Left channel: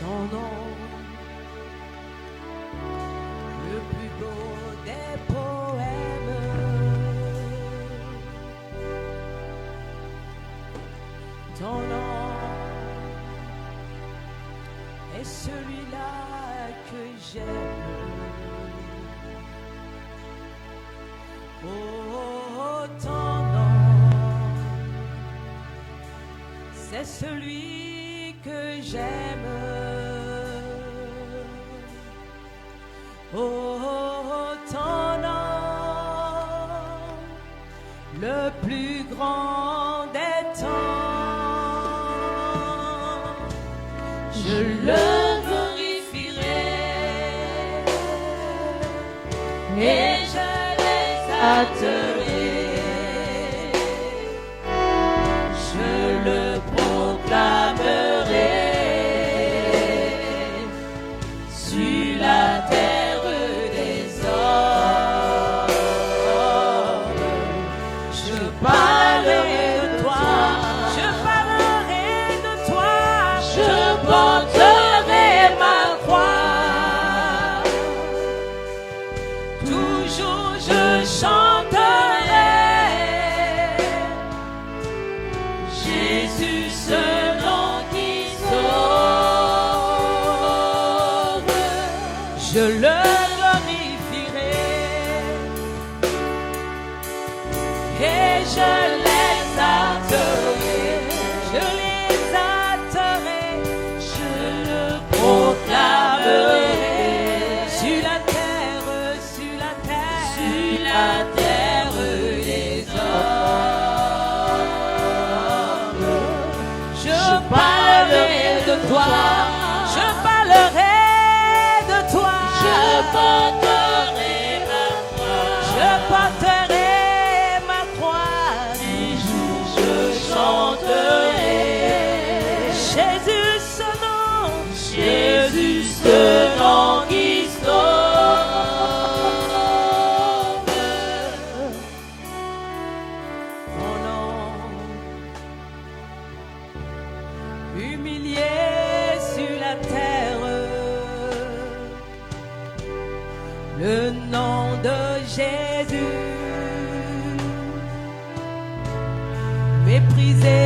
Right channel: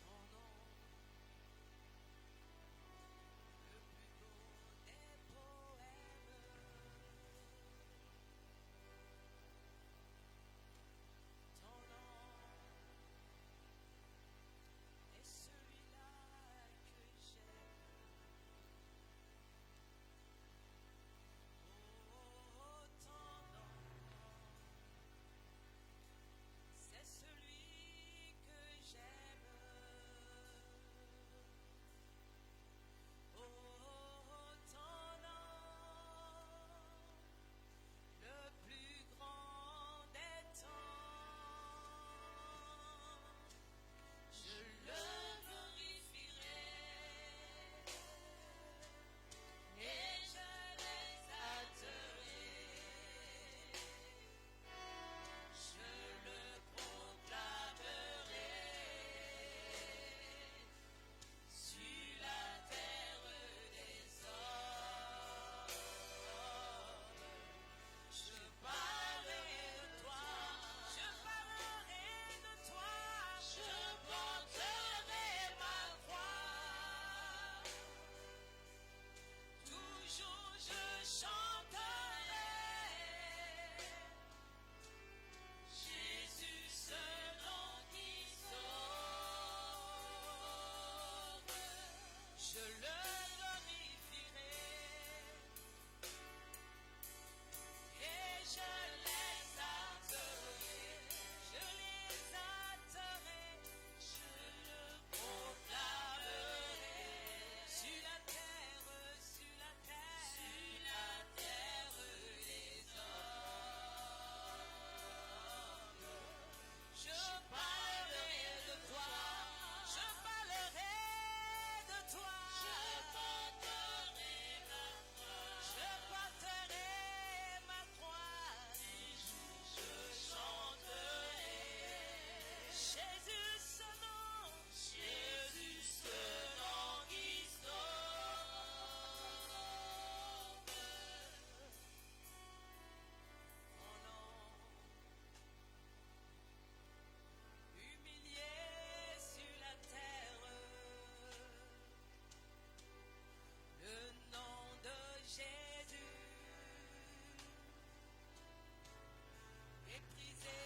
ton nom, le plus beau des poèmes. Ton nom est celui-là que j'aime. Oh, ton nom, c'est celui que j'aime. Oh, ton nom, le plus grand des temps, je le glorifierai et je l'exalterai. Je le proclamerai sur la terre des hommes. Je parlerai de toi, je parlerai de toi, je porterai ma croix. Toujours je chanterai Jésus, ce nom qui sauve. Je le glorifierai et je l'exalterai. Je l'exalterai, je le proclamerai sur la terre, sur la terre, sur la terre des hommes. Je parlerai de toi, je parlerai de toi, je porterai ma croix, je porterai ma croix. Toujours je chanterai Jésus, ce nom, Jésus, ce nom qui sauve. Mon nom, humilié sur la terre, le nom de Jésus, méprisé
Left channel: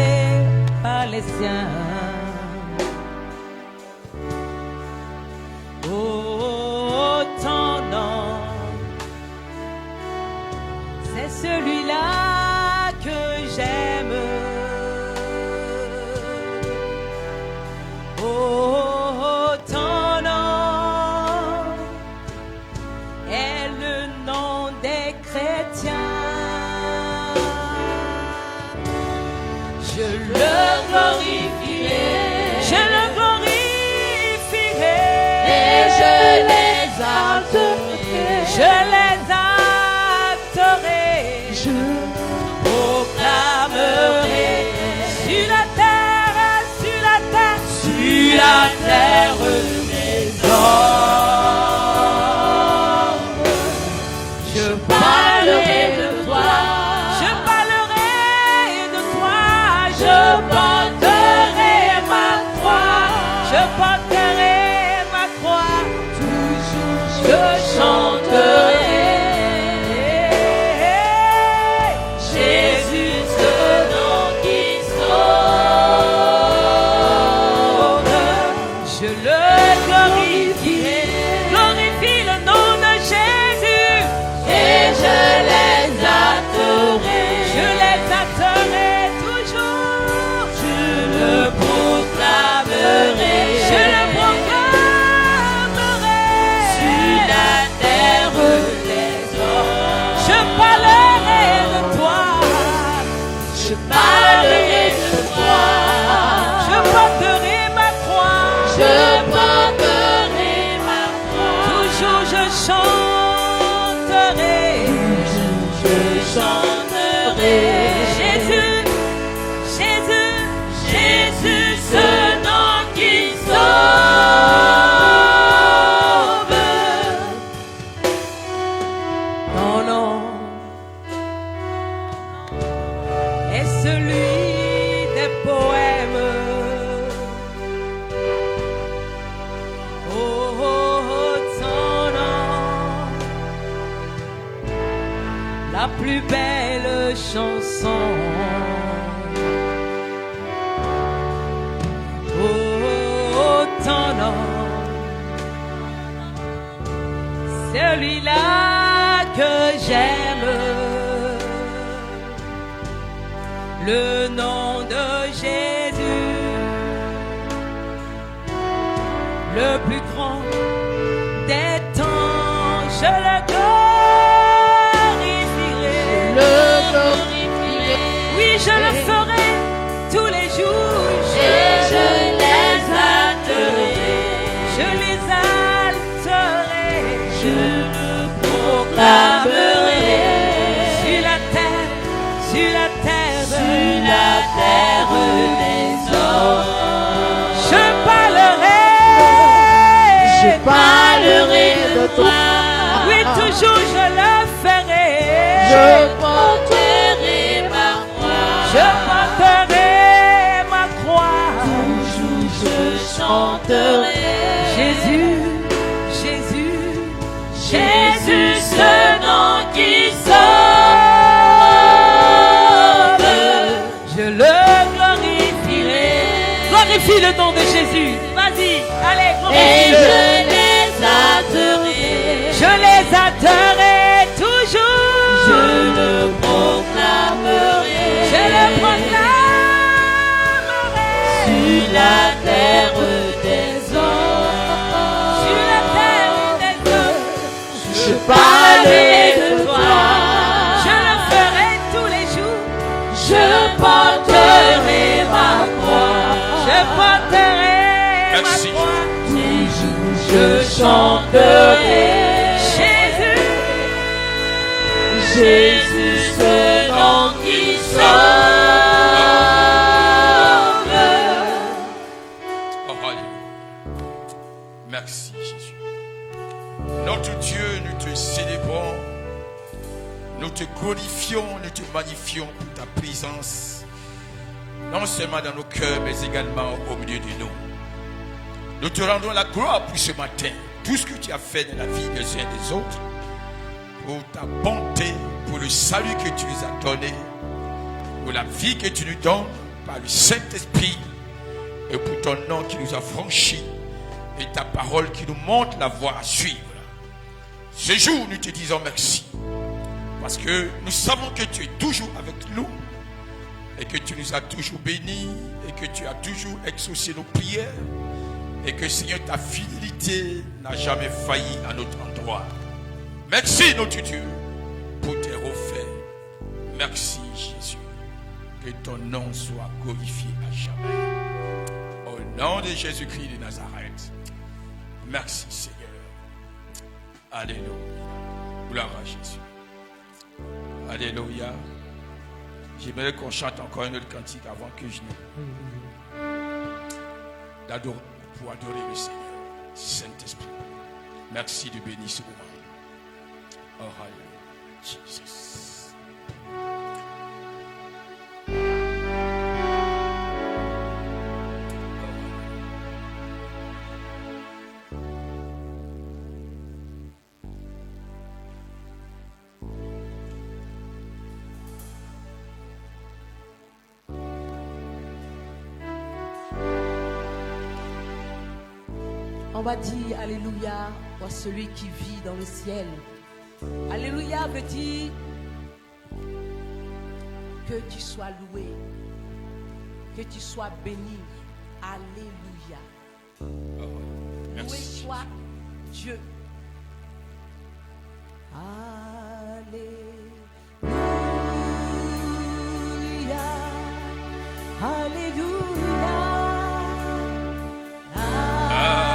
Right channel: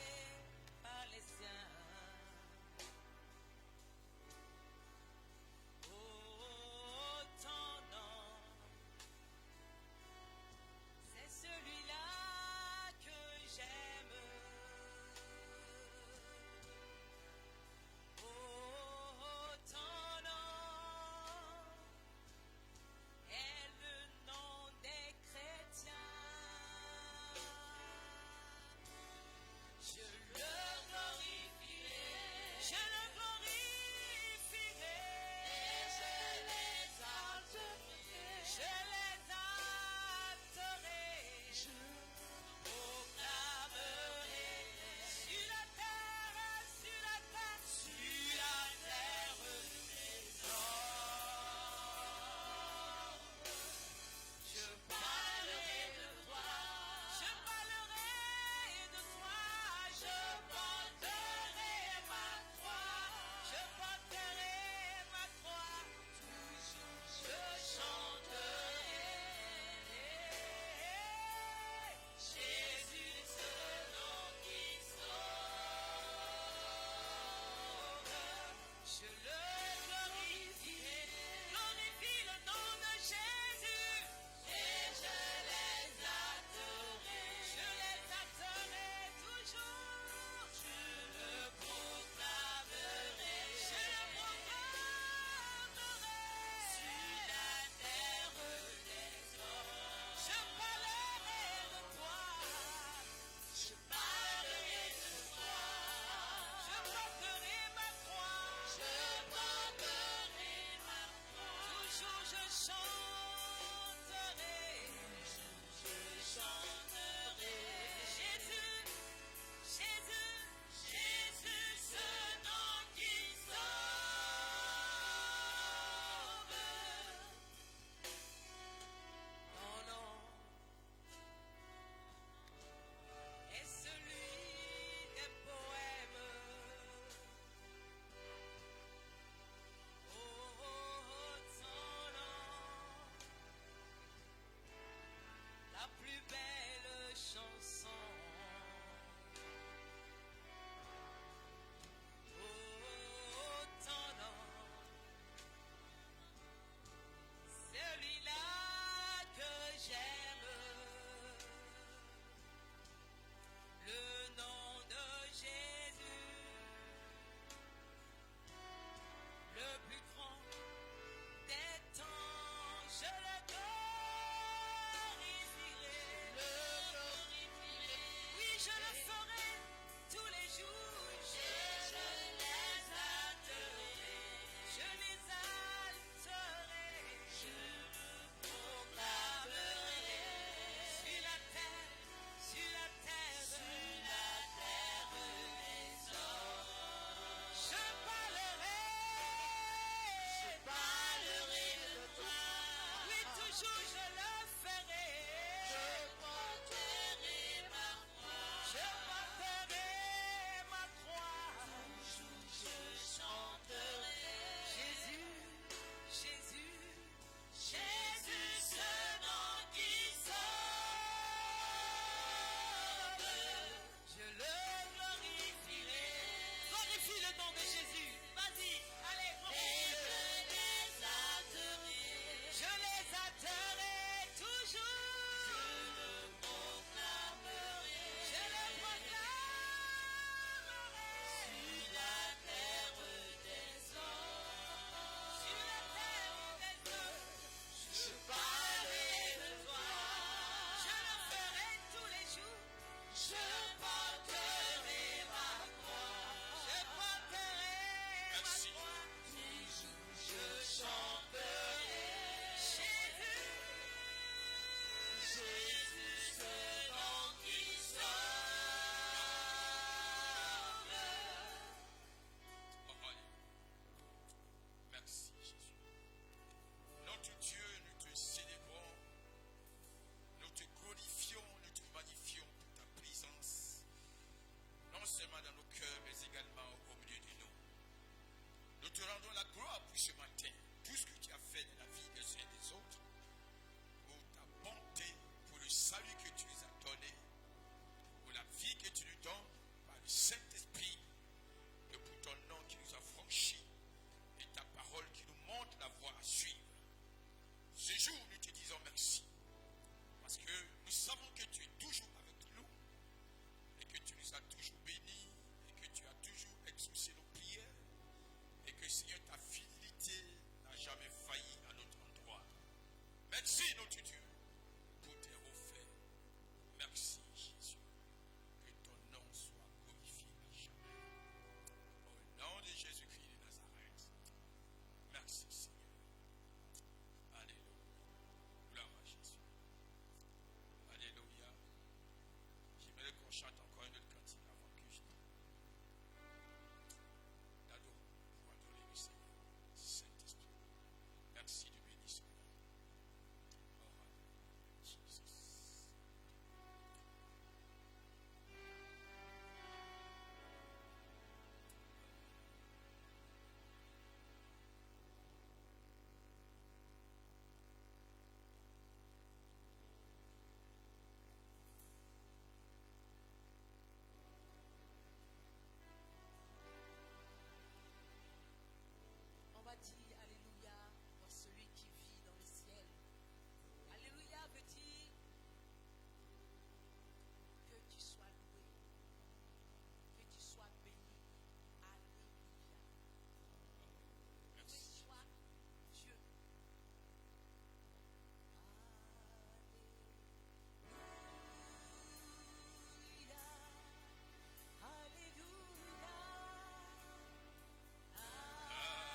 par les siens. Oh, ton nom, c'est celui-là que j'aime. Oh, ton nom est le nom des chrétiens. Je le glorifierai plus belle chanson. Oh, ton nom, celui-là que j'aime, le nom de Jésus, le plus grand des temps, je le glorifierai. Oui, je le ferai tous les jours. Je les adoré. Je les alterai. Je le proclamerai. Sur la terre, sur la terre, sur la terre des hommes. Je parlerai de toi. Oui, toujours je le ferai. Je porterai ma croix. Je porterai ma croix. Toujours je chanterai. Jésus, Jésus, Jésus, ce nom qui sauve. Je le glorifierai. Glorifie le nom de Jésus. Vas-y, allez, glorifie. Et je les adoré toujours. Je le proclamerai. Je le proclamerai. Sur la terre des hommes. Sur la terre des hommes. Je parlerai de toi. Je le ferai tous les jours. Je porterai ma croix. Je porterai ma croix. Toujours je chanterai. Jésus, ce nom qui sauve. Oh, alléluia. Merci, Jésus. Notre Dieu, nous te célébrons, nous te glorifions, nous te magnifions pour ta présence, non seulement dans nos cœurs, mais également au milieu de nous. Nous te rendons la gloire pour ce matin, tout ce que tu as fait dans la vie des uns et des autres, pour ta bonté, pour le salut que tu nous as donné, pour la vie que tu nous donnes par le Saint-Esprit, et pour ton nom qui nous a franchis, et ta parole qui nous montre la voie à suivre. Ce jour, nous te disons merci, parce que nous savons que tu es toujours avec nous, et que tu nous as toujours bénis, et que tu as toujours exaucé nos prières, et que Seigneur, ta fidélité n'a jamais failli à notre endroit. Merci notre Dieu pour tes refaits. Merci Jésus. Que ton nom soit glorifié à jamais. Au nom de Jésus-Christ de Nazareth. Merci Seigneur. Alléluia. Gloire à Jésus. Alléluia. J'aimerais qu'on chante encore un autre cantique avant que je ne... pour adorer le Seigneur. Saint-Esprit. Merci de bénir ce moment. Oh, hallelujah, Jesus. On va dire alléluia à celui qui vit dans le ciel. Alléluia veut dire que tu sois loué, que tu sois béni. Alléluia. Loué soit Dieu. Alléluia. Alléluia. Alléluia.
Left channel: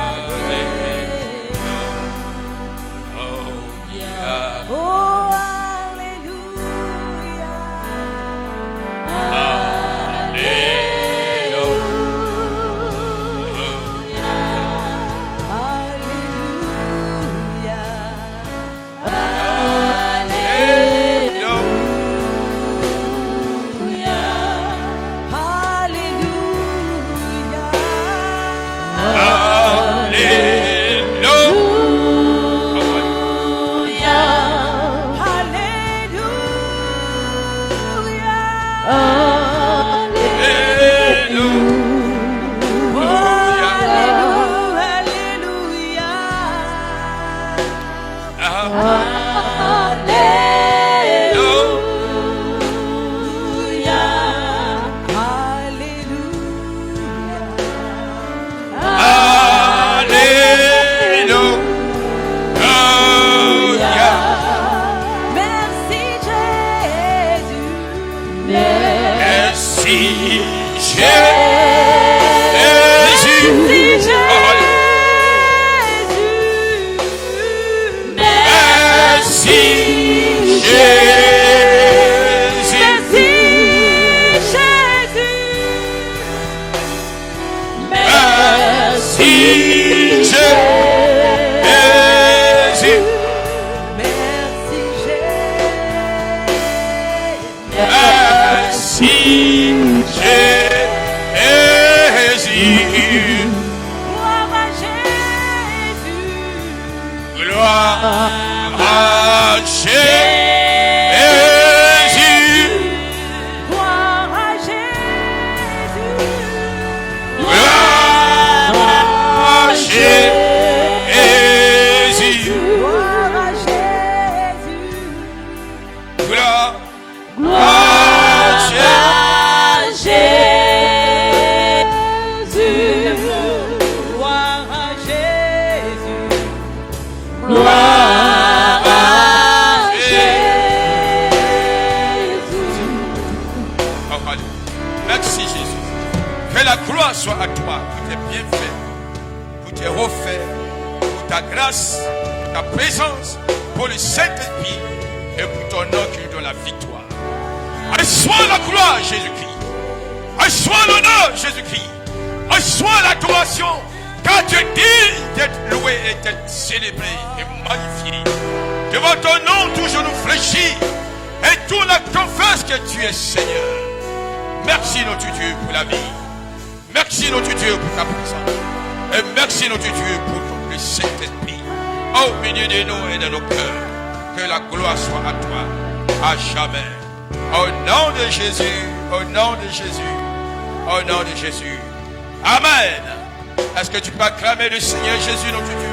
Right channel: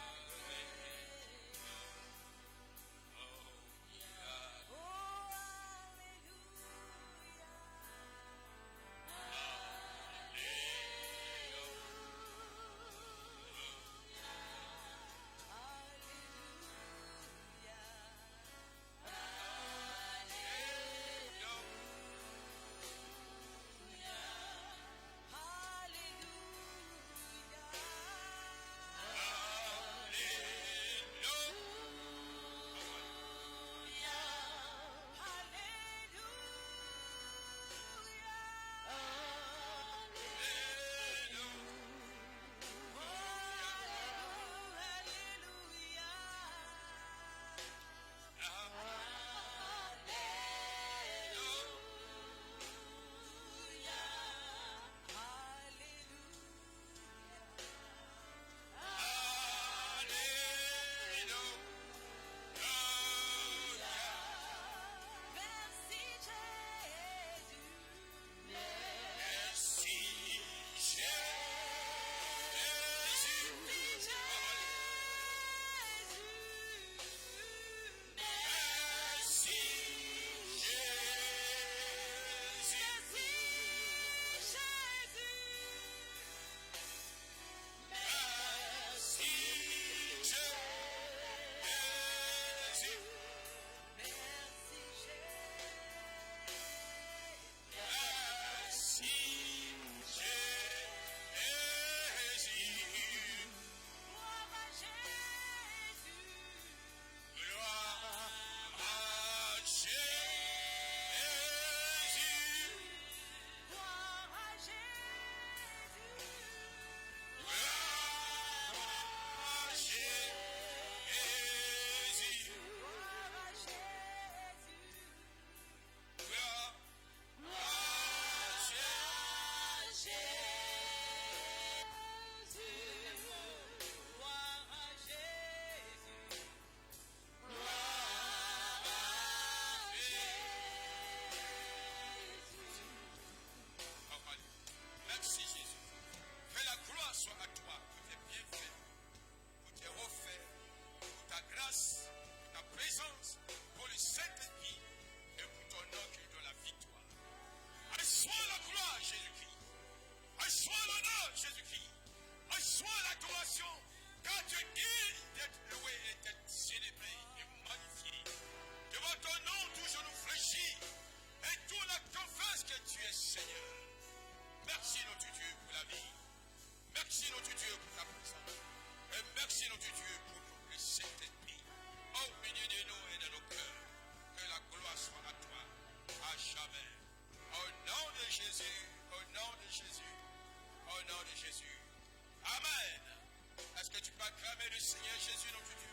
Le Seigneur Jésus, notre Dieu.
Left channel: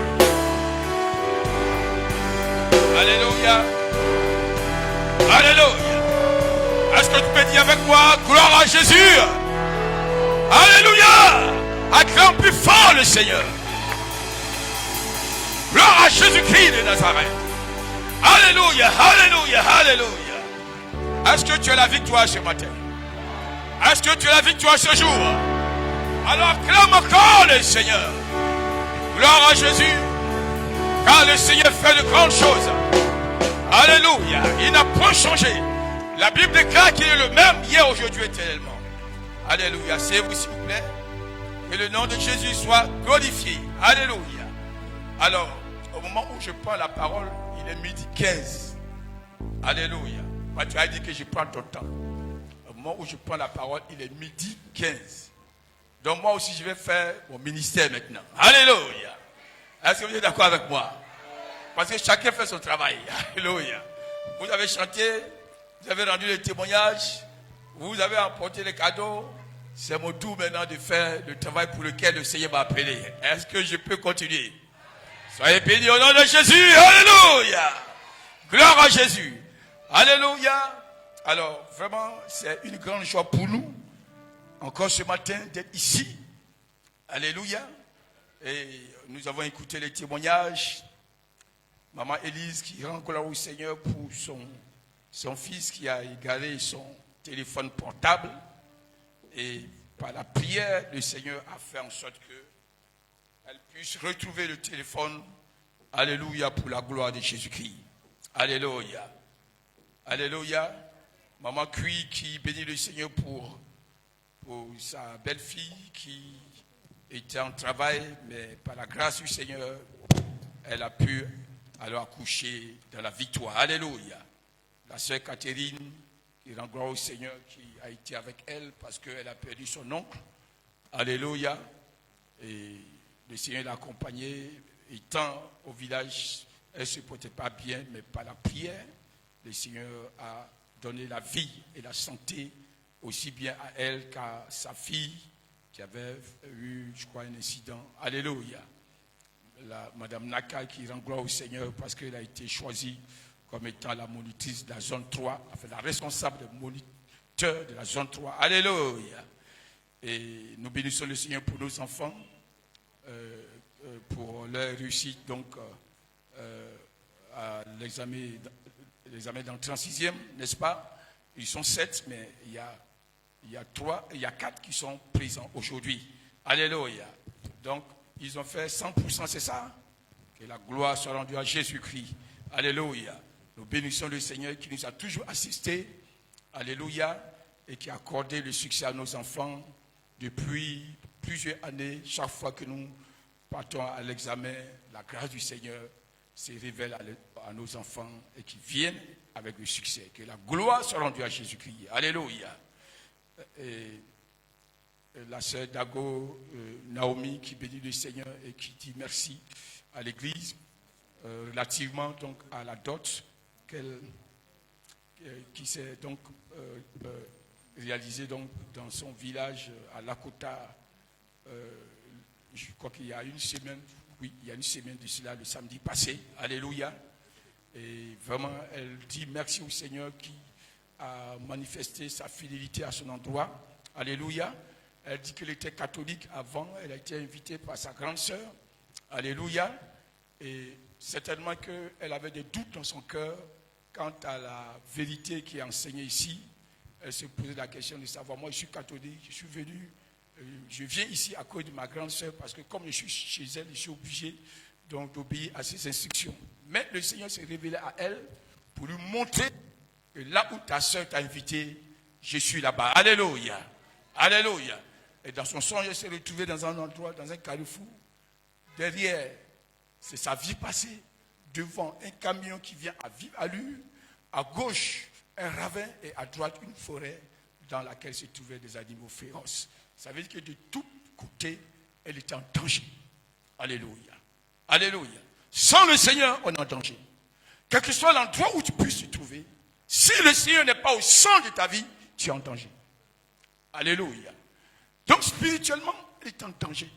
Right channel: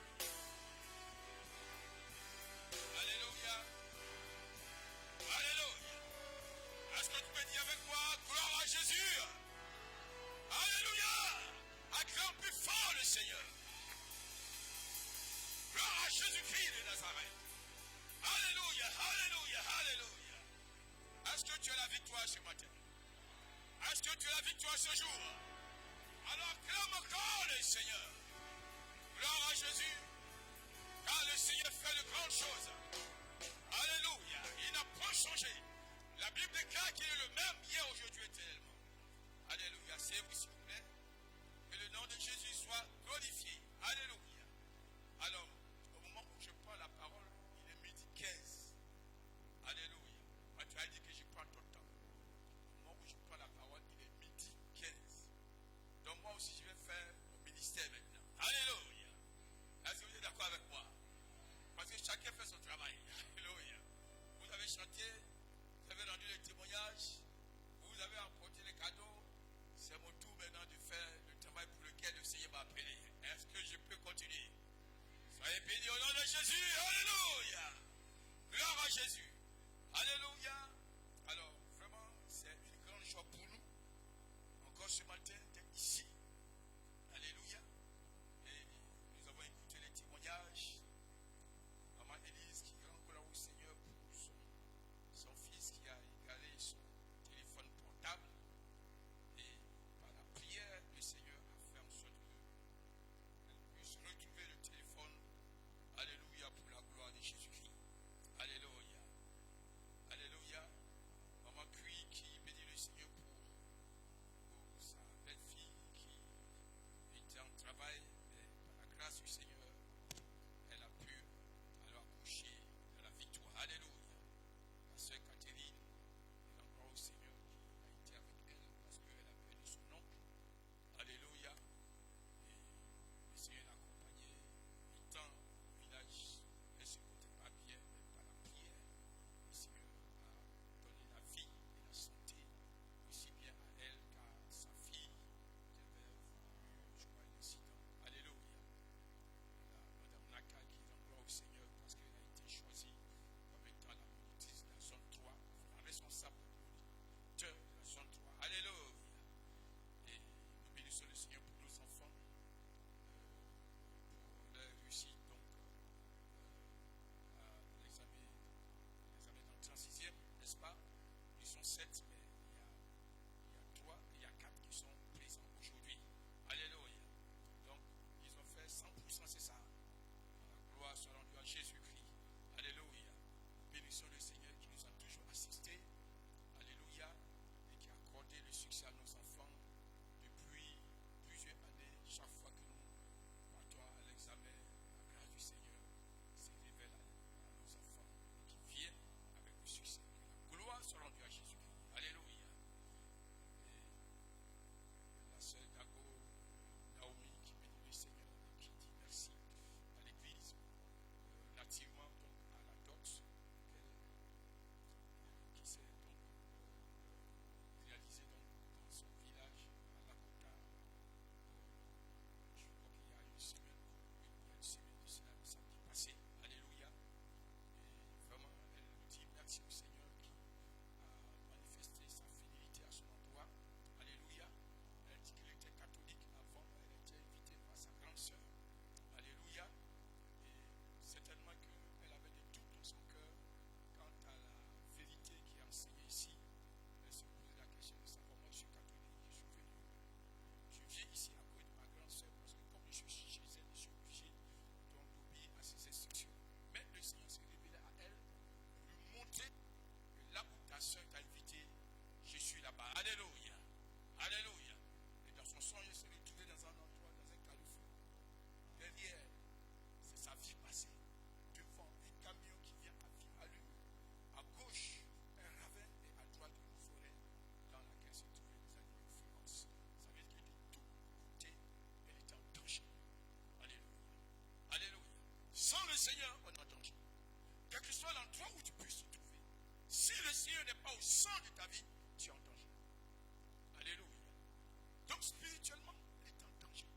Alléluia. Alléluia. Est-ce que tu peux dire avec moi, gloire à Jésus? Alléluia. Acclame plus fort le Seigneur. Gloire à Jésus-Christ de Nazareth. Alléluia, alléluia, alléluia. Est-ce que tu as la victoire ce matin? Est-ce que tu as la victoire ce jour? Alors clame encore le Seigneur. Gloire à Jésus, car le Seigneur fait de grandes choses. Alléluia, il n'a pas changé. La Bible déclare qu'il est le même hier, aujourd'hui, éternellement. Alléluia, c'est vous s'il vous plaît. Que le nom de Jésus soit glorifié. Alléluia. Alors, au moment où je prends la parole, il est midi 15. Alléluia. Moi, tu as dit que je prends ton temps. Au moment où je prends la parole, il est midi 15. Donc moi aussi, je vais faire mon ministère maintenant. Alléluia. Est-ce que vous êtes d'accord avec moi? Parce que chacun fait son travail. Alléluia. Vous avez chanté, vous avez rendu les témoignages, vous avez apporté les cadeaux. C'est mon tour maintenant de faire le travail pour lequel le Seigneur m'a appelé. Est-ce que je peux continuer? Soyez bénis au nom de Jésus. Alléluia. Gloire à Jésus. Alléluia. Alors, vraiment, c'est une grande joie pour nous, encore ce matin, d'être ici. Alléluia. Et nous avons écouté les témoignages. Maman Élise qui rend gloire au Seigneur pour son fils qui a égaré son téléphone portable. Et par la prière, le Seigneur a fait en sorte qu'elle puisse retrouver le téléphone. Alléluia, pour la gloire de Jésus-Christ. Alléluia. Alléluia. Maman Cui qui bénit le Seigneur pour sa belle-fille qui était en travail, mais par la grâce du Seigneur, elle a pu alors accoucher dans la victoire. Alléluia. La sœur Catherine, qui rend gloire au Seigneur, qui a été avec elle parce qu'elle a perdu son oncle. Alléluia. Et le Seigneur l'a accompagnée. Étant au village, elle ne se portait pas bien, mais par la prière, le Seigneur a donné la vie et la santé aussi bien à elle qu'à sa fille qui avait eu, je crois, un incident. Alléluia. Madame Naka qui rend gloire au Seigneur parce qu'elle a été choisie comme étant la monitrice de la zone 3, enfin la responsable des moniteurs de la zone 3. Alléluia. Et nous bénissons le Seigneur pour nos enfants, pour leur réussite donc à l'examen d'entrée en 6e, n'est-ce pas? Ils sont 7, mais il y a 4 qui sont présents aujourd'hui. Alléluia. Donc, ils ont fait 100%, c'est ça? Que la gloire soit rendue à Jésus-Christ. Alléluia. Nous bénissons le Seigneur qui nous a toujours assistés. Alléluia. Et qui a accordé le succès à nos enfants depuis plusieurs années. Chaque fois que nous partons à l'examen, la grâce du Seigneur se révèle à nos enfants et qui viennent avec le succès. Que la gloire soit rendue à Jésus-Christ. Alléluia. Et la sœur Dago, Naomi, qui bénit le Seigneur et qui dit merci à l'Église relativement donc à la dot qui s'est donc réalisée donc dans son village à Lakota. Je crois qu'il y a une semaine, oui, il y a une semaine de cela, le samedi passé. Alléluia. Et vraiment, elle dit merci au Seigneur qui a manifesté sa fidélité à son endroit. Alléluia. Elle dit qu'elle était catholique avant, elle a été invitée par sa grande sœur. Alléluia. Et certainement qu'elle avait des doutes dans son cœur quant à la vérité qui est enseignée ici. Elle se posait la question de savoir, moi je suis catholique, je viens ici à cause de ma grande sœur parce que comme je suis chez elle, je suis obligé donc d'obéir à ses instructions. Mais le Seigneur s'est révélé à elle pour lui montrer que là où ta sœur t'a invité, je suis là-bas. Alléluia. Alléluia. Et dans son songe, elle s'est retrouvée dans un endroit, dans un carrefour. Derrière, c'est sa vie passée. Devant, un camion qui vient à vive allure. À gauche, un ravin et à droite, une forêt dans laquelle se trouvaient des animaux féroces. Ça veut dire que de tous côtés, elle était en danger. Alléluia. Alléluia. Sans le Seigneur, on est en danger. Quel que soit l'endroit où tu puisses te trouver, si le Seigneur n'est pas au centre de ta vie, tu es en danger. Alléluia. Donc spirituellement, elle est en danger.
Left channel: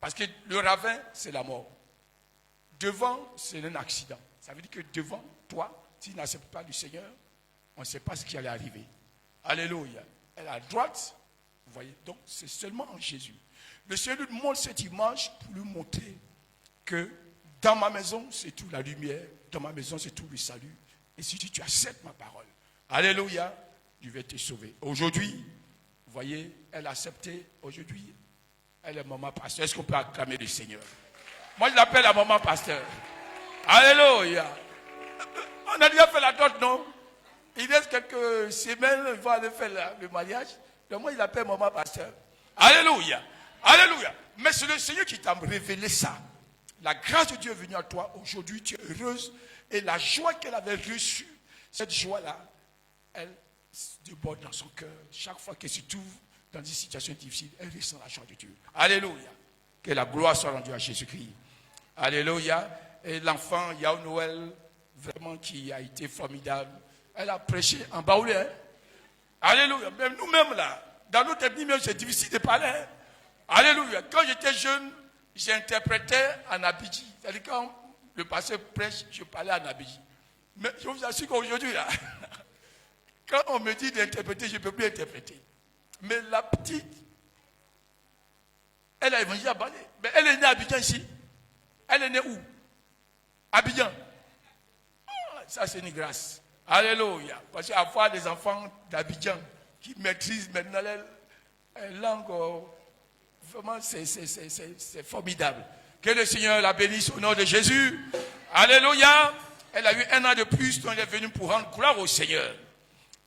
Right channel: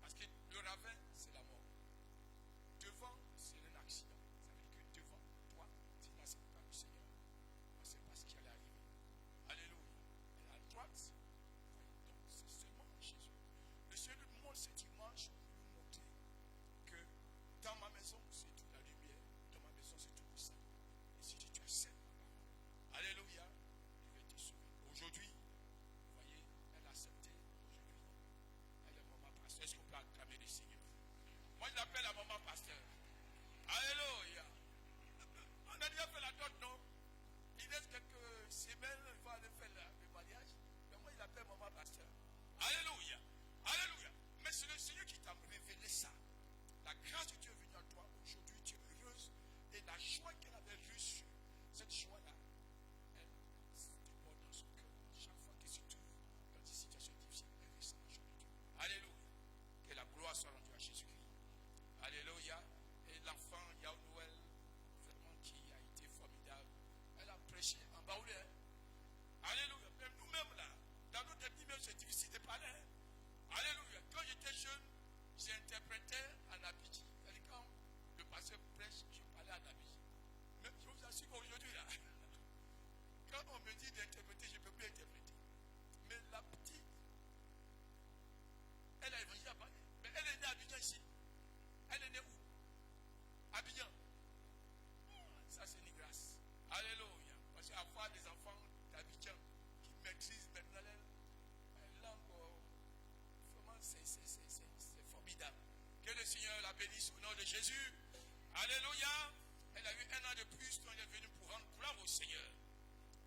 Parce que le ravin, c'est la mort. Devant, c'est un accident. Ça veut dire que devant toi, si tu n'acceptes pas le Seigneur, on ne sait pas ce qui allait arriver. Alléluia. Elle est à droite, vous voyez, donc c'est seulement en Jésus. Le Seigneur nous montre cette image pour lui montrer que dans ma maison, c'est tout la lumière, dans ma maison, c'est tout le salut. Et si tu acceptes ma parole, alléluia, je vais te sauver. Aujourd'hui, vous voyez, elle a accepté, aujourd'hui, elle est maman pasteur. Est-ce qu'on peut acclamer le Seigneur? Moi, je l'appelle la maman pasteur. Alléluia. On a déjà fait la dot, non? Il reste quelques semaines, il va aller faire le mariage. Donc moi, il l'appelle maman pasteur. Alléluia. Alléluia. Mais c'est le Seigneur qui t'a révélé ça. La grâce de Dieu est venue à toi. Aujourd'hui, tu es heureuse. Et la joie qu'elle avait reçue, cette joie-là, elle déborde dans son cœur. Chaque fois qu'elle se trouve dans des situations difficiles, elle ressent la joie de Dieu. Alléluia. Que la gloire soit rendue à Jésus-Christ. Alléluia. Et l'enfant, Yao Noël, vraiment qui a été formidable. Elle a prêché en baoulé. Hein? Alléluia. Même nous-mêmes là, dans notre ethnie même, c'est difficile de parler. Hein? Alléluia. Quand j'étais jeune, j'interprétais en abidji. C'est-à-dire quand le pasteur prêche, je parlais en abidji. Mais je vous assure qu'aujourd'hui là, quand on me dit d'interpréter, je ne peux plus interpréter. Mais la petite, elle a évangélisé à Balé. Mais elle est née à Abidjan ici. Elle est née où? Abidjan. Oh, ça c'est une grâce. Alléluia. Parce qu'avoir des enfants d'Abidjan qui maîtrisent maintenant la langue, vraiment c'est formidable. Que le Seigneur la bénisse au nom de Jésus. Alléluia. Elle a eu 1 an de plus, donc elle est venue pour rendre gloire au Seigneur.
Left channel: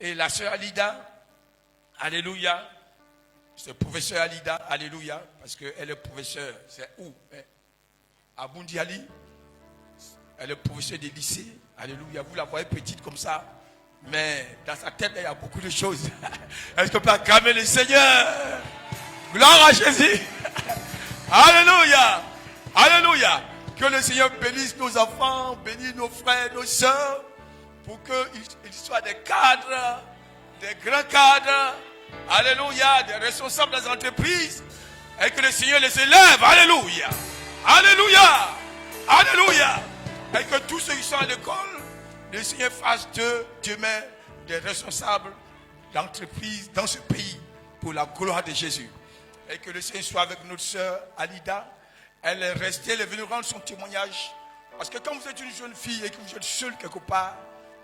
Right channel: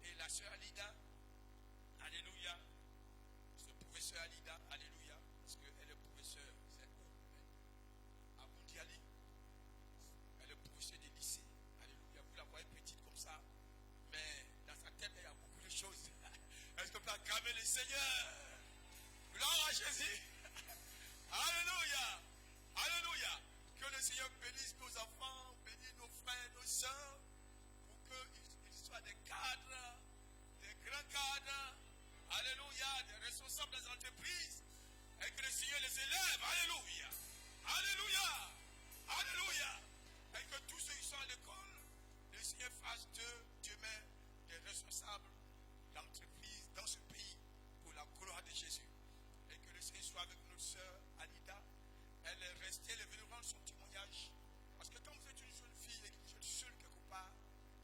Et la sœur Alida, alléluia. C'est professeur Alida, alléluia. Parce qu'elle est professeure, c'est où? À Bundiali. Elle est professeure des lycées. Alléluia. Vous la voyez petite comme ça. Mais dans sa tête, il y a beaucoup de choses. Est-ce qu'on peut acclamer le Seigneur? Gloire à Jésus. Alléluia. Alléluia. Que le Seigneur bénisse nos enfants, bénisse nos frères, nos sœurs, pour qu'ils soient des cadres, des grands cadres. Alléluia. Des responsables des entreprises. Et que le Seigneur les élève. Alléluia. Alléluia. Alléluia. Et que tous ceux qui sont à l'école, le Seigneur fasse d'eux demain des responsables d'entreprises dans ce pays pour la gloire de Jésus. Et que le Seigneur soit avec notre sœur Alida. Elle est restée, elle est venue rendre son témoignage. Parce que quand vous êtes une jeune fille et que vous êtes seule quelque part,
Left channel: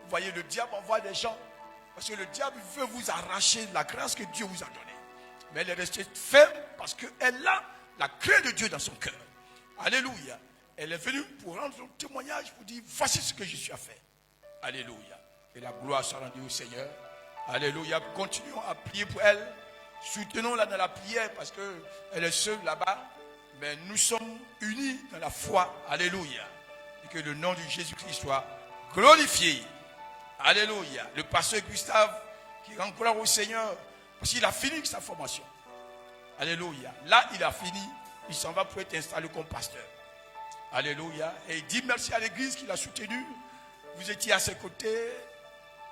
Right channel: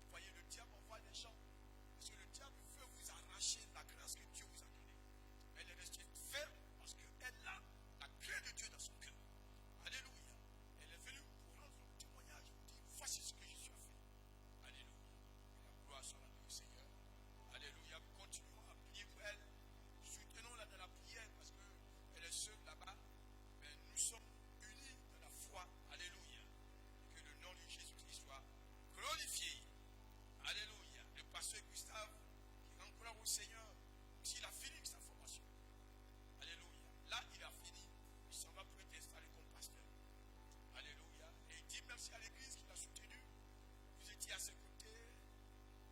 vous voyez, le diable envoie des gens. Parce que le diable veut vous arracher la grâce que Dieu vous a donnée. Mais elle est restée ferme parce qu'elle a la crainte de Dieu dans son cœur. Alléluia. Elle est venue pour rendre son témoignage, pour dire, voici ce que je suis à faire. Alléluia. Et la gloire soit rendue au Seigneur. Alléluia. Continuons à prier pour elle. Soutenons-la dans la prière parce qu'elle est seule là-bas. mais nous sommes unis dans la foi. Alléluia. Et que le nom de Jésus-Christ soit glorifié. Alléluia. Le pasteur Gustave qui rend gloire au Seigneur parce qu'il a fini sa formation. Alléluia. Là, il a fini. Il s'en va pour être installé comme pasteur. Alléluia. Et il dit merci à l'église qui l'a soutenu. Vous étiez à ses côtés.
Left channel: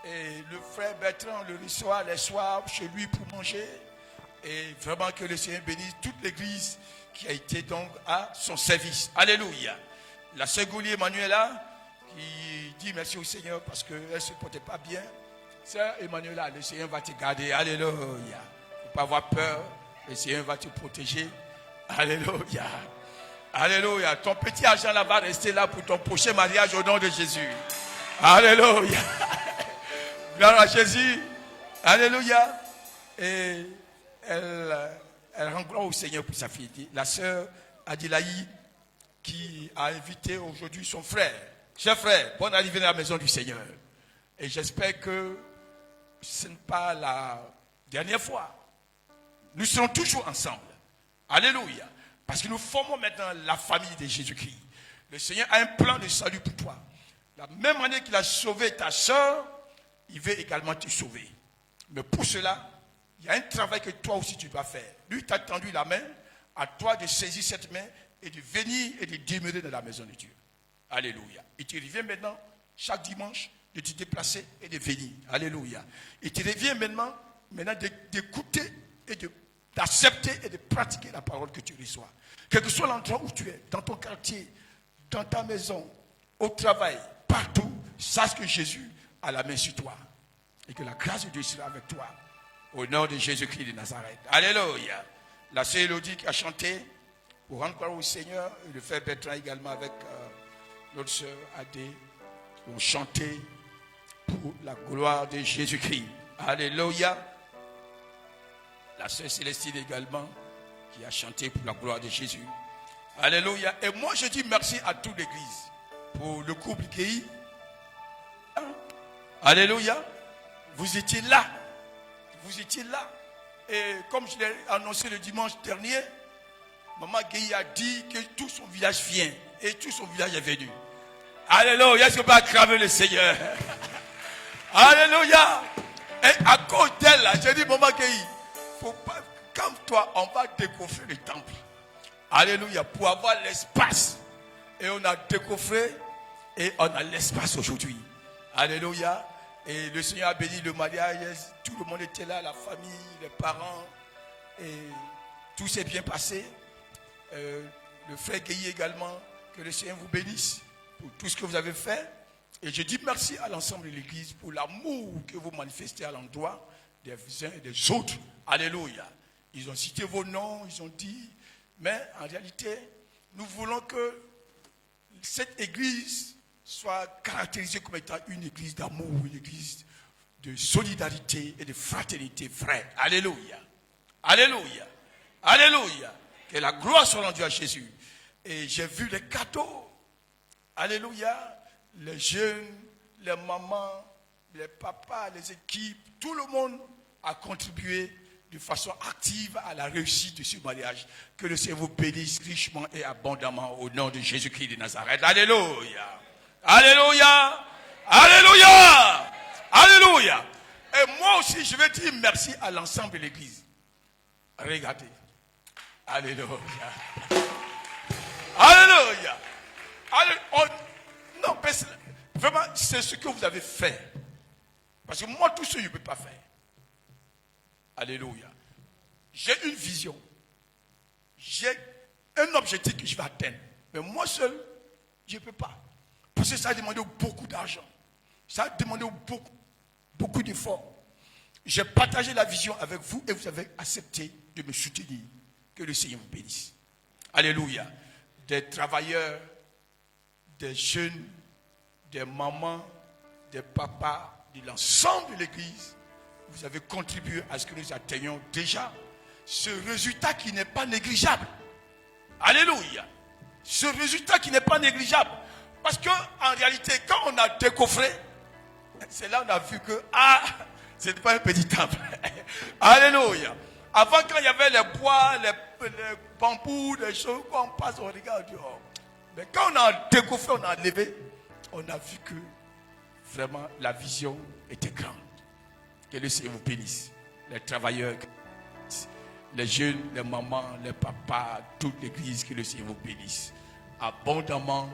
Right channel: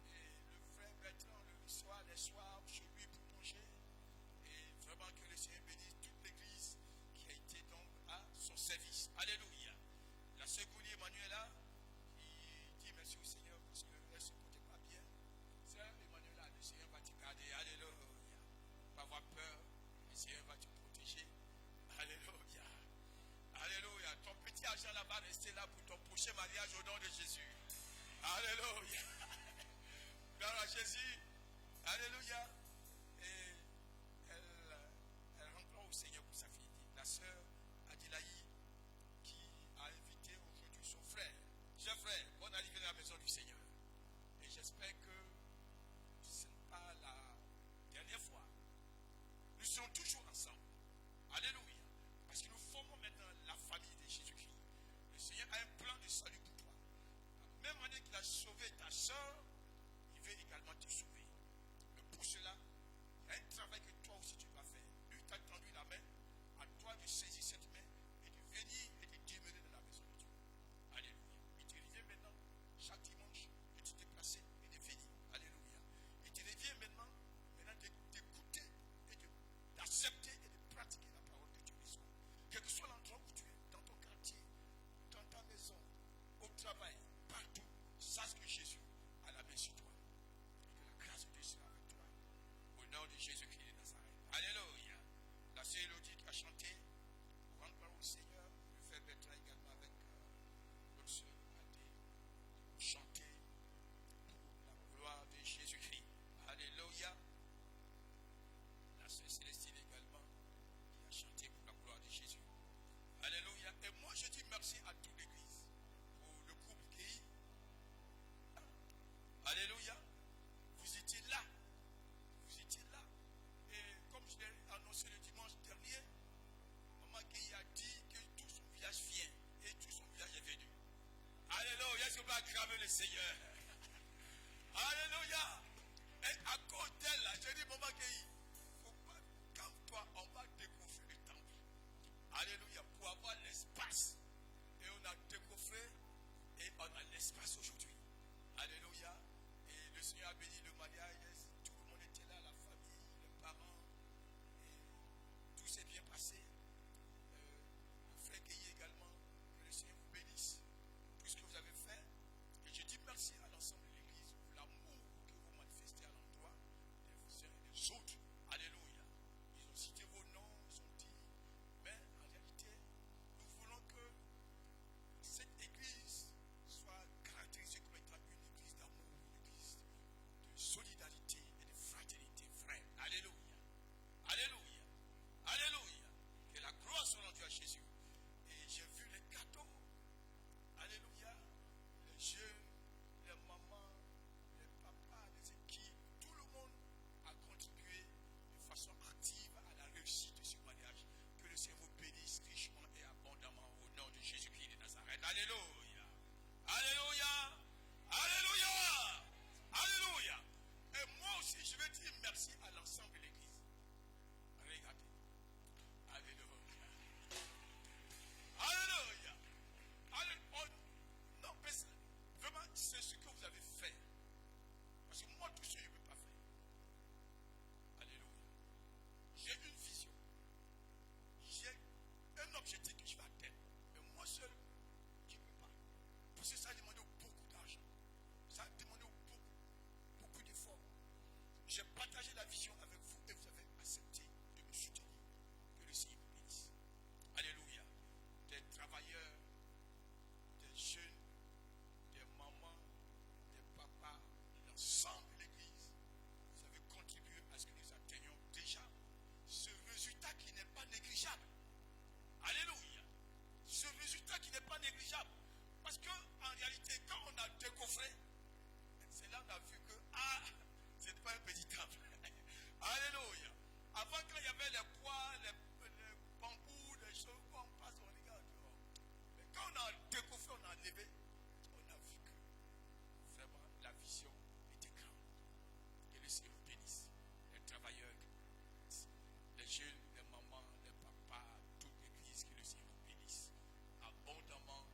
Et le frère Bertrand le reçoit les soirs chez lui pour manger. Et vraiment que le Seigneur bénisse toute l'église qui a été donc à son service. Alléluia. La sœur Goulier Emmanuela qui dit merci au Seigneur parce qu'elle ne se portait pas bien. Sœur Emmanuela, le Seigneur va te garder. Alléluia. Il ne faut pas avoir peur. Le Seigneur va te protéger. Alléluia. Alléluia. Ton petit argent là va rester là pour ton prochain mariage au nom de Jésus. Alléluia. Gloire à Jésus. Alléluia. Et elle rend gloire au Seigneur pour sa fille. La sœur Adilaï qui a invité aujourd'hui son frère. Cher frère, bonne arrivée dans la maison du Seigneur. Et j'espère que ce n'est pas la dernière fois. Nous serons toujours ensemble. Alléluia. Parce que nous formons maintenant la famille de Jésus-Christ. Le Seigneur a un plan de salut pour toi. La même année qu'il a sauvé ta soeur, il veut également te sauver. Mais pour cela, il y a un travail que toi aussi tu dois faire. Lui t'a tendu la main, à toi de saisir cette main et de venir et de demeurer dans la maison de Dieu. Alléluia. Et tu reviens maintenant, chaque dimanche, de te déplacer et de venir. Alléluia. Et tu reviens maintenant d'écouter et d'accepter et de pratiquer la parole que tu reçois. Quel que soit l'endroit où tu es, dans ton quartier, dans ta maison, au travail, partout, sache que Jésus a la main sur toi. Et que la grâce de Dieu sera avec toi. Au nom de Jésus-Christ de Nazareth. Alléluia. La sœur Élodie qui a chanté pour rendre gloire au Seigneur. Et le frère Bertrand également avec notre sœur Adé ont chanté pour la gloire de Jésus-Christ. Alléluia. La sœur Célestine également qui a chanté pour la gloire de Jésus. Alléluia. Et moi je dis merci à toute l'église pour le couple Guéhi. Alléluia. Vous étiez là. Vous étiez là. Et comme je l'ai annoncé le dimanche dernier, Maman Guéhi a dit que tout son village vient. Et tout son village est venu. Alléluia. Est-ce qu'on peut acclamer le Seigneur? Alléluia. Et à cause d'elle, j'ai dit, Maman Guéhi, faut pas, comme toi, on va décoffrer le temple. Alléluia. Pour avoir l'espace. Et on a décoffré et on a l'espace aujourd'hui. Alléluia. Et le Seigneur a béni le mariage. Tout le monde était là, la famille, les parents. Et tout s'est bien passé. Le frère Guéhi également. Que le Seigneur vous bénisse pour tout ce que vous avez fait. Et je dis merci à l'ensemble de l'église pour l'amour que vous manifestez à l'endroit des uns et des autres. Alléluia. Ils ont cité vos noms, ils ont dit. Mais en réalité, nous voulons que cette église soit caractérisée comme étant une église d'amour, une église de solidarité et de fraternité vraie. Alléluia. Alléluia. Alléluia. Que la gloire soit rendue à Jésus. Et j'ai vu les cadeaux. Alléluia. Les jeunes, les mamans, les papas, les équipes, tout le monde a contribué de façon active à la réussite de ce mariage. Que le Seigneur vous bénisse richement et abondamment au nom de Jésus-Christ de Nazareth. Alléluia. Alléluia. Alléluia. Alléluia. Et moi aussi, je vais dire merci à l'ensemble de l'église. Regardez. Alléluia. Alléluia. Non, vraiment, c'est ce que vous avez fait. Parce que moi, tout ce que je ne peux pas faire. Alléluia. J'ai une vision. J'ai un objectif que je vais atteindre. Mais moi seul, je ne peux pas. Parce que ça a demandé beaucoup d'argent. Ça a demandé beaucoup d'efforts. J'ai partagé la vision avec vous et vous avez accepté de me soutenir. Que le Seigneur vous bénisse. Alléluia. Des travailleurs, des jeunes, des mamans, des papas, de l'ensemble de l'église, vous avez contribué à ce que nous atteignions déjà ce résultat qui n'est pas négligeable. Alléluia. Ce résultat qui n'est pas négligeable. Parce qu'en réalité, quand on a décoffré, c'est là qu'on a vu que, ce n'est pas un petit temple. Alléluia. Avant, quand il y avait les bois, les bambous, les choses, quand on passe, on regarde dehors. Mais quand on a découvert, on a levé, on a vu que vraiment la vision était grande. Que le Seigneur vous bénisse. Les travailleurs, les jeunes, les mamans, les papas, toute l'église, que le Seigneur vous bénisse. Abondamment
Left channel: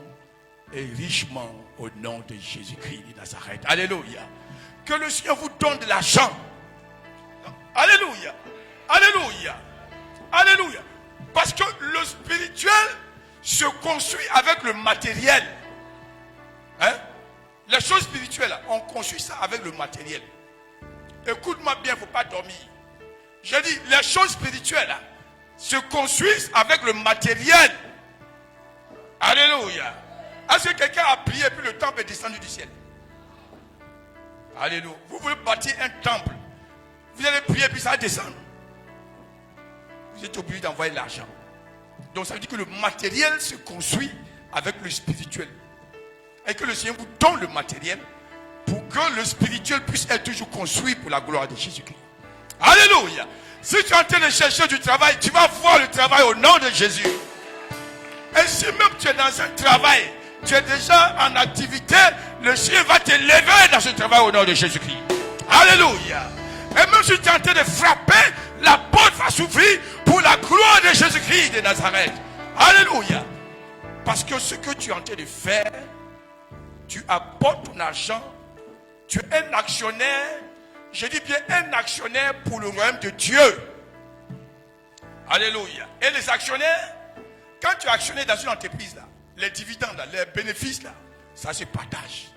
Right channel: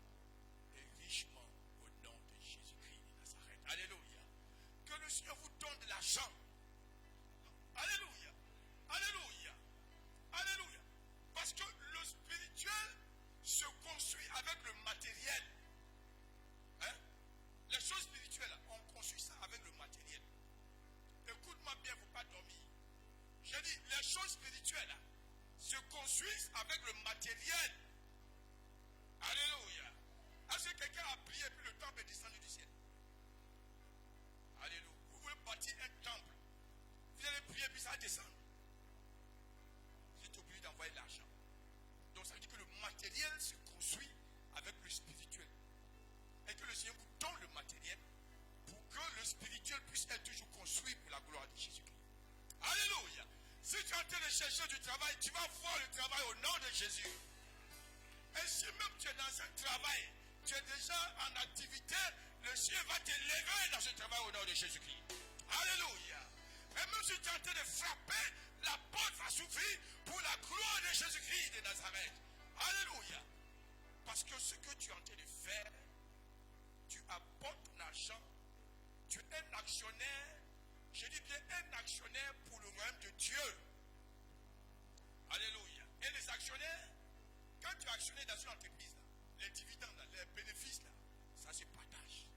et richement au nom de Jésus-Christ de Nazareth. Alléluia. Que le Seigneur vous donne de l'argent. Alléluia. Alléluia. Alléluia. Parce que le spirituel se construit avec le matériel. Hein? Les choses spirituelles, on construit ça avec le matériel. Écoute-moi bien, il ne faut pas dormir. Je dis, les choses spirituelles se construisent avec le matériel. Alléluia. Est-ce que quelqu'un a prié et puis le temple est descendu du ciel? Alléluia. Vous voulez bâtir un temple. Vous allez prier et puis ça va descendre. Vous êtes obligé d'envoyer l'argent. Donc ça veut dire que le matériel se construit avec le spirituel. Et que le Seigneur vous donne le matériel pour que le spirituel puisse être toujours construit pour la gloire de Jésus-Christ. Alléluia. Si tu es en train de chercher du travail, tu vas voir le travail au nom de Jésus. Et si même tu es dans un travail, tu es déjà en activité, le Seigneur va te lever dans ce travail au nom de Jésus-Christ. Alléluia. Et même si tu es en train de frapper, la porte va s'ouvrir pour la gloire de Jésus-Christ de Nazareth. Alléluia. Parce que ce que tu es en train de faire, tu apportes ton argent, tu es un actionnaire, je dis bien un actionnaire pour le royaume de Dieu. Alléluia. Et les actionnaires, quand tu es actionnaire dans une entreprise, là, les dividendes, là, les bénéfices, là, ça se partage.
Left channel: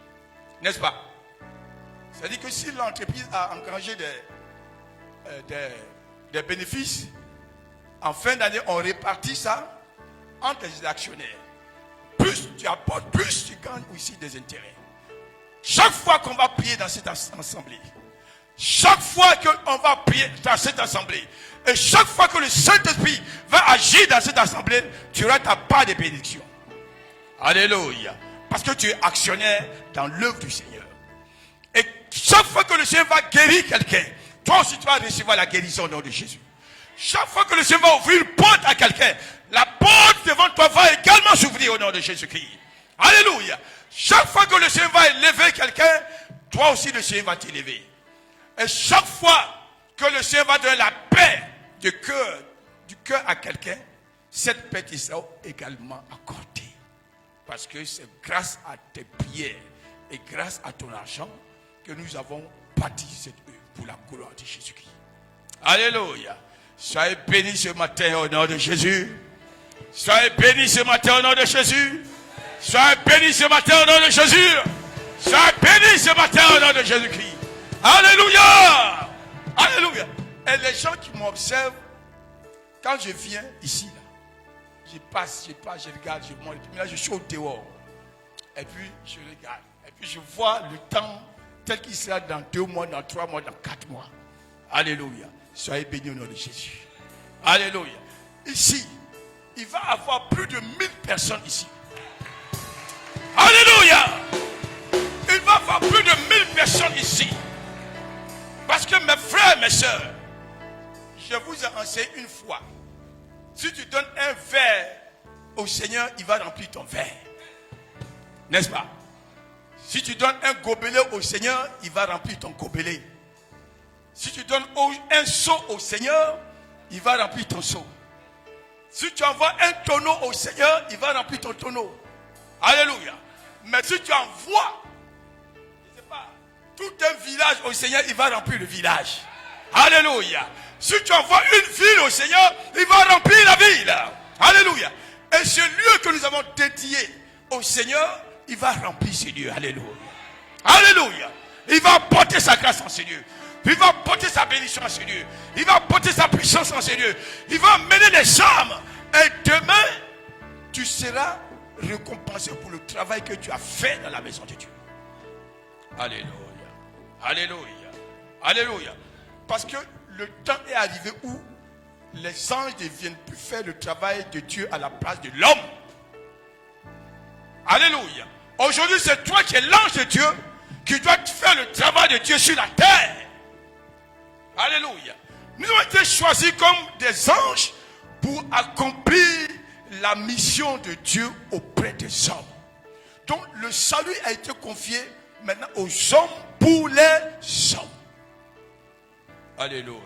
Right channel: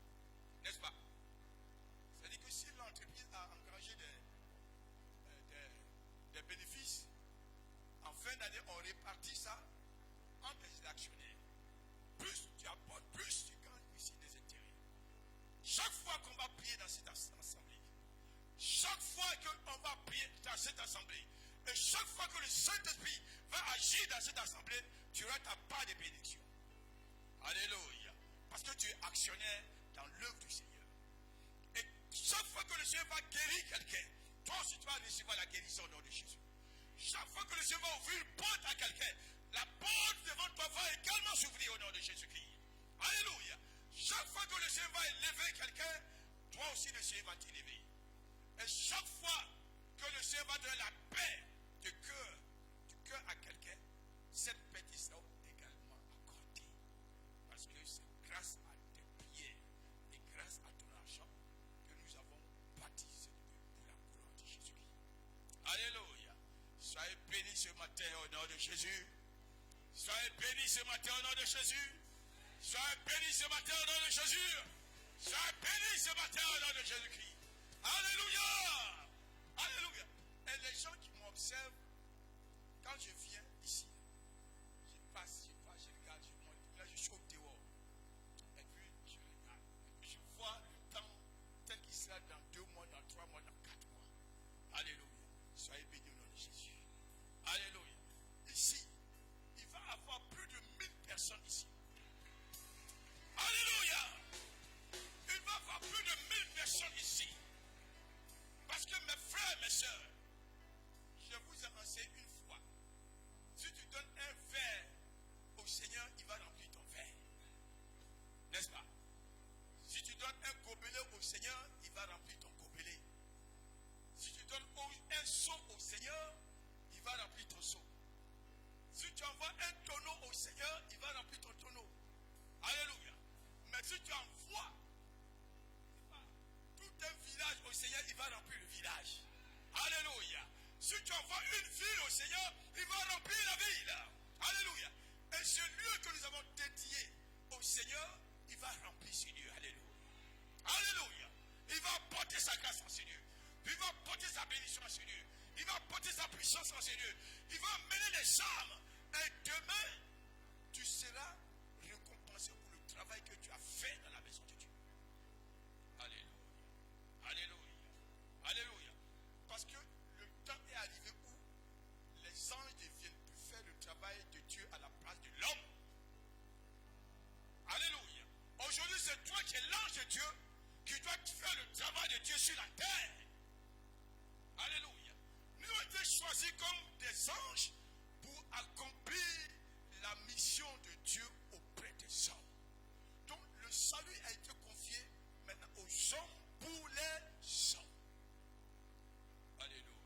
N'est-ce pas? C'est-à-dire que si l'entreprise a engrangé des bénéfices, en fin d'année, on répartit ça entre les actionnaires. Plus tu apportes, plus tu gagnes aussi des intérêts. Chaque fois qu'on va prier dans cette assemblée, chaque fois qu'on va prier dans cette assemblée, et chaque fois que le Saint-Esprit va agir dans cette assemblée, tu auras ta part de bénédiction. Alléluia. Parce que tu es actionnaire dans l'œuvre du Seigneur. Et chaque fois que le Seigneur va guérir quelqu'un, toi aussi tu vas recevoir la guérison au nom de Jésus. Chaque fois que le Seigneur va ouvrir une porte à quelqu'un, la porte devant toi va également s'ouvrir au nom de Jésus-Christ. Alléluia. Chaque fois que le Seigneur va élever quelqu'un, toi aussi le Seigneur va t'élever. Et chaque fois que le Seigneur va donner la paix du cœur à quelqu'un, cette paix qui sera également accordée. Parce que c'est grâce à tes prières et grâce à ton argent que nous avons bâti cette œuvre pour la gloire de Jésus-Christ. Alléluia. Soyez bénis ce matin au nom de Jésus. Soyez bénis ce matin au nom de Jésus. Soyez bénis ce matin au nom de Jésus. Soyez bénis ce matin au nom de Jésus-Christ. Alléluia. Alléluia. Et les gens qui m'observent, quand je viens ici, là, je passe, je regarde, je monte. Et puis là, je suis au dehors. Et puis, je regarde. Et puis, je vois le temps tel qu'il sera dans 2 mois, dans 3 mois, dans 4 mois. Alléluia. Soyez bénis au nom de Jésus. Alléluia. Ici, il va y avoir plus de 1000 personnes ici. Alléluia. Il va y avoir plus de 1000 personnes ici. Parce que mes frères et mes soeurs, je vous ai enseigné une fois. Si tu donnes un verre au Seigneur, il va remplir ton verre. N'est-ce pas? Si tu donnes un gobelet au Seigneur, il va remplir ton gobelet. Si tu donnes un seau au Seigneur, il va remplir ton seau. Si tu envoies un tonneau au Seigneur, il va remplir ton tonneau. Alléluia. Mais si tu envoies, je sais pas, tout un village au Seigneur, il va remplir le village. Alléluia. Si tu envoies une ville au Seigneur, il va remplir la ville. Alléluia. Et ce lieu que nous avons dédié au Seigneur, il va remplir ce lieu. Alléluia. Alléluia. Il va porter sa grâce en ce lieu. Il va porter sa bénédiction en ce lieu. Il va porter sa puissance en ce lieu. Il va mener les âmes. Et demain, tu seras récompensé pour le travail que tu as fait dans la maison de Dieu. Alléluia. Alléluia. Alléluia. Parce que le temps est arrivé où les anges ne viennent plus faire le travail de Dieu à la place de l'homme. Alléluia. Aujourd'hui, c'est toi qui es l'ange de Dieu qui doit faire le travail de Dieu sur la terre. Alléluia. Nous avons été choisis comme des anges pour accomplir la mission de Dieu auprès des hommes. Donc le salut a été confié maintenant aux hommes pour les hommes. Alléluia.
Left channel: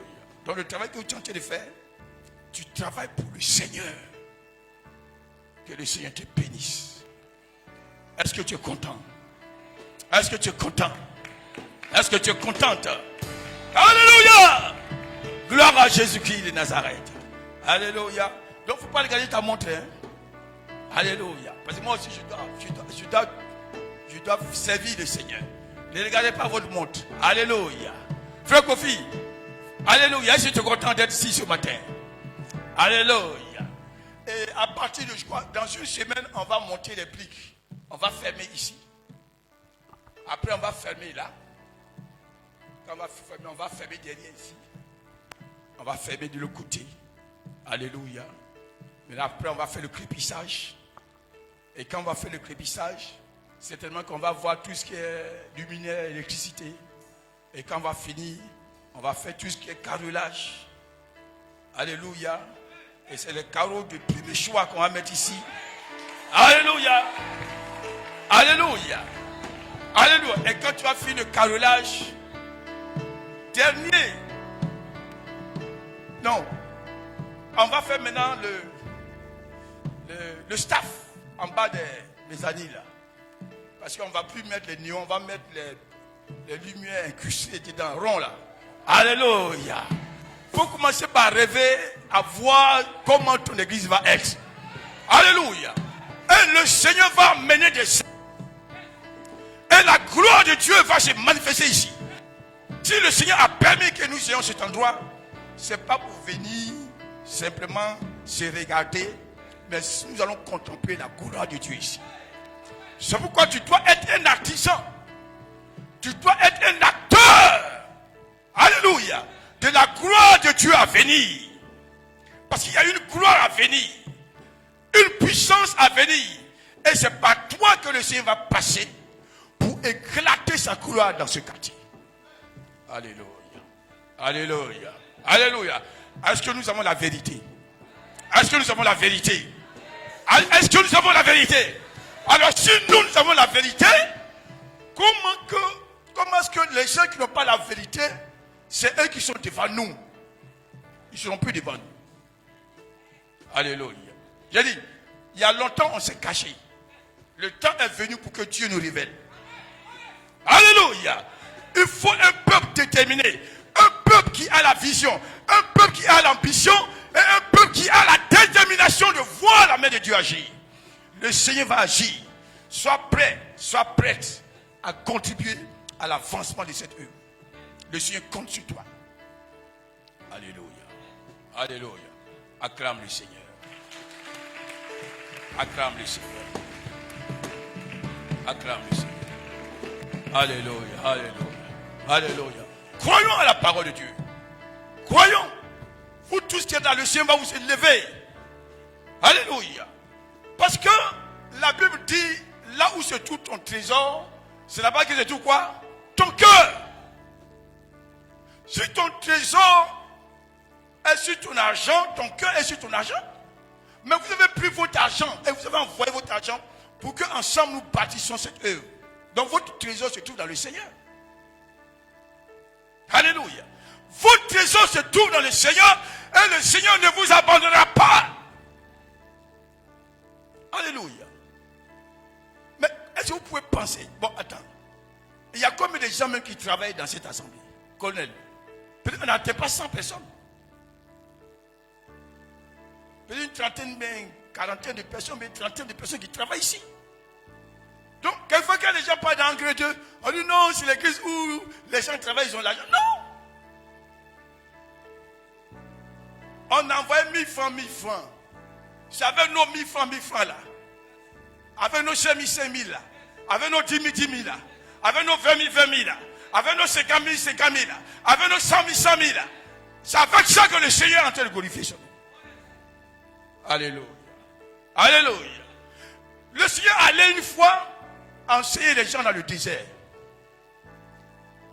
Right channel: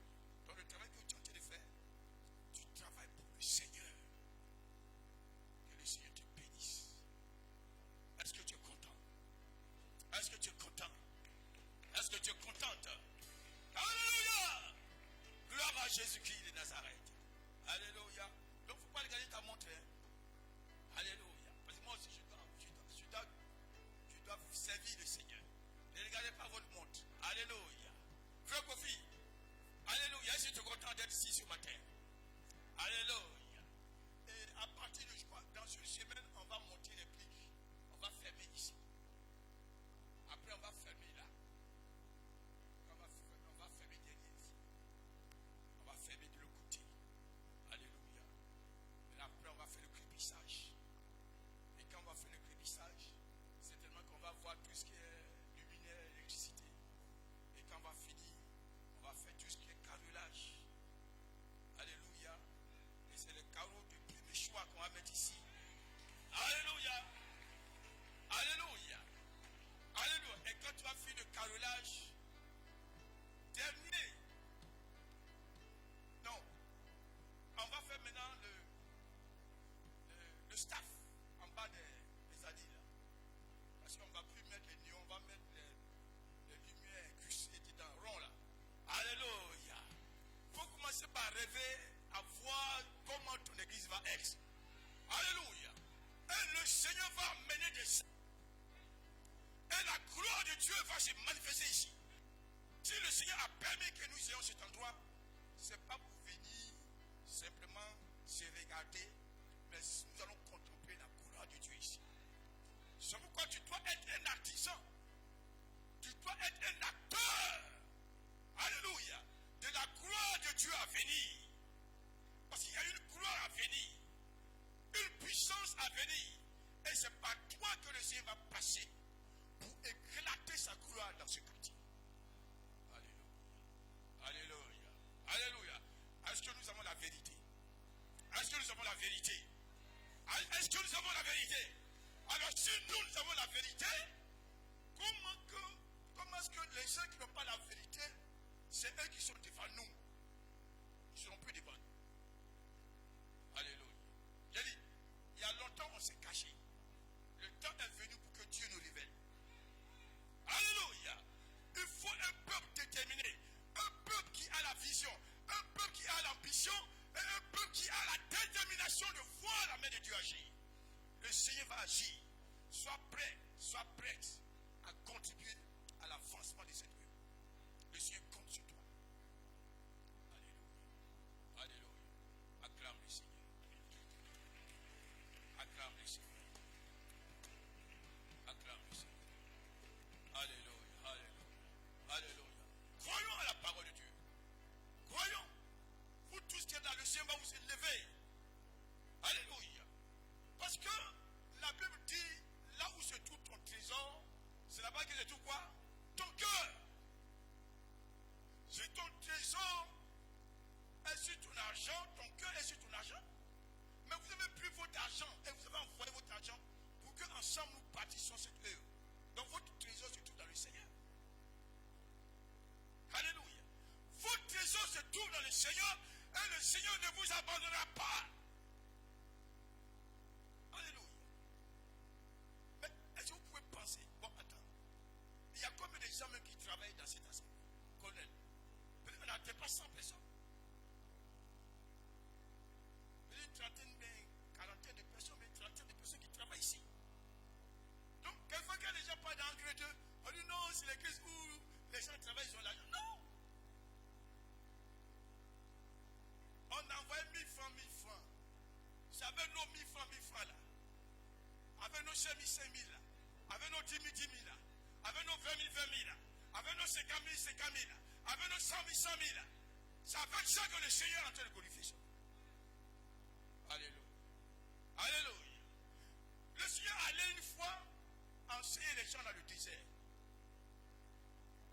Donc le travail que tu es en train de faire, tu travailles pour le Seigneur. Que le Seigneur te bénisse. Est-ce que tu es content? Est-ce que tu es content? Est-ce que tu es contente? Alléluia! Gloire à Jésus-Christ de Nazareth. Alléluia. Donc il ne faut pas regarder ta montre. Hein? Alléluia. Parce que moi aussi je dois servir le Seigneur. Ne regardez pas votre montre. Alléluia. Frère Kofi. Alléluia. Est-ce que tu es content d'être ici ce matin? Alléluia. Et à partir de, je crois, dans une semaine, on va monter les pliques. On va fermer ici. Après, on va fermer là. Quand on va fermer derrière ici. On va fermer de l'autre côté. Alléluia. Mais après, on va faire le crépissage. Et quand on va faire le crépissage, certainement qu'on va voir tout ce qui est luminaire, électricité. Et quand on va finir, on va faire tout ce qui est carrelage. Alléluia. Et c'est les carreaux de premier choix qu'on va mettre ici. Alléluia. Alléluia. Alléluia. Et quand tu vas finir le carrelage, dernier. Non. On va faire maintenant le staff en bas des années là. Parce qu'on ne va plus mettre les néons, on va mettre les lumières incrustées dedans, rond là. Alléluia. Il faut commencer par rêver à voir comment ton église va être. Alléluia. Et le Seigneur va mener des... Et la gloire de Dieu va se manifester ici. Si le Seigneur a permis que nous ayons cet endroit, ce n'est pas pour venir simplement se regarder, mais nous allons contempler la gloire de Dieu ici. C'est pourquoi tu dois être un artisan. Tu dois être un acteur. Alléluia. De la gloire de Dieu à venir. Parce qu'il y a une gloire à venir. Une puissance à venir. Et c'est par toi que le Seigneur va passer pour éclater sa gloire dans ce quartier. Alléluia. Alléluia. Alléluia. Est-ce que nous avons la vérité? Est-ce que nous avons la vérité? Est-ce que nous avons la vérité? Alors si nous avons la vérité, comment est-ce que les gens qui n'ont pas la vérité, c'est eux qui sont devant nous? Ils ne seront plus devant nous. Alléluia. J'ai dit, il y a longtemps on s'est caché. Le temps est venu pour que Dieu nous révèle. Alléluia. Il faut un peuple déterminé. Un peuple qui a la vision. Un peuple qui a l'ambition. Et un peuple qui a la détermination de voir la main de Dieu agir. Le Seigneur va agir. Sois prêt, sois prête à contribuer à l'avancement de cette œuvre. Le Seigneur compte sur toi. Alléluia. Alléluia. Acclame le Seigneur. Acclame le Seigneur. Acclame le Seigneur. Alléluia. Alléluia. Alléluia. Croyons à la parole de Dieu. Croyons. Vous tous qui êtes dans le Seigneur va vous élever. Alléluia. Parce que la Bible dit, là où se trouve ton trésor, c'est là-bas que se trouve quoi? Ton cœur. Si ton trésor est sur ton argent, ton cœur est sur ton argent. Mais vous avez pris votre argent et vous avez envoyé votre argent pour qu'ensemble nous bâtissions cette œuvre. Donc votre trésor se trouve dans le Seigneur. Alléluia. Votre trésor se trouve dans le Seigneur et le Seigneur ne vous abandonnera pas. Alléluia. Mais est-ce que vous pouvez penser? Bon, attends. Il y a combien de gens même qui travaillent dans cette assemblée? Colonel. Peut-être qu'on n'atteint pas 100 personnes. Peut-être une trentaine, mais une quarantaine de personnes, mais une trentaine de personnes qui travaillent ici. Donc, quelquefois, quand les gens parlent d'engrais 2, on dit non, c'est l'église où les gens travaillent, ils ont l'argent. Non! On envoyait 1000 francs, 1000 francs. C'est avec nos 1000 francs, 1000 francs là. Avec nos 5000, 5000 là. Avec nos 10 000, 10 000 là. Avec nos 20 000, 20 000 là. Avec nos 50 000, 50 000 là. Avec nos 100 000, 100 000 là. C'est avec ça que le Seigneur est en train de glorifier son nom. Alléluia. Alléluia. Le Seigneur allait une fois enseigner les gens dans le désert.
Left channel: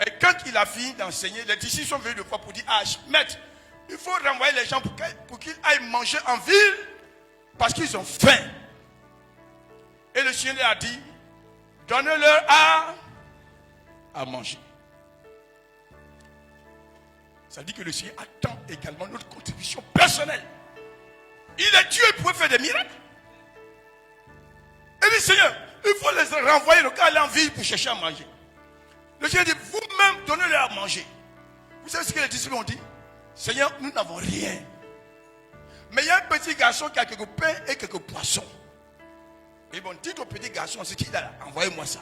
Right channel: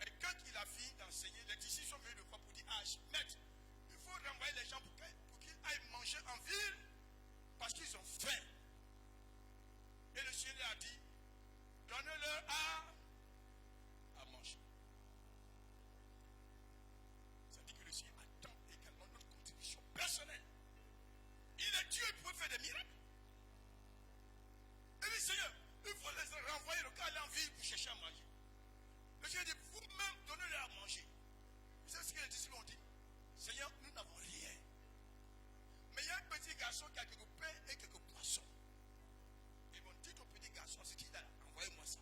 Et quand il a fini d'enseigner, les disciples sont venus le voir pour dire, ah, maître, il faut renvoyer les gens pour qu'ils aillent manger en ville parce qu'ils ont faim. Et le Seigneur leur a dit, donnez-leur à manger. Ça dit que le Seigneur attend également notre contribution personnelle. Il est Dieu, il pouvait faire des miracles. Et dit, Seigneur, il faut les renvoyer, le cas aller en ville pour chercher à manger. Le Seigneur dit, vous-même, donnez-leur à manger. Vous savez ce que les disciples ont dit? Seigneur, nous n'avons rien. Mais il y a un petit garçon qui a quelques pains et quelques poissons. Et bon, dites au petit garçon, c'est qui là? Envoyez-moi ça.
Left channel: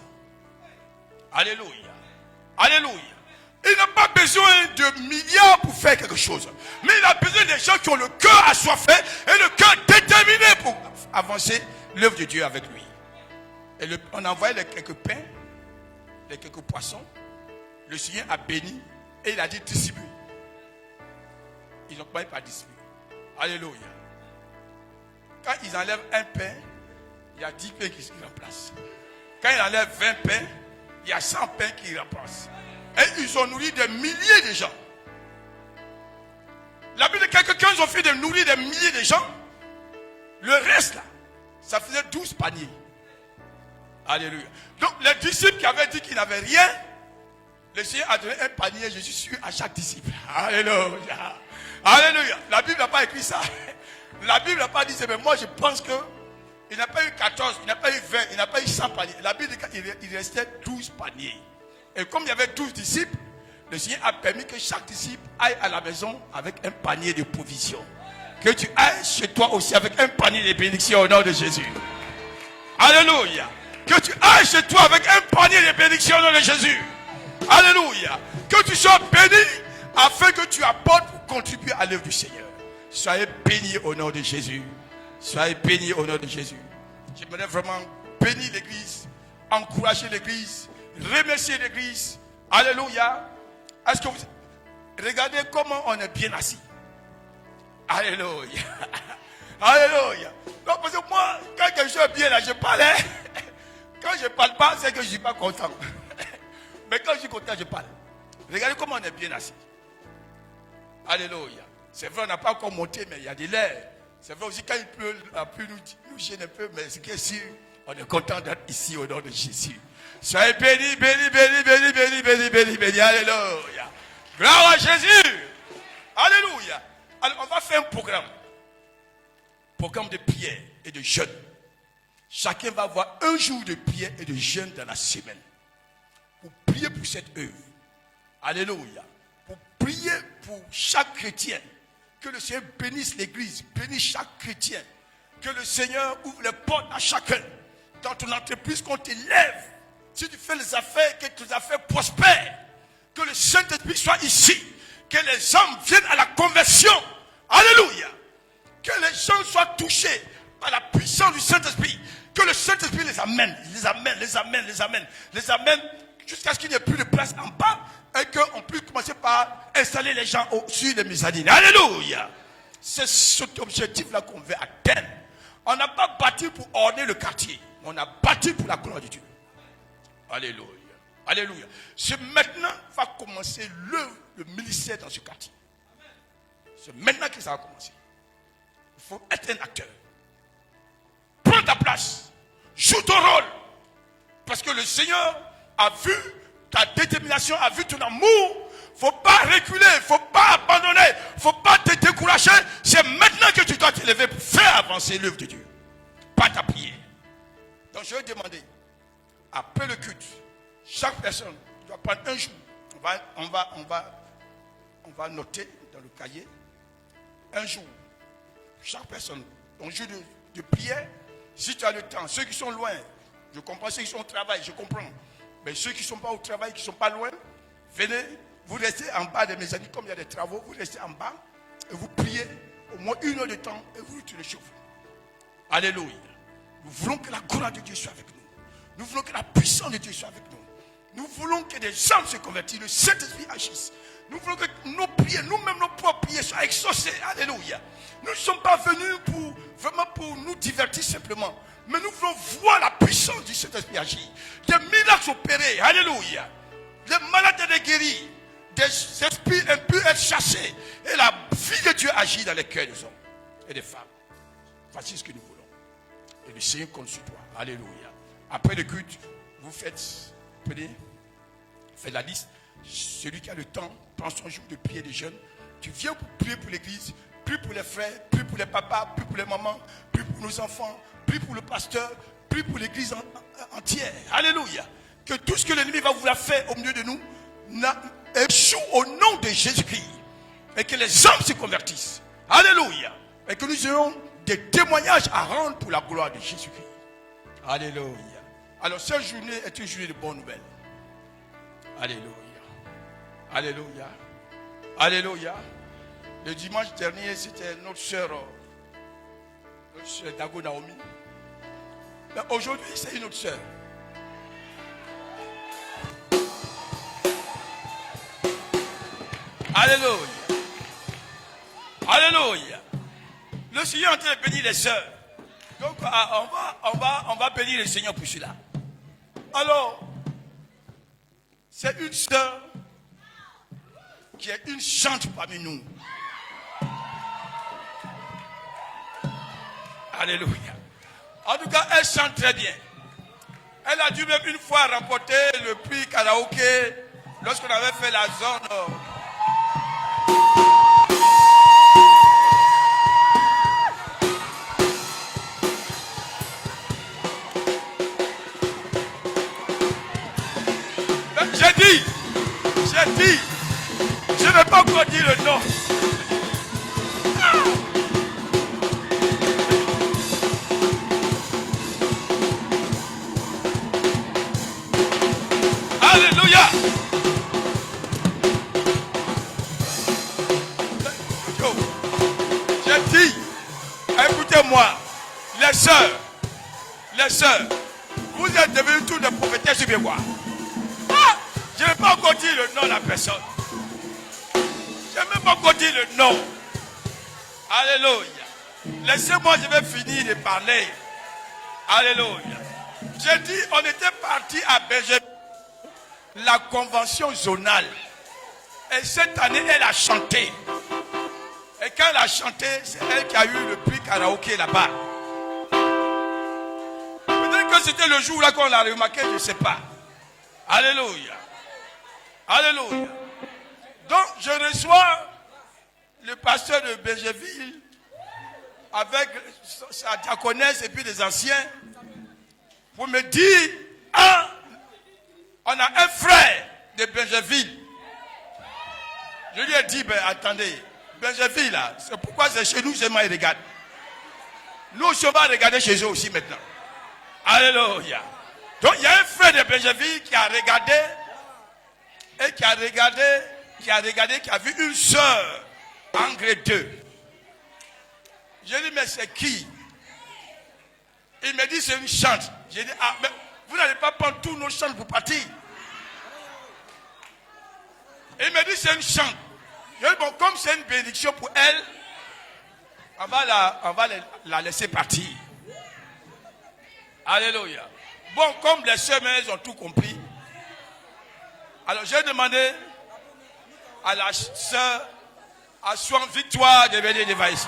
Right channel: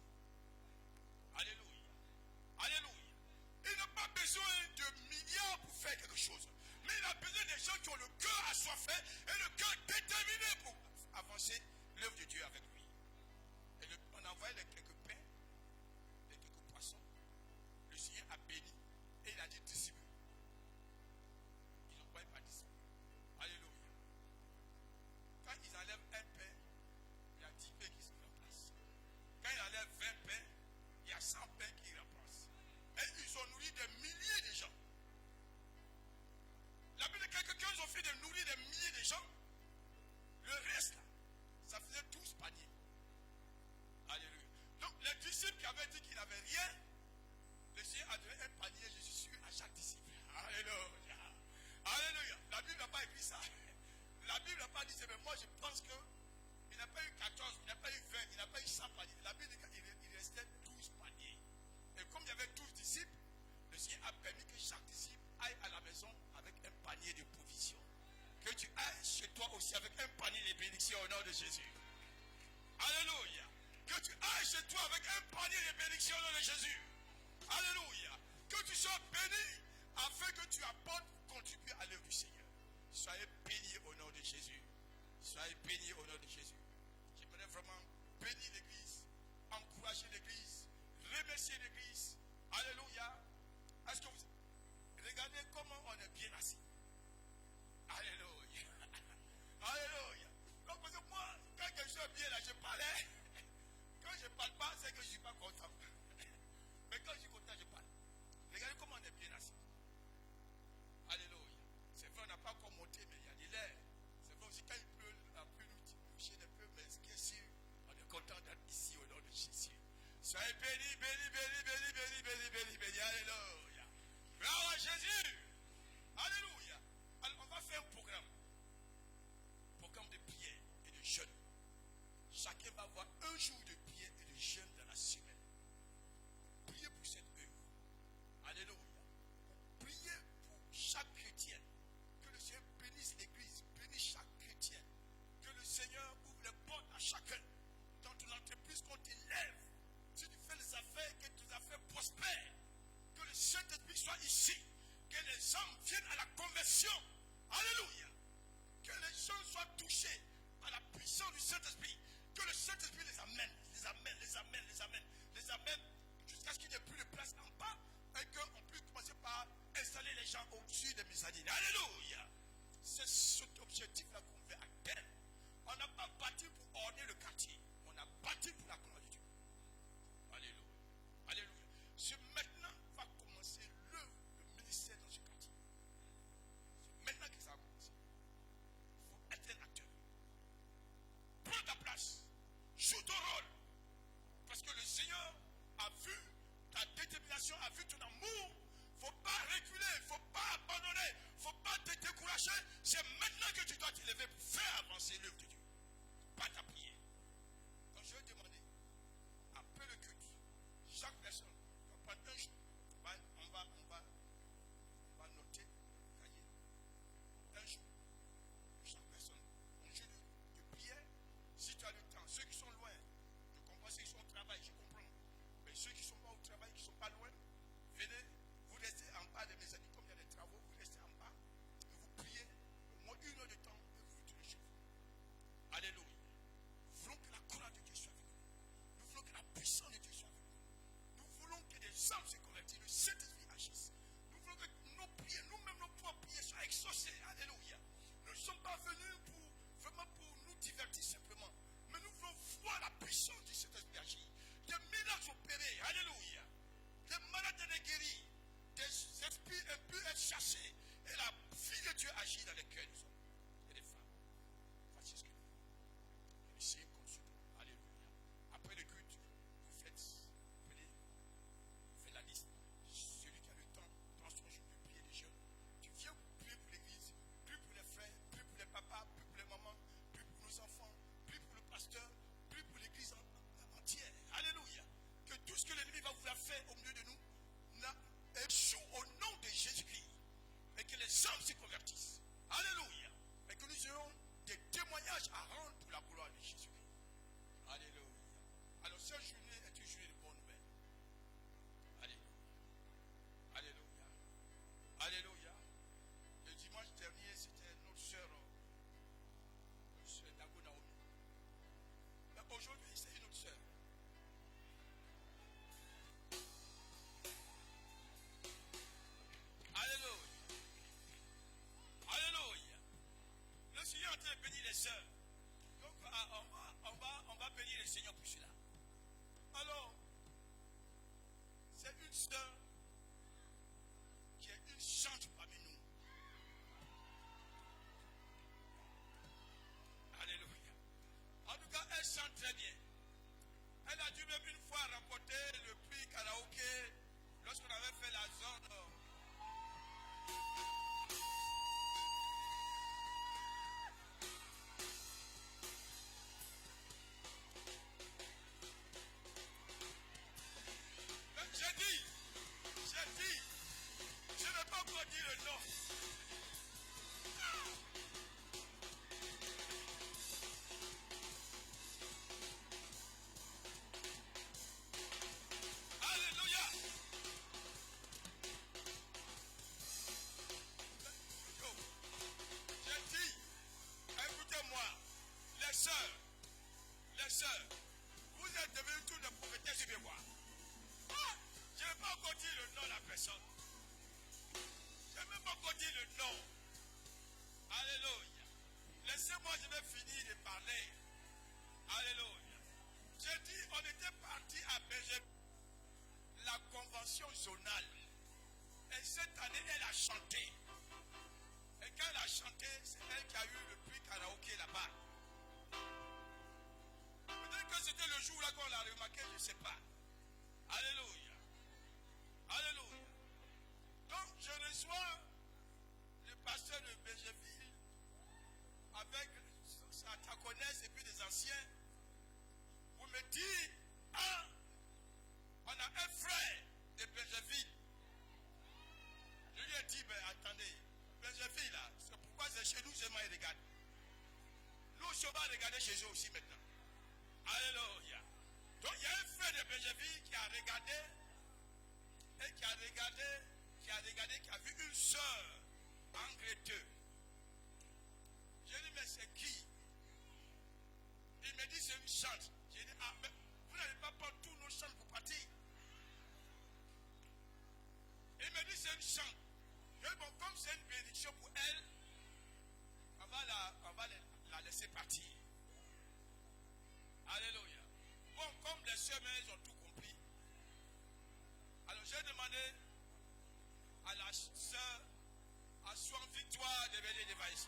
Alléluia. Alléluia. Il n'a pas besoin de milliards pour faire quelque chose. Mais il a besoin des gens qui ont le cœur assoiffé et le cœur déterminé pour avancer l'œuvre de Dieu avec lui. Et on a envoyé les quelques pains, les quelques poissons. Le Seigneur a béni et il a dit distribuer. Ils n'ont pas distribué. Alléluia. Quand ils enlèvent un pain, il y a 10 pains qui se remplacent. Quand ils enlèvent 20 pains, il y a 100 pains qui remplacent. Et ils ont nourri des milliers de gens. La Bible de quelques 15 ont fait de nourrir des milliers de gens. Le reste là, ça faisait 12 paniers. Alléluia. Donc les disciples qui avaient dit qu'ils n'avaient rien, le Seigneur a donné un panier, je suis sûr, à chaque disciple. Alléluia. Alléluia. La Bible n'a pas écrit ça. La Bible n'a pas dit ça, mais moi je pense que il n'a pas eu 14, il n'a pas eu 20, il n'a pas eu 100 paniers. La Bible dit qu'il restait 12 paniers. Et comme il y avait 12 disciples, le Seigneur a permis que chaque disciple aille à la maison avec un panier de provisions. Que tu ailles chez toi aussi avec un panier de bénédictions au nom de Jésus. Alléluia. Que tu ailles chez toi avec un panier de bénédictions au nom de Jésus. Alléluia. Que tu sois béni afin que tu apportes pour contribuer à l'œuvre du Seigneur. Soyez bénis au nom de Jésus. Soyez bénis au nom de Jésus. J'aimerais vraiment bénir l'église, encourager l'église, remercier l'église. Alléluia. Est-ce que vous... Regardez comment on est bien assis. Alléluia. Alléluia. Non, parce que moi, quand quelque chose est bien là, je parle. Quand je ne parle pas, c'est que je ne suis pas content. Mais quand je suis content, je parle. Regardez comment on est bien assis. Alléluia. C'est vrai, on n'a pas encore monté, mais il y a de l'air. C'est vrai aussi, quand il pleut, la pluie nous gêne un peu, mais ce qui est sûr, on est content d'être ici au nom de Jésus. Soyez bénis, bénis, bénis, bénis, bénis, bénis, bénis, bénis. Alléluia. Gloire à Jésus. Alléluia. Alors, on va faire un programme. Programme de prière et de jeûne. Chacun va avoir un jour de prière et de jeûne dans la semaine. Pour prier pour cette œuvre. Alléluia. Pour prier pour chaque chrétien. Que le Seigneur bénisse l'église, bénisse chaque chrétien. Que le Seigneur ouvre les portes à chacun. Dans ton entreprise, qu'on t'élève. Si tu fais les affaires, que tes affaires prospèrent. Que le Saint-Esprit soit ici. Que les hommes viennent à la conversion. Alléluia. Que les gens soient touchés par la puissance du Saint-Esprit. Que le Saint-Esprit les amène, les amène, les amène, les amène, les amène jusqu'à ce qu'il n'y ait plus de place en bas. Et qu'on puisse commencer par installer les gens sur les mezzanines. Alléluia. C'est cet objectif-là qu'on veut atteindre. On n'a pas bâti pour orner le quartier. On a bâti pour la gloire de Dieu. Alléluia. Alléluia. C'est maintenant va commencer le ministère dans ce quartier. C'est maintenant que ça va commencer. Il faut être un acteur. Prends ta place. Joue ton rôle. Parce que le Seigneur a vu ta détermination, a vu ton amour. Il ne faut pas reculer, il ne faut pas abandonner, il ne faut pas te décourager. C'est maintenant que tu dois t'élever pour faire avancer l'œuvre de Dieu. Pas ta prière. Donc je vais demander, après le culte, chaque personne doit prendre un jour. On va noter dans le cahier un jour. Chaque personne, un jour de prière. Si tu as le temps, ceux qui sont loin, je comprends, ceux qui sont au travail, je comprends. Mais ceux qui ne sont pas au travail, qui ne sont pas loin, venez, vous restez en bas de mes amis, comme il y a des travaux, vous restez en bas et vous priez au moins 1 heure de temps et vous retournez chez vous. Alléluia. Nous voulons que la gloire de Dieu soit avec nous. Nous voulons que la puissance de Dieu soit avec nous. Nous voulons que des âmes se convertissent, le Saint-Esprit agisse. Nous voulons que nos prières, nous-mêmes nos propres prières soient exaucées. Alléluia. Nous ne sommes pas venus pour nous divertir simplement. Mais nous voulons voir la puissance du Saint-Esprit agir. Des miracles opérés. Alléluia. Des malades et des guéris. des esprits impurs être chassés. Et la vie de Dieu agit dans les cœurs des hommes et des femmes. Voici ce que nous voulons. Et le Seigneur compte sur toi. Alléluia. Après le culte, vous faites la liste. Celui qui a le temps, prend son jour de prière de jeûne. Tu viens pour prier pour l'église, prie pour les frères, prie pour les papas, prie pour les mamans, prie pour nos enfants, prie pour le pasteur, prie pour l'église entière. Alléluia. Que tout ce que l'ennemi va vouloir faire au milieu de nous échoue au nom de Jésus-Christ. Et que les hommes se convertissent. Alléluia. Et que nous ayons des témoignages à rendre pour la gloire de Jésus-Christ. Alléluia. Alors cette journée est une journée de bonnes nouvelles. Alléluia. Alléluia. Alléluia. Le dimanche dernier, c'était notre soeur Dago Naomi. Mais aujourd'hui, c'est une autre soeur. Alléluia. Alléluia. Le Seigneur est en train de bénir les sœurs. Donc, on va bénir le Seigneur pour cela. Alors, c'est une sœur qui est une chante parmi nous. Alléluia. En tout cas, elle chante très bien. Elle a dû même une fois remporter le prix karaoké lorsqu'on avait fait la zone. J'ai dit, je ne vais pas encore dire le nom. Alléluia. J'ai dit, écoutez-moi, les sœurs, vous êtes devenus tous des prophétesses sur quoi? Je ne vais pas encore dire le nom de la personne. Je ne vais même pas encore dire le nom. Alléluia. Laissez-moi, je vais finir de parler. Alléluia. J'ai dit, on était parti à Berger, la convention zonale. Et cette année, elle a chanté. Et quand elle a chanté, c'est elle qui a eu le prix karaoké là-bas. Peut-être que c'était le jour là qu'on l'a remarqué, je ne sais pas. Alléluia. Alléluia. Donc, je reçois le pasteur de Bergerville avec sa diaconesse et puis les anciens pour me dire, on a un frère de Bergerville. Je lui ai dit, attendez, Bergerville là, c'est pourquoi c'est chez nous seulement ils regardent. Nous aussi on va regarder chez eux aussi maintenant. Alléluia. Donc il y a un frère de Bergerville qui a regardé et qui a vu une sœur en grade 2. J'ai dit, mais c'est qui? Il me dit, c'est une chante. J'ai dit, mais vous n'allez pas prendre tous nos chants pour partir. Il me dit, c'est une chante. J'ai dit, bon, comme c'est une bénédiction pour elle, on va la laisser partir. Alléluia. Bon, comme les sœurs, elles ont tout compris. Alors j'ai demandé à la sœur à son Victoire de venir devant ici.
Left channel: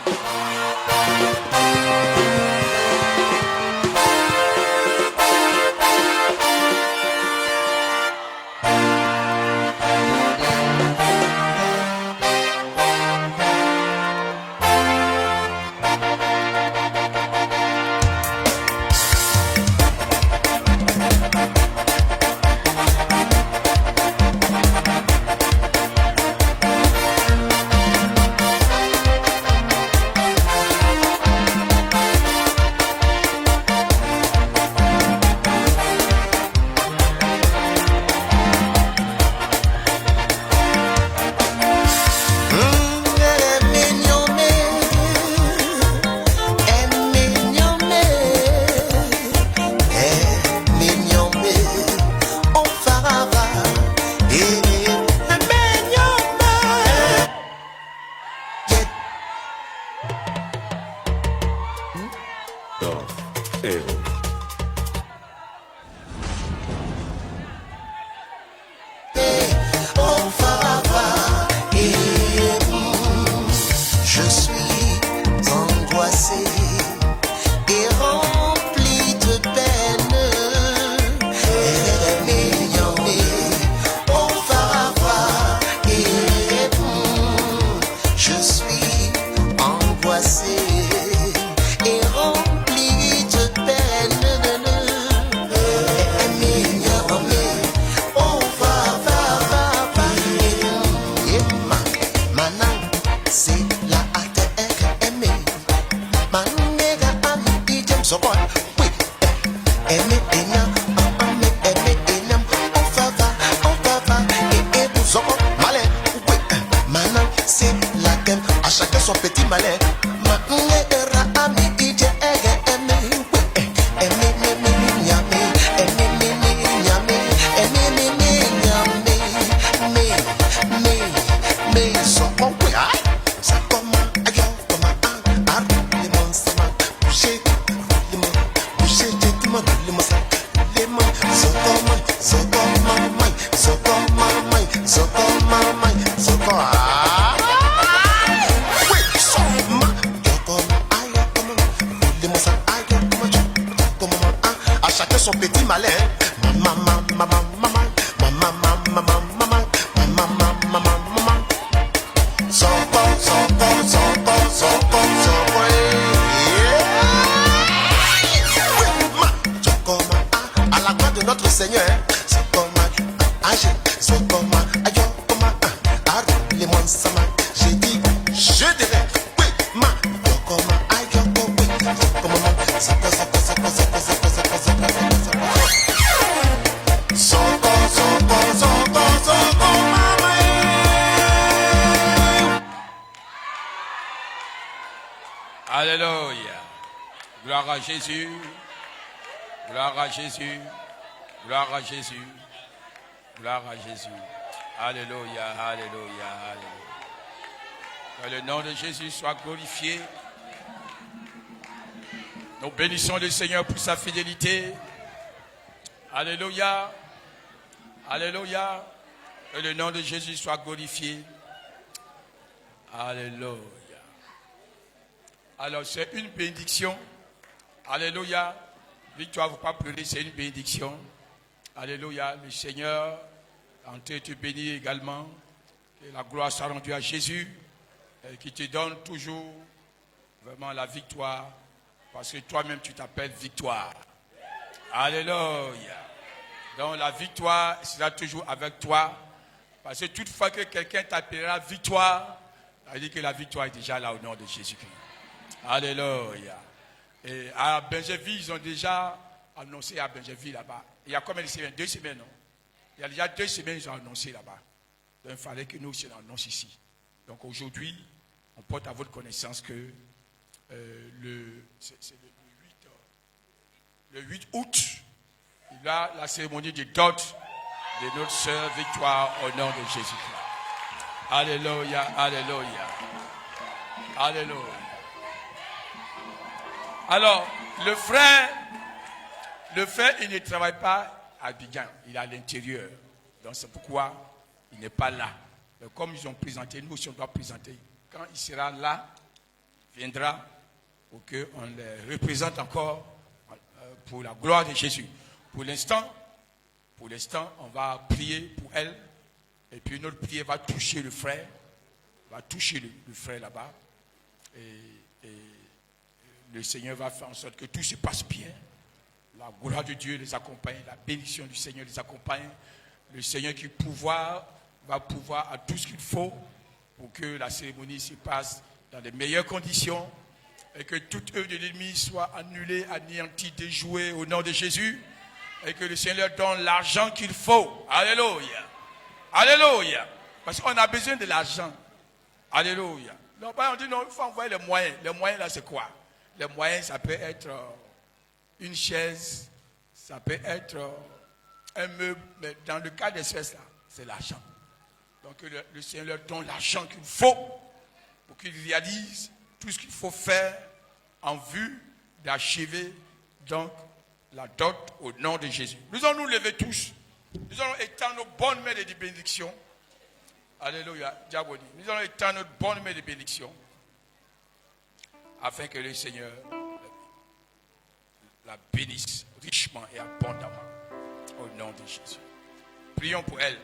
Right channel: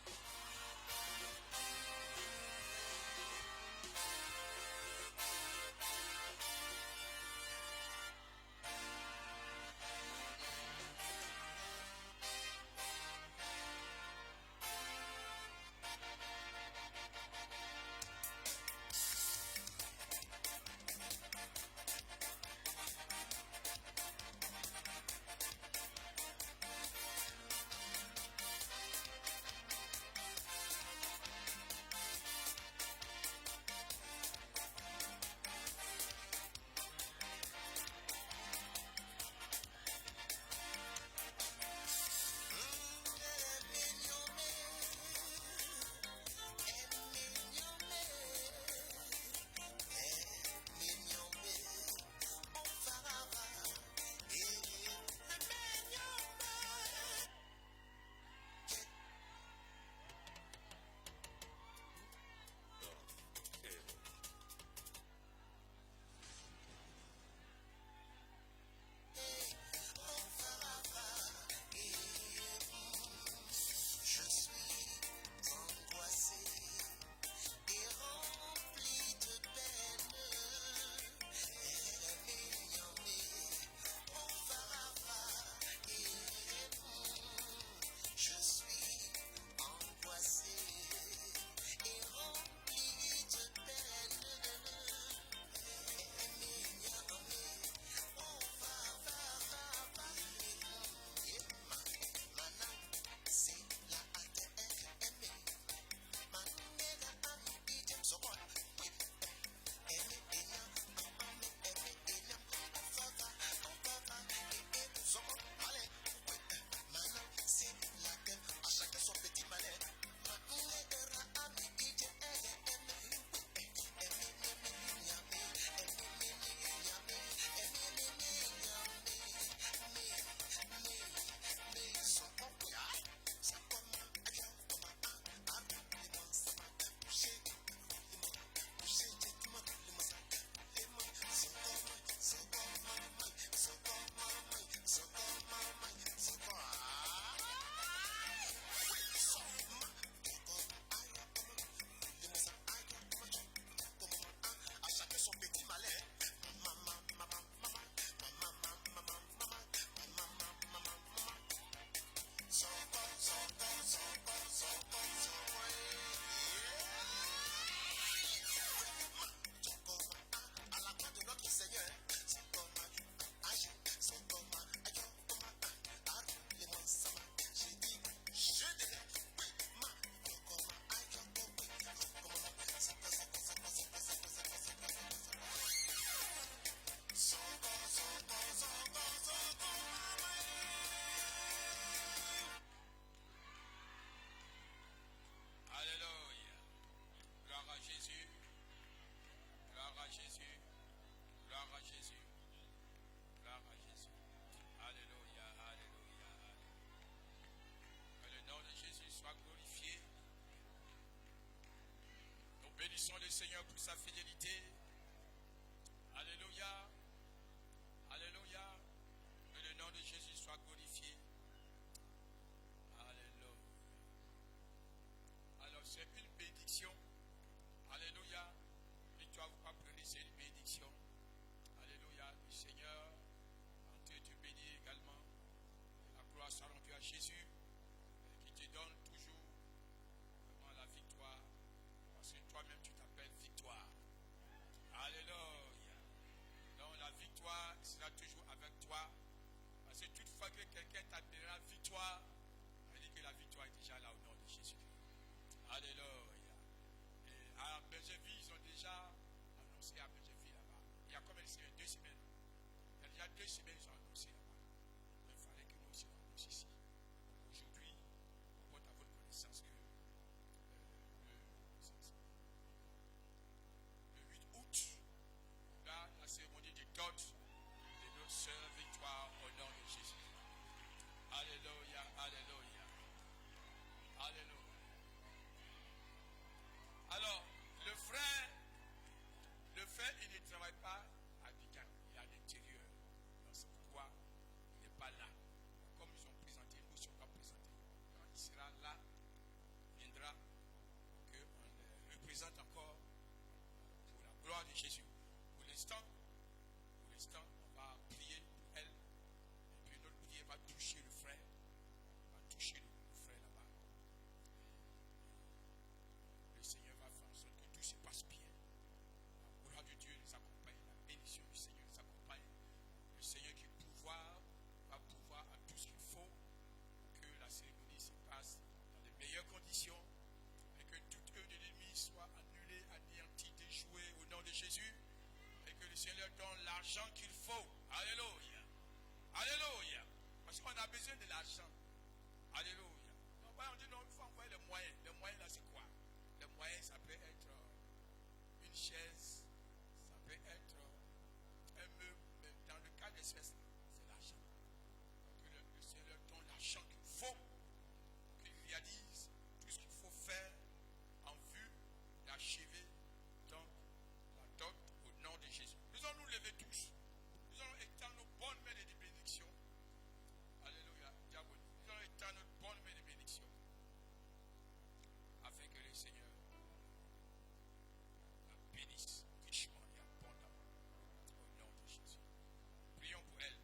Oh, Farava. Alléluia. Gloire à Jésus. Gloire à Jésus. Gloire à Jésus. Gloire à Jésus. Alléluia. Alléluia. Alléluia. Que le nom de Jésus soit glorifié. Nous bénissons le Seigneur pour sa fidélité. Alléluia. Alléluia. Que le nom de Jésus soit glorifié. Alléluia. Alors, c'est une bénédiction. Alléluia. Victoire, vous ne pas pleurer, c'est une bénédiction. Alléluia. Le Seigneur en te bénit également. Que la gloire soit rendue à Jésus, qui te donne toujours vraiment la victoire. Parce que toi-même, tu t'appelles victoire. Alléluia. Donc, la victoire sera toujours avec toi. Parce que toutefois que quelqu'un t'appellera victoire, ça veut dire que la victoire est déjà là au nom de Jésus-Christ. Alléluia. Et à Benjeville, ils ont déjà annoncé à Benjeville là-bas. Il y a combien de semaines? 2 semaines, non? Il y a déjà 2 semaines qu'ils ont annoncé là-bas. Donc il fallait que nous aussi l'annoncions ici. Donc aujourd'hui, on porte à votre connaissance que le 8 août, il y a la cérémonie de dot de notre sœur Victoire au nom de Jésus-Christ. Alléluia, alléluia. Alléluia. Alors, le frère, il ne travaille pas à Abidjan, il est à l'intérieur. Donc c'est pourquoi il n'est pas là. Mais comme ils ont présenté, nous aussi on doit présenter. Quand il sera là, il viendra pour qu'on les représente encore pour la gloire de Jésus. Pour l'instant, on va prier pour elle. Et puis notre prière va toucher le frère. Va toucher le frère là-bas. Et le Seigneur va faire en sorte que tout se passe bien. La gloire de Dieu les accompagne. La bénédiction du Seigneur les accompagne. Le Seigneur qui va pouvoir à tout ce qu'il faut pour que la cérémonie se passe dans les meilleures conditions et que toute œuvre de l'ennemi soit annulée, anéantie, déjouée au nom de Jésus et que le Seigneur donne l'argent qu'il faut. Alléluia. Alléluia. Parce qu'on a besoin de l'argent. Alléluia. Non, on dit non, il faut envoyer les moyens. Les moyens là, c'est quoi? Les moyens, ça peut être une chaise, ça peut être un meuble, mais dans le cas d'espèce là, c'est l'argent. Donc le Seigneur leur donne l'argent qu'il faut pour qu'ils réalisent tout ce qu'il faut faire en vue d'achever donc la dot au nom de Jésus. Nous allons nous lever tous. Nous allons étendre nos bonnes mains de bénédiction. Alléluia, Diaboli. Nous allons étendre notre bonne main de bénédiction afin que le Seigneur la bénisse richement et abondamment au nom de Jésus. Prions pour elle.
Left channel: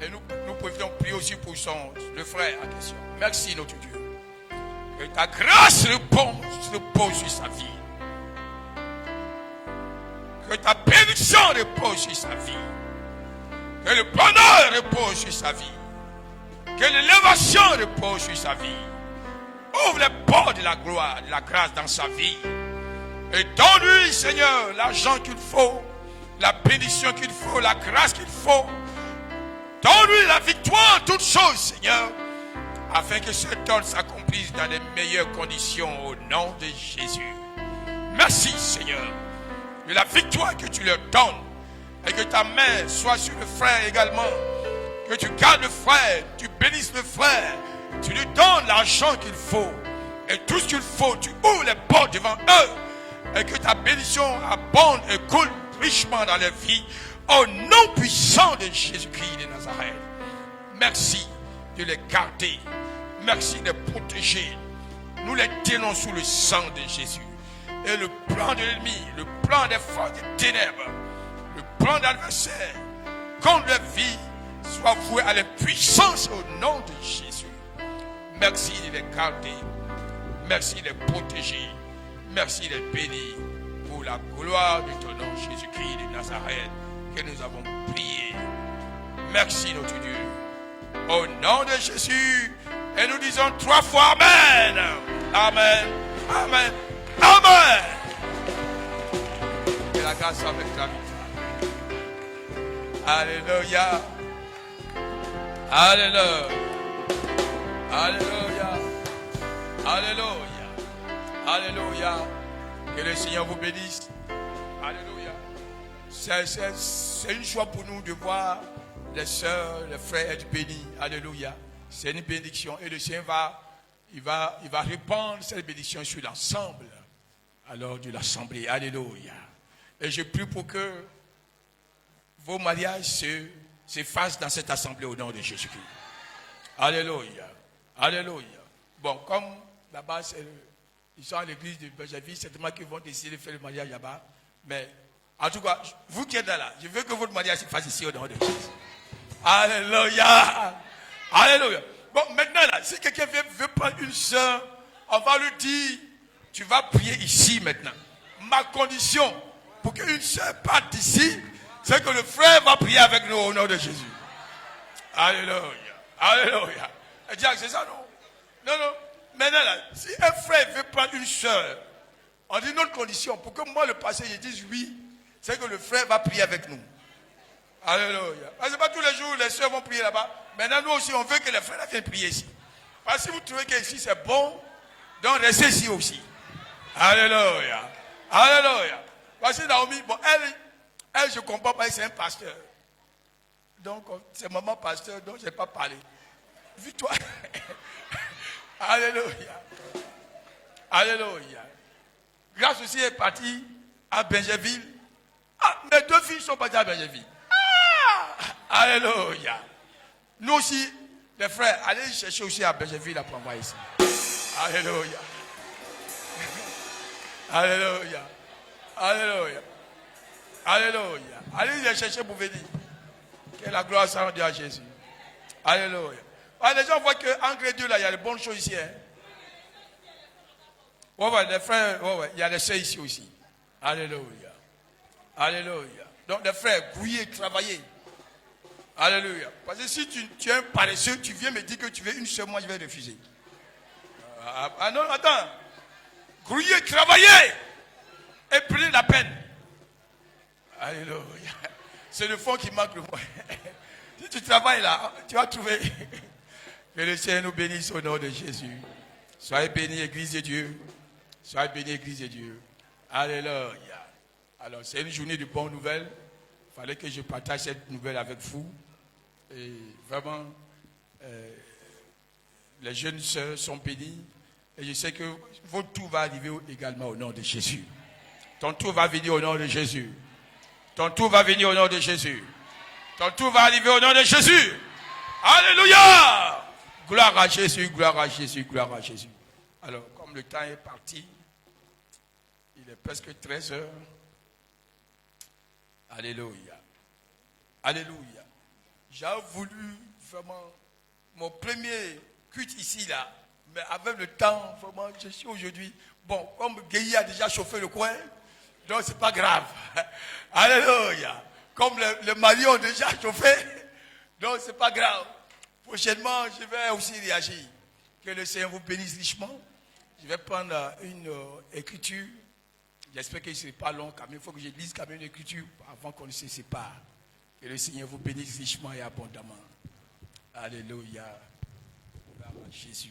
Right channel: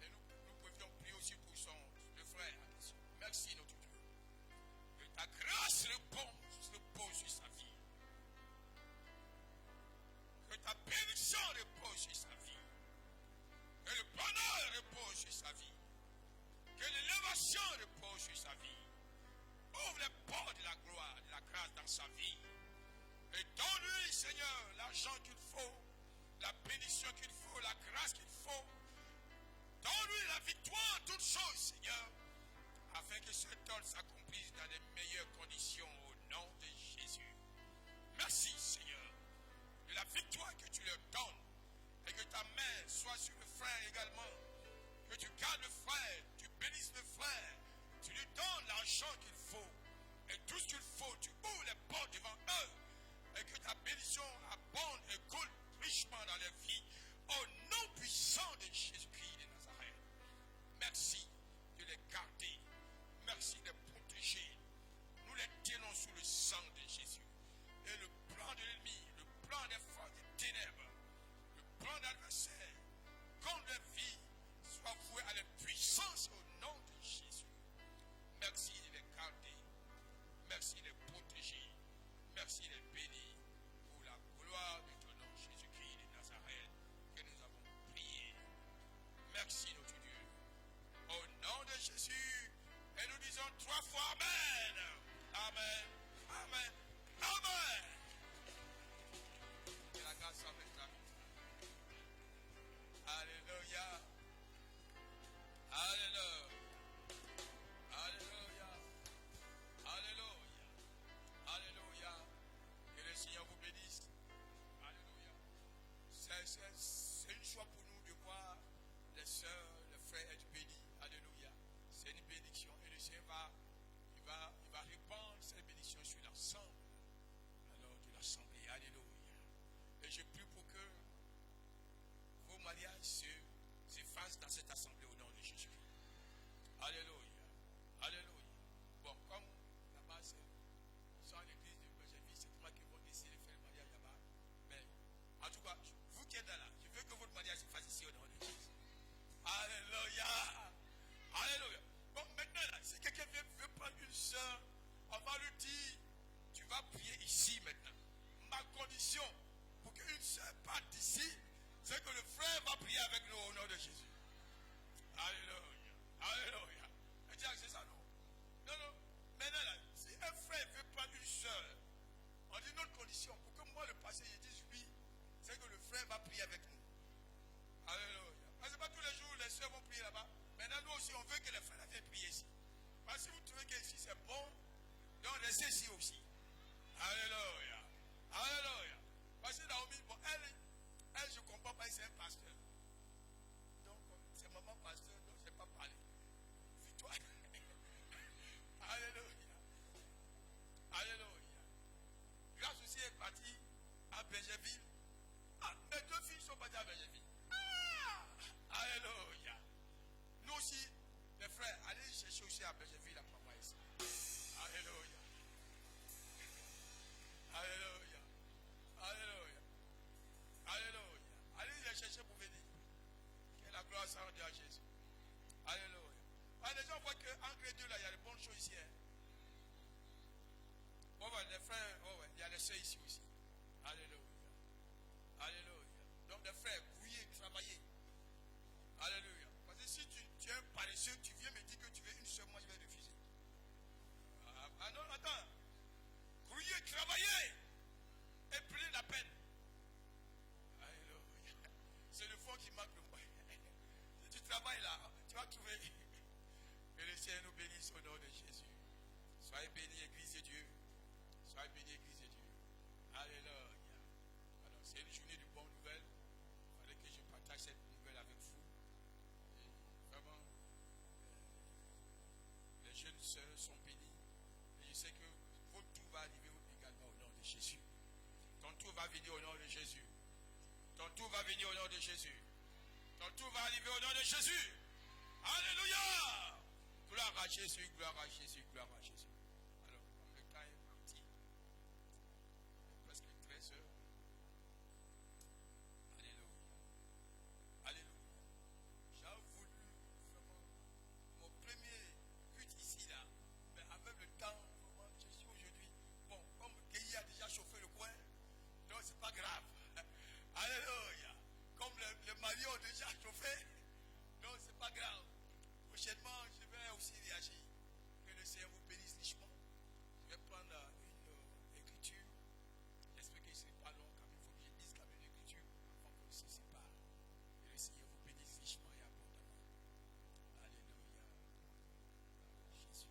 Et nous pouvons prier aussi pour le frère en question. Merci notre Dieu. Que ta grâce repose sur sa vie. Que ta bénédiction repose sur sa vie. Que le bonheur repose sur sa vie. Que l'élévation repose sur sa vie. Ouvre les portes de la gloire, de la grâce dans sa vie. Et donne-lui, Seigneur, l'argent qu'il faut, la bénédiction qu'il faut, la grâce qu'il faut. Donne-lui la victoire en toutes choses, Seigneur, afin que cet ordre s'accomplisse dans les meilleures conditions au nom de Jésus. Merci, Seigneur, de la victoire que tu leur donnes et que ta main soit sur le frère également. Que tu gardes le frère, tu bénisses le frère, tu lui donnes l'argent qu'il faut et tout ce qu'il faut, tu ouvres les portes devant eux et que ta bénédiction abonde et coule richement dans leur vie au nom puissant de Jésus-Christ de Nazareth. Merci de les garder, merci de les protéger. Nous les tenons sous le sang de Jésus. Et le plan de l'ennemi, le plan des forces des ténèbres, le plan d'adversaire contre leur vie soit voué à la puissance au nom de Jésus. Merci de les garder, merci de les protéger, merci de les bénir pour la gloire de ton nom Jésus-Christ de Nazareth que nous avons prié. Merci notre Dieu. Au nom de Jésus, et nous disons 3 fois Amen. Amen. Amen. Amen. Que la grâce soit avec ta vie. Alléluia. Alléluia. Alléluia. Alléluia. Alléluia. Que le Seigneur vous bénisse. Alléluia. C'est une joie pour nous de voir les sœurs, les frères être bénis. Alléluia. C'est une bénédiction. Et le Seigneur va répandre cette bénédiction sur l'ensemble. Alors de l'assemblée. Alléluia. Et je prie pour que vos mariages se fassent dans cette assemblée au nom de Jésus-Christ. Alléluia. Alléluia. Bon, comme là-bas, ils sont à l'église de Bergerville, certainement qu'ils vont décider de faire le mariage là-bas. Mais en tout cas, vous qui êtes là, je veux que votre mariage se fasse ici au nom de Jésus. Alléluia. Alléluia. Bon, maintenant là, si quelqu'un veut prendre une soeur, on va lui dire, tu vas prier ici maintenant. Ma condition pour qu'une soeur parte d'ici, c'est que le frère va prier avec nous au nom de Jésus. Alléluia. Alléluia. Et Dieu, c'est ça, non? Non, non. Maintenant là, si un frère veut prendre une soeur, on dit notre condition pour que moi, le pasteur, je dise oui, c'est que le frère va prier avec nous. Alléluia. Parce que pas tous les jours, les soeurs vont prier là-bas. Maintenant, nous aussi, on veut que les frères viennent prier ici. Parce que si vous trouvez qu'ici c'est bon, donc restez ici aussi. Alléluia. Alléluia. Parce que Naomi, bon, elle, je ne comprends pas, c'est un pasteur. Donc, c'est maman pasteur, donc je n'ai pas parlé. Vis-toi. Alléluia. Alléluia. Grâce aussi est partie à Bergerville. Ah, mes 2 filles sont parties à Bergerville. Ah, alléluia. Nous aussi, les frères, allez chercher aussi à Bergerville pour envoyer ici. Alléluia. Alléluia. Alléluia. Alléluia. Allez les chercher pour venir. Que la gloire soit rendue à Jésus. Alléluia. Ah, les gens voient qu'en gré Dieu, là, il y a de bonnes choses ici. Hein? Ouais, les frères, il y a les sœurs ici aussi. Alléluia. Alléluia. Donc, les frères, grouillez, travaillez. Alléluia. Parce que si tu es un paresseux, tu viens me dire que tu veux une seule, moi je vais refuser. Ah non, attends. Grouillez, travaillez. Et prenez la peine. Alléluia. C'est le fond qui manque le moins. Si tu travailles là, tu vas trouver. Que le Seigneur nous bénisse au nom de Jésus. Soyez bénis, Église de Dieu. Soyez bénis, Église de Dieu. Alléluia. Alors, c'est une journée de bonnes nouvelles. Il fallait que je partage cette nouvelle avec vous. Et vraiment, les jeunes sœurs sont bénies. Et je sais que votre tour va arriver également au nom de Jésus. Ton tour va venir au nom de Jésus. Ton tour va venir au nom de Jésus. Ton tour va arriver au nom de Jésus. Alléluia. Gloire à Jésus, gloire à Jésus, gloire à Jésus. Alors, comme le temps est parti, il est presque 13 heures. Alléluia. Alléluia. J'ai voulu vraiment mon premier culte ici, là. Mais avec le temps, vraiment, je suis aujourd'hui. Bon, comme Guéhi a déjà chauffé le coin, donc c'est pas grave. Alléluia. Comme les maris ont déjà chauffé, donc c'est pas grave. Prochainement, je vais aussi réagir. Que le Seigneur vous bénisse richement. Je vais prendre une écriture J'espère que ce n'est pas long, quand même. Il faut que je lise quand même l'écriture avant qu'on ne se sépare. Que le Seigneur vous bénisse richement et abondamment. Alléluia. Gloire à Jésus.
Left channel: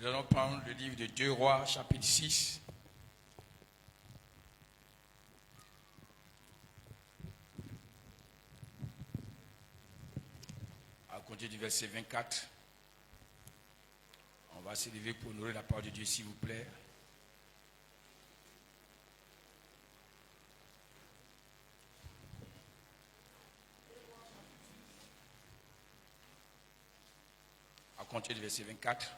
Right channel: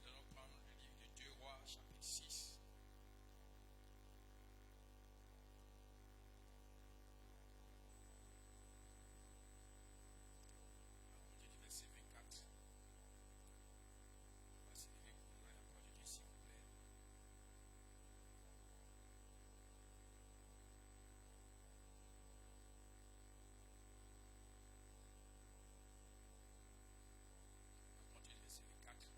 Nous allons prendre le livre de 2 Rois, chapitre 6. À compter du verset 24. On va s'élever pour honorer la parole de Dieu, s'il vous plaît. À compter du verset 24.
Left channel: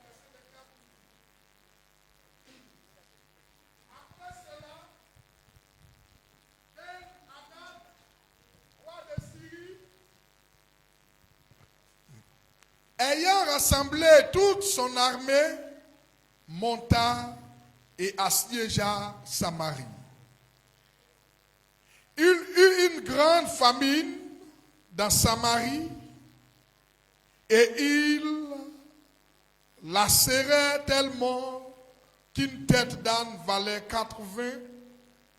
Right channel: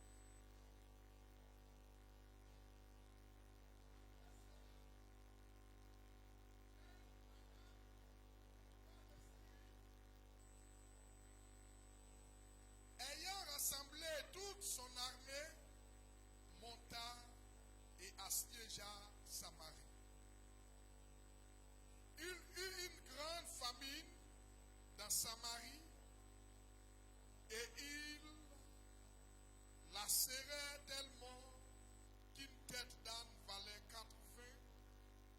Ayant rassemblé toute son armée, monta et assiégea Samarie. Il eut une grande famine dans Samarie et il la serrait tellement qu'une tête d'âne valait 80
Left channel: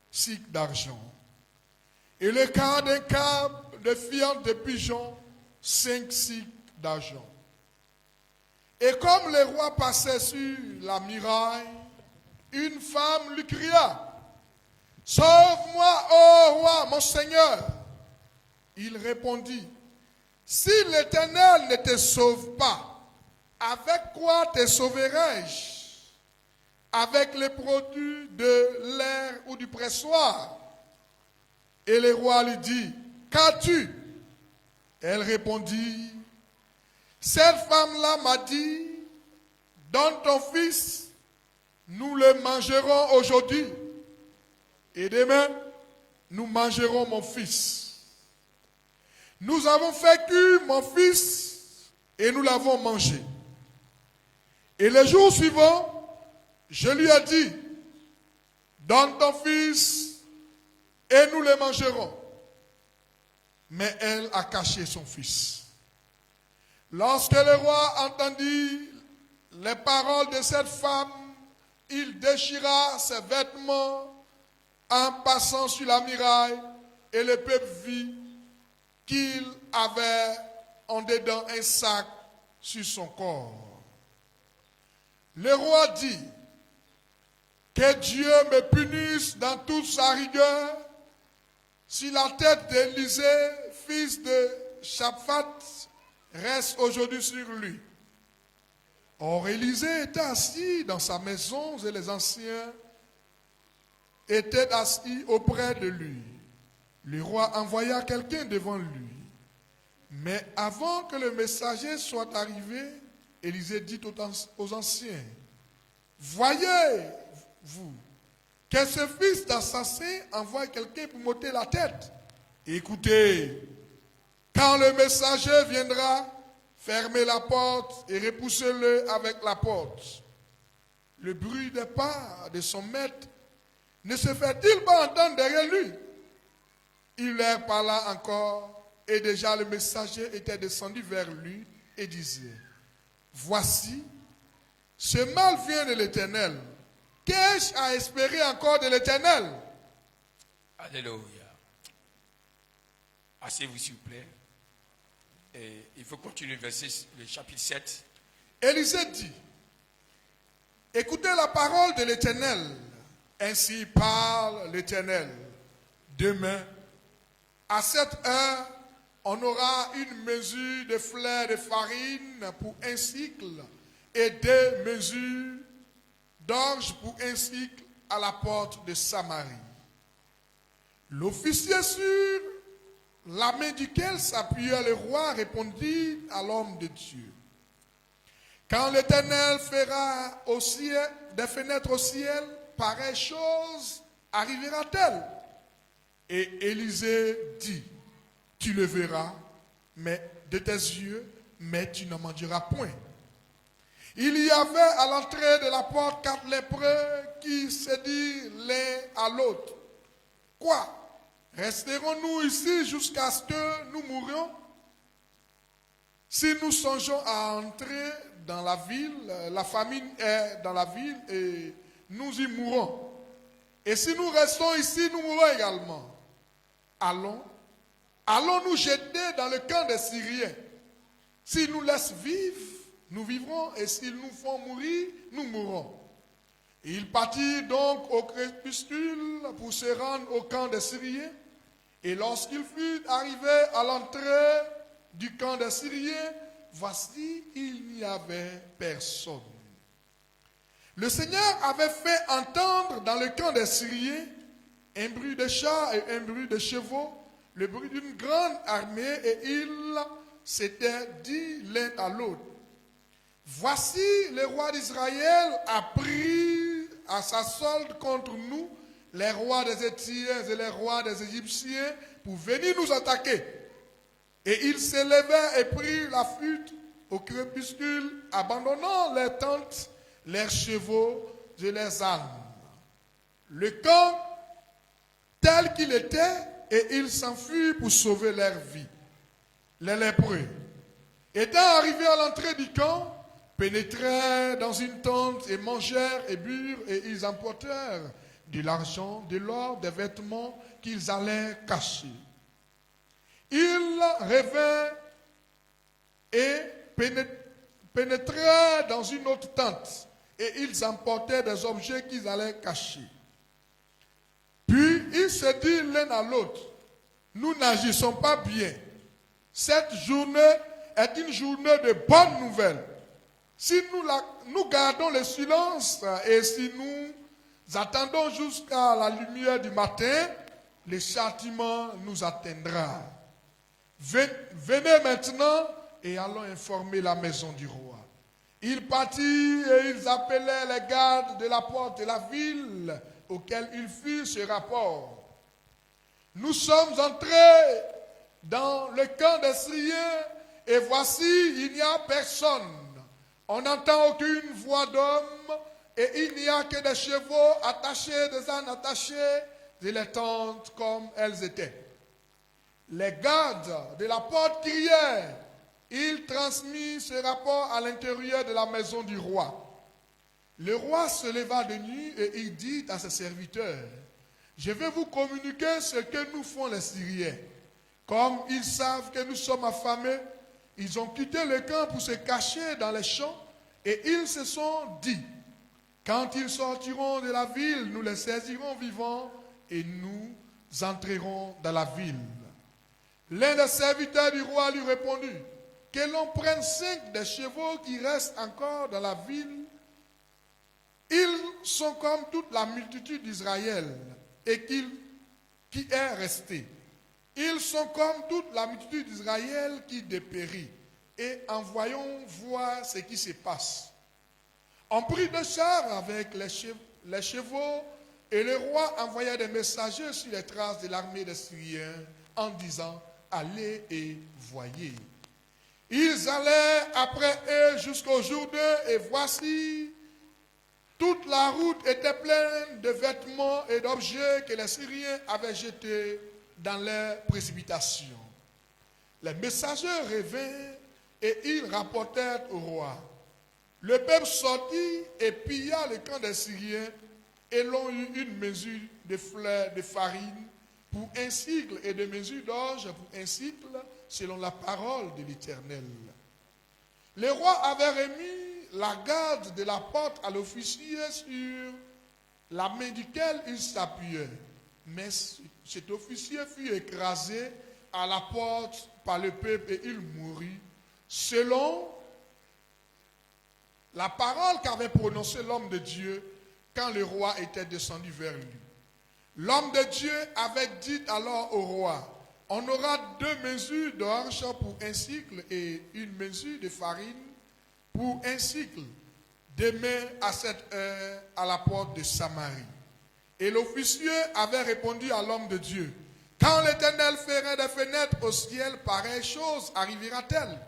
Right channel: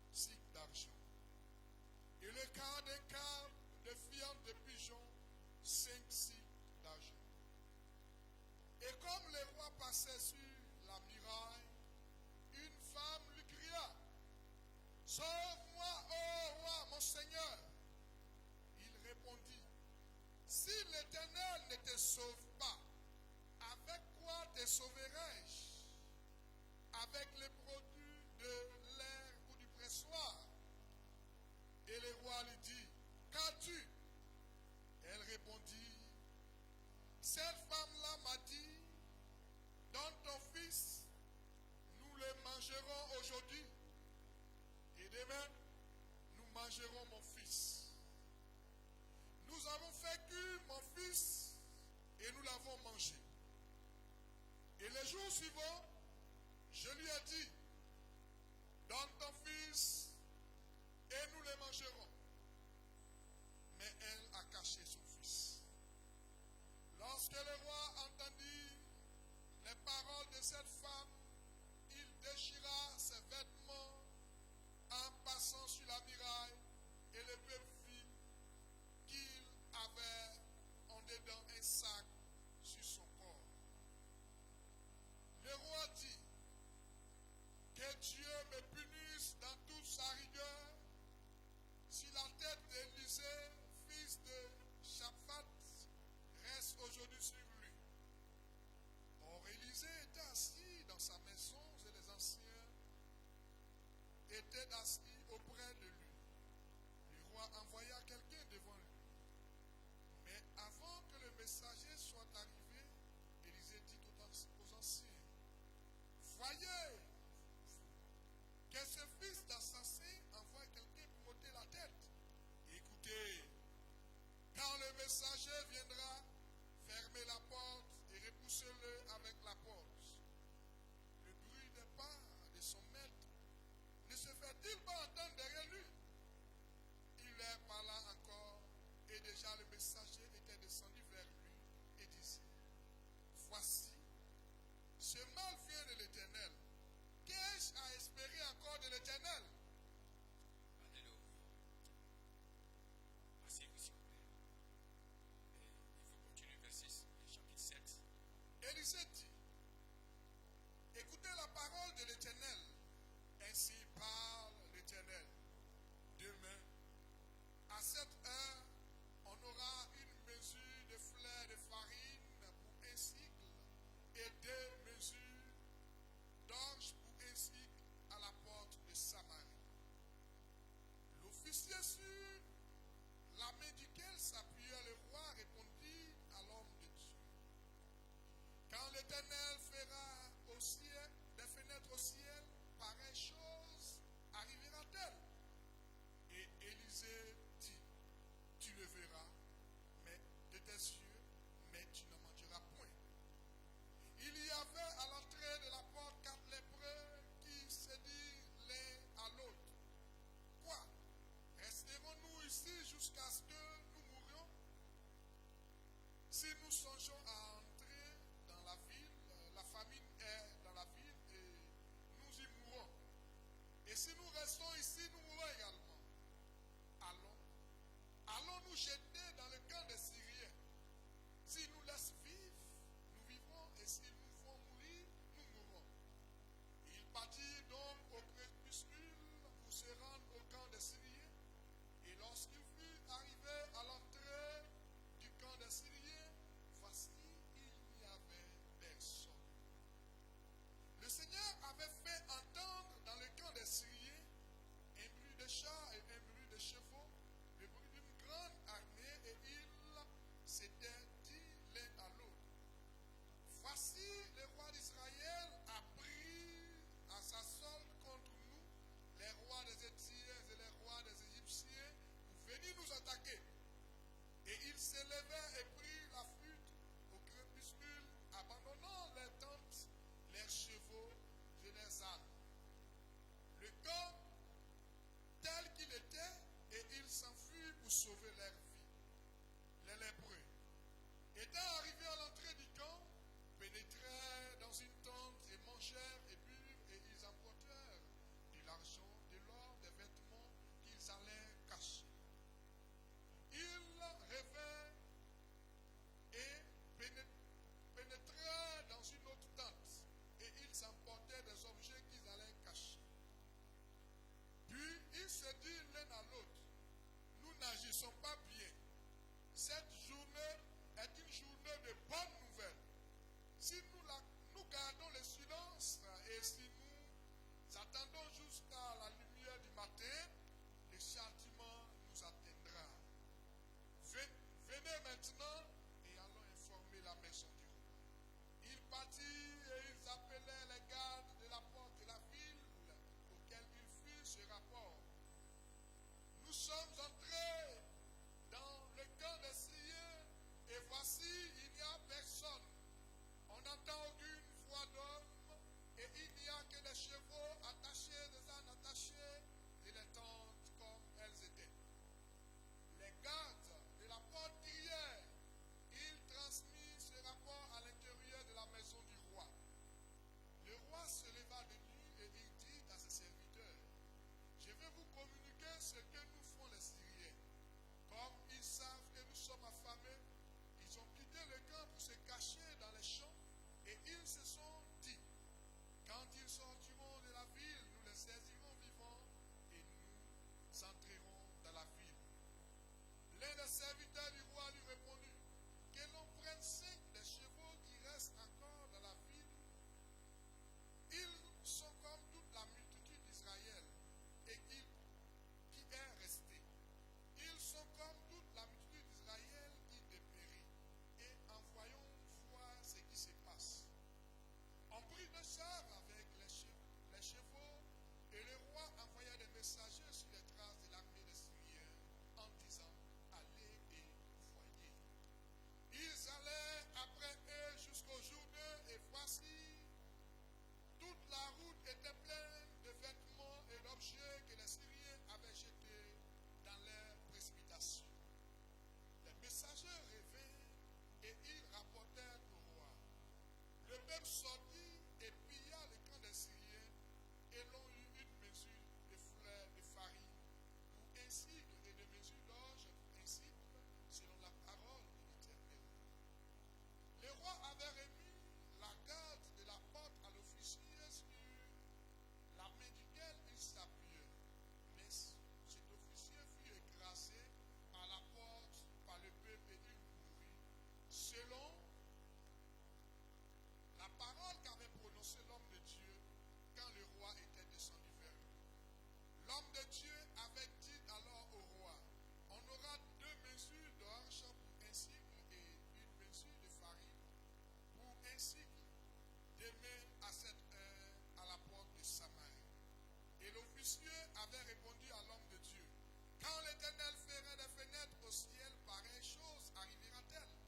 cycles d'argent. Et le quart d'un câble de fientes de pigeons, 5 cycles d'argent. Et comme le roi passait sur la muraille, une femme lui cria, « Sauve-moi, ô roi, mon Seigneur !» Il répondit, « Si l'Éternel ne te sauve pas, avec quoi te sauverai-je? Avec les produits de l'air ou du pressoir ?» Et le roi lui dit, « Qu'as-tu » Elle répondit, « Cette femme-là m'a dit, donne ton fils, nous le mangerons aujourd'hui, et demain, nous mangerons mon fils. Nous avons fait cuire mon fils, et nous l'avons mangé. Et le jour suivant, je lui ai dit, donne ton fils, et nous le mangerons. Mais elle a caché son fils. Lorsque le roi entendit les paroles de cette femme, il déchira ses vêtements en passant sur la muraille, et le peuple vit qu'il avait en dedans un sac sur son corps. Le roi dit, que Dieu me punisse dans toute sa rigueur si la tête d'Élisée, fils de Shaphat, reste aujourd'hui sur lui. Or, Élisée était assis dans sa maison et les anciens étaient assis auprès de lui. Le roi envoya quelqu'un devant lui. Mais avant que le messager soit arrivé, Élisée dit aux anciens, « Voyez-vous que ce fils d'assassin envoie quelqu'un pour m'ôter la tête? Écoutez, quand le messager viendra, fermez la porte et repoussez-le avec la porte. Le bruit des pas de son maître ne se fait-il pas entendre derrière lui? » Il leur parla encore et déjà le messager était descendu vers lui et disait, « Voici, ce mal vient de l'Éternel. Qu'ai-je à espérer encore de l'Éternel? » Alléluia. Asseyez-vous s'il vous plaît. Et il faut continuer le chapitre 7. Élisée dit, « Écoutez la parole de l'Éternel. Ainsi parle l'Éternel. Demain, à cette heure, on aura une mesure de fleur de farine pour un cycle et 2 mesures d'orge pour un cycle à la porte de Samarie. » L'officier sur la main duquel s'appuyait le roi répondit à l'homme de Dieu, « Quand l'Éternel fera au ciel, des fenêtres au ciel, pareille chose arrivera-t-elle? » Et Élisée dit, « Tu le verras, mais de tes yeux, mais tu n'en mangeras point. » Il y avait à l'entrée de la porte 4 lépreux qui se dirent l'un à l'autre, « Quoi? Resterons-nous ici jusqu'à ce que nous mourions? Si nous songeons à entrer dans la ville, la famine est dans la ville et nous y mourrons. Et si nous restons ici, nous mourrons également. Allons nous jeter dans le camp des Syriens. S'ils nous laissent vivre, nous vivrons, et s'ils nous font mourir, nous mourrons. Et il partit donc au crépuscule pour se rendre au camp des Syriens. Et lorsqu'il fut arrivé à l'entrée du camp des Syriens, voici, il n'y avait personne. Le Seigneur avait fait entendre dans le camp des Syriens un bruit de chars et un bruit de chevaux, le bruit d'une grande armée, et ils s'étaient dit l'un à l'autre: voici, le roi d'Israël a pris à sa solde contre nous les rois des Éthiopiens et les rois des Égyptiens pour venir nous attaquer. Et ils s'élevèrent et prirent la fuite au crépuscule, abandonnant leurs tentes, leurs chevaux et leurs ânes. Le camp tel qu'il était, et ils s'enfuirent pour sauver leur vie. Les lépreux, étant arrivés à l'entrée du camp, pénétrèrent dans une tente et mangèrent et burent, et ils emportèrent de l'argent, de l'or, des vêtements qu'ils allaient cacher. Ils revinrent et pénétrèrent dans une autre tente, et ils emportèrent des objets qu'ils allaient cacher. Puis ils se dirent l'un à l'autre: nous n'agissons pas bien. Cette journée est une journée de bonnes nouvelles. Si nous gardons le silence et si nous attendons jusqu'à la lumière du matin, le châtiment nous atteindra. Venez maintenant et allons informer la maison du roi. Ils partirent et ils appelèrent les gardes de la porte de la ville, auxquels ils firent ce rapport. Nous sommes entrés dans le camp des Syriens, et voici, il n'y a personne. On n'entend aucune voix d'homme, et il n'y a que des chevaux attachés, des ânes attachés, et les tentes comme elles étaient. Les gardes de la porte crièrent. Il transmit ce rapport à l'intérieur de la maison du roi. Le roi se leva de nuit et il dit à ses serviteurs: je vais vous communiquer ce que nous font les Syriens. Comme ils savent que nous sommes affamés, ils ont quitté le camp pour se cacher dans les champs, et ils se sont dit: quand ils sortiront de la ville, nous les saisirons vivants et nous entrerons dans la ville. L'un des serviteurs du roi lui répondit: que l'on prenne 5 des chevaux qui restent encore dans la ville. Ils sont comme toute la multitude d'Israël et qui est restée. Ils sont comme toute la multitude d'Israël qui dépérit. Et envoyons voir ce qui se passe. On prit 2 chars avec les chevaux, et le roi envoya des messagers sur les traces de l'armée des Syriens en disant: allez et voyez. Ils allèrent après eux jusqu'au Jourdain, et voici, toute la route était pleine de vêtements et d'objets que les Syriens avaient jetés dans leur précipitation. Les messagers revinrent et ils rapportèrent au roi. Le peuple sortit et pilla le camp des Syriens, et l'on eut une mesure de fleurs de farine pour un cycle et de mesure d'orge pour un cycle, selon la parole de l'Éternel. Le roi avait remis la garde de la porte à l'officier sur la main duquel il s'appuyait. Mais cet officier fut écrasé à la porte par le peuple et il mourut, selon la parole qu'avait prononcée l'homme de Dieu quand le roi était descendu vers lui. L'homme de Dieu avait dit alors au roi: on aura 2 mesures d'orge pour un cycle et une mesure de farine pour un cycle, demain à cette heure à la porte de Samarie. Et l'officier avait répondu à l'homme de Dieu: quand l'Éternel ferait des fenêtres au ciel, pareille chose arrivera-t-elle?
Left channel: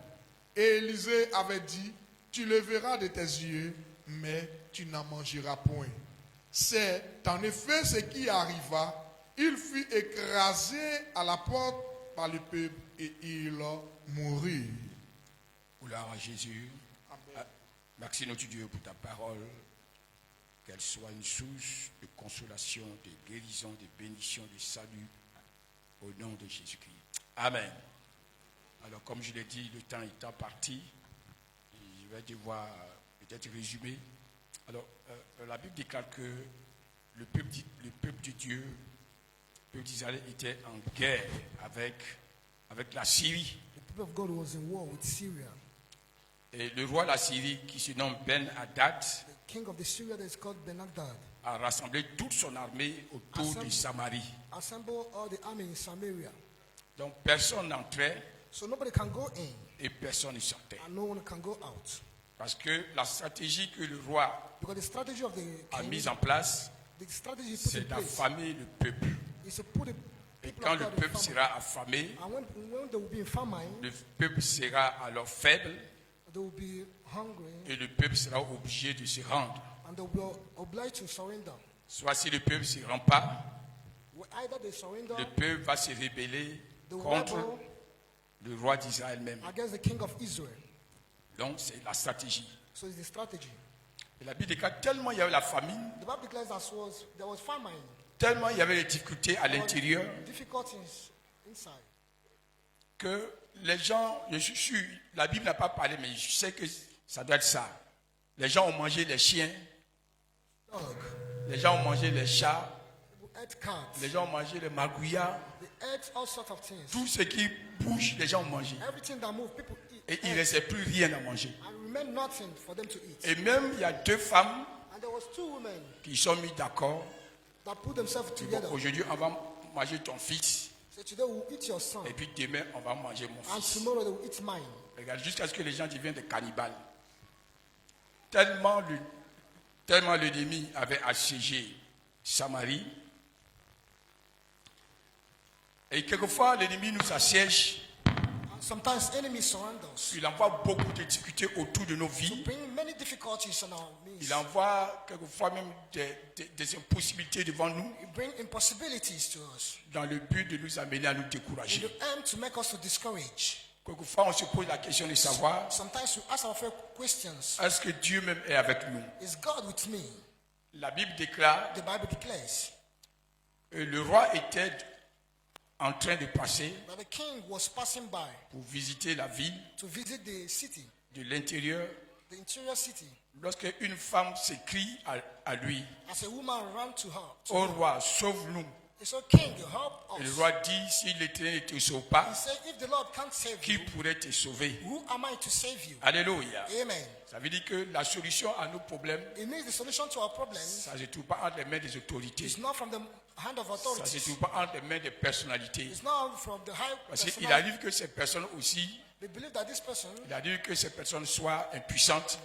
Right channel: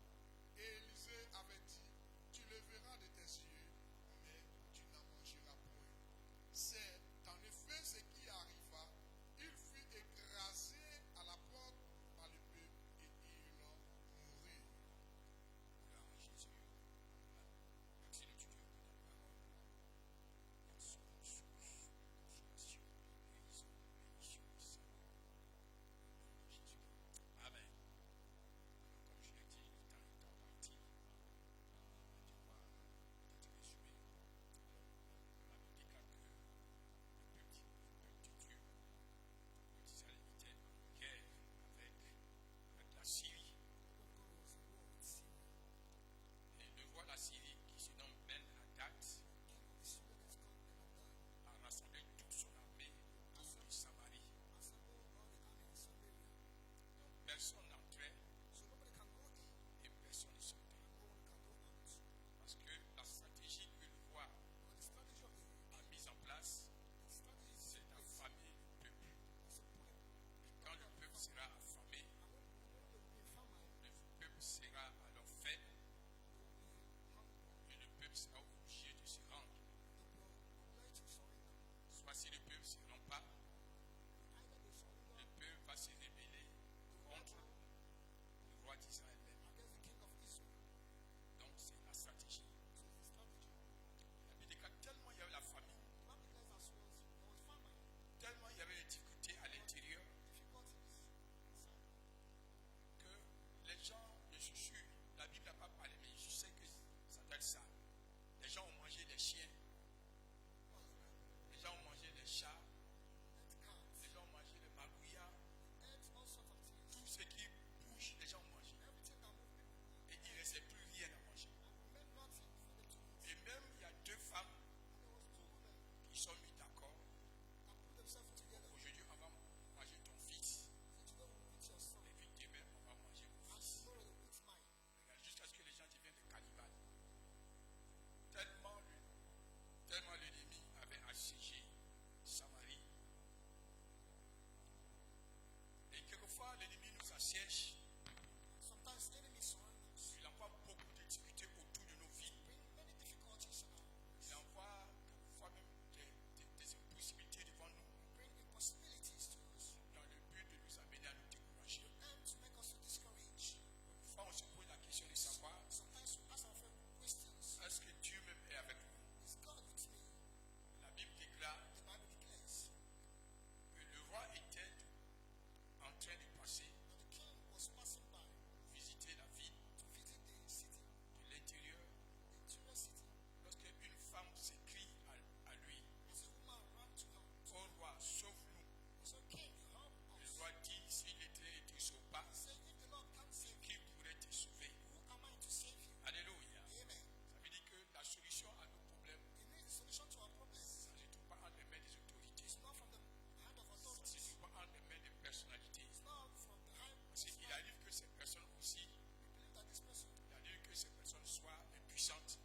Et Élisée avait dit: tu le verras de tes yeux, mais tu n'en mangeras point. C'est en effet ce qui arriva il fut écrasé à la porte par le peuple et il mourut. Gloire à Jésus. Merci notre Dieu pour ta parole. Qu'elle soit une source de consolation, de guérison, de bénédiction, de salut. Au nom de Jésus-Christ. Amen. Alors, comme je l'ai dit, le temps étant parti, je vais devoir peut-être résumer. Alors, la Bible déclare que le peuple de Dieu, le peuple d'Israël était en guerre avec la Syrie. The people of God was in war with Syria. Et le roi de la Syrie, qui se nomme Ben-Hadad, The king of the Syria that is called Ben-Hadad a rassemblé toute son armée autour de Samarie. assembled all the army in Samaria. Donc, personne n'entrait So nobody can go in et personne ne sortait. and no one can go out. Parce que la stratégie que le roi Because the strategy of the a king, mise en place, the strategy he put in c'est place d'affamer le peuple. is to put the Et people quand of le God in peuple famine. sera affamé, And when they will be in famine, le peuple sera alors faible they will be hungry et le peuple sera obligé de se rendre. and they will be obliged to surrender. Soit si le peuple ne se rend pas, Either they surrender le peuple va se rébeller they will contre rebel le roi d'Israël même. against the king of Israel. Donc c'est la stratégie. So it's the strategy. Et la Bible déclare tellement il y avait la famine, The Bible declares that there was famine, tellement il y avait des difficultés à l'intérieur difficulties inside. que les gens, je suis sûr, la Bible n'a pas parlé, mais je sais que ça doit être ça. Les gens ont mangé les chiens, Dog, les gens ont mangé les chats, people ate cats, les gens ont mangé les magouillas, they ate all sorts of things. tout ce qui bouge, les gens ont mangé. Everything that moves, people eat. Et il ne restait plus rien à manger. And remained nothing for them to eat. Et même il y a deux femmes And there was two women qui sont mis d'accord. that put themselves Bon, together. aujourd'hui, on va manger ton fils. So today we'll eat your son, Et puis demain, on va manger mon and fils. tomorrow they will eat mine. Regarde, jusqu'à ce que les gens deviennent des cannibales. Tellement l'ennemi avait assiégé Samarie. Et quelquefois, l'ennemi nous assiège. And sometimes enemies surround us. Il envoie beaucoup de difficultés autour de nos To vies. bring many difficulties on our midst. Il envoie quelquefois même des impossibilités devant nous It bring impossibilities to us. dans le but de nous amener à nous In décourager. the aim to make us to discourage. Quelquefois, on se pose la question de savoir, Sometimes we ask ourselves questions. est-ce que Dieu même est avec nous? Is God with me? La Bible déclare The Bible declares que le roi était en train de passer that the king was passing by pour visiter la ville to visit the city, de l'intérieur. the interior city. Lorsque une femme s'écrie à lui, As a woman ran to her. ô roi, sauve-nous. He said, King, help Et le us. roi dit, si l'Éternel ne te sauve He pas, said, if the Lord can't save qui you, pourrait te sauver? who am I to save you? Alléluia. Amen. Ça veut dire que la solution à nos problèmes, It means the solution to our problems ça ne se trouve pas entre les mains des autorités. is not from the hand of Ça ne se authorities. trouve pas entre les mains des personnalités. It's not from the high Parce qu'il personality. arrive que ces personnes aussi, They believe that this person, il arrive que ces personnes soient impuissantes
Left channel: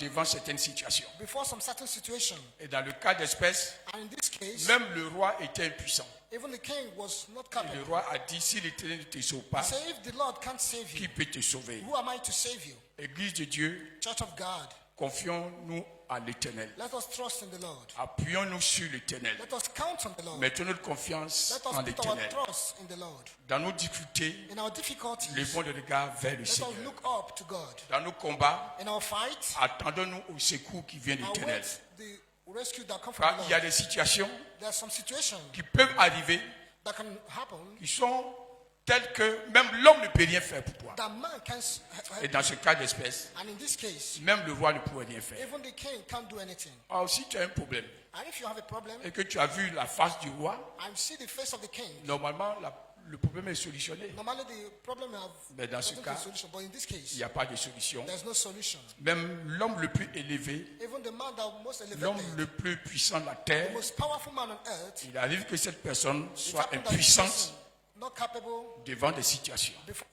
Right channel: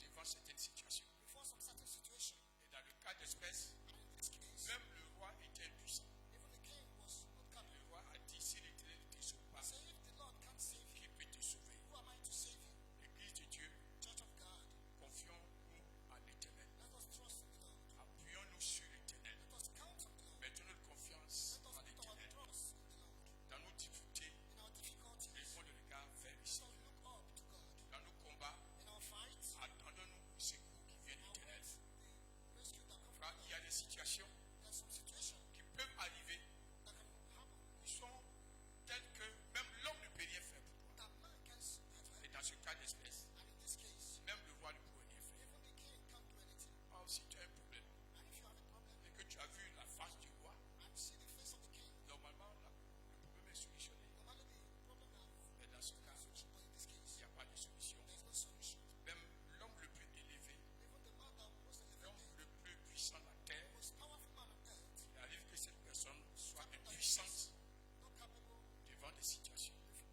devant certaines situations. before some certain situation, Et dans le cas d'espèce, and in this case, même le roi était impuissant. even the king was not Et capable. le roi a dit, si l'Éternel ne te sauve He pas, said, if the Lord can't save qui you, peut te sauver? who am I to save you? Église de Dieu, Church of God, confions-nous à l'Éternel. let us trust in the Lord. Appuyons-nous sur l'Éternel. Let us count on the Lord. Mettons notre confiance Let en us put our l'Éternel. trust in the Lord. Dans nos difficultés, In our difficulties, levons le regard vers le let us Seigneur. look up to God. Dans nos combats, In our fight, attendons-nous au secours qui vient de I l'Éternel. wait the rescue that comes from Car the il y a Lord. des situations There are some situations qui peuvent arriver, that can happen qui sont telles que même l'homme ne peut rien faire pour toi. that man can Et dans ce cas d'espèce, and in this case, même le roi ne pourrait rien faire. even the king can't do anything. Alors si tu as un problème And if you have a problem et que tu as vu la face du roi, and see the face of the king, normalement le problème est solutionné. normally the problem have Mais dans ce doesn't cas, have a solution. But in this il case, n'y a pas de solution. there's no solution. Même l'homme le plus élevé, Even the man that most l'homme elevated, le plus puissant de la the terre, most powerful man on earth, il arrive que cette personne it soit happened that this impuissante person not capable devant des situations. before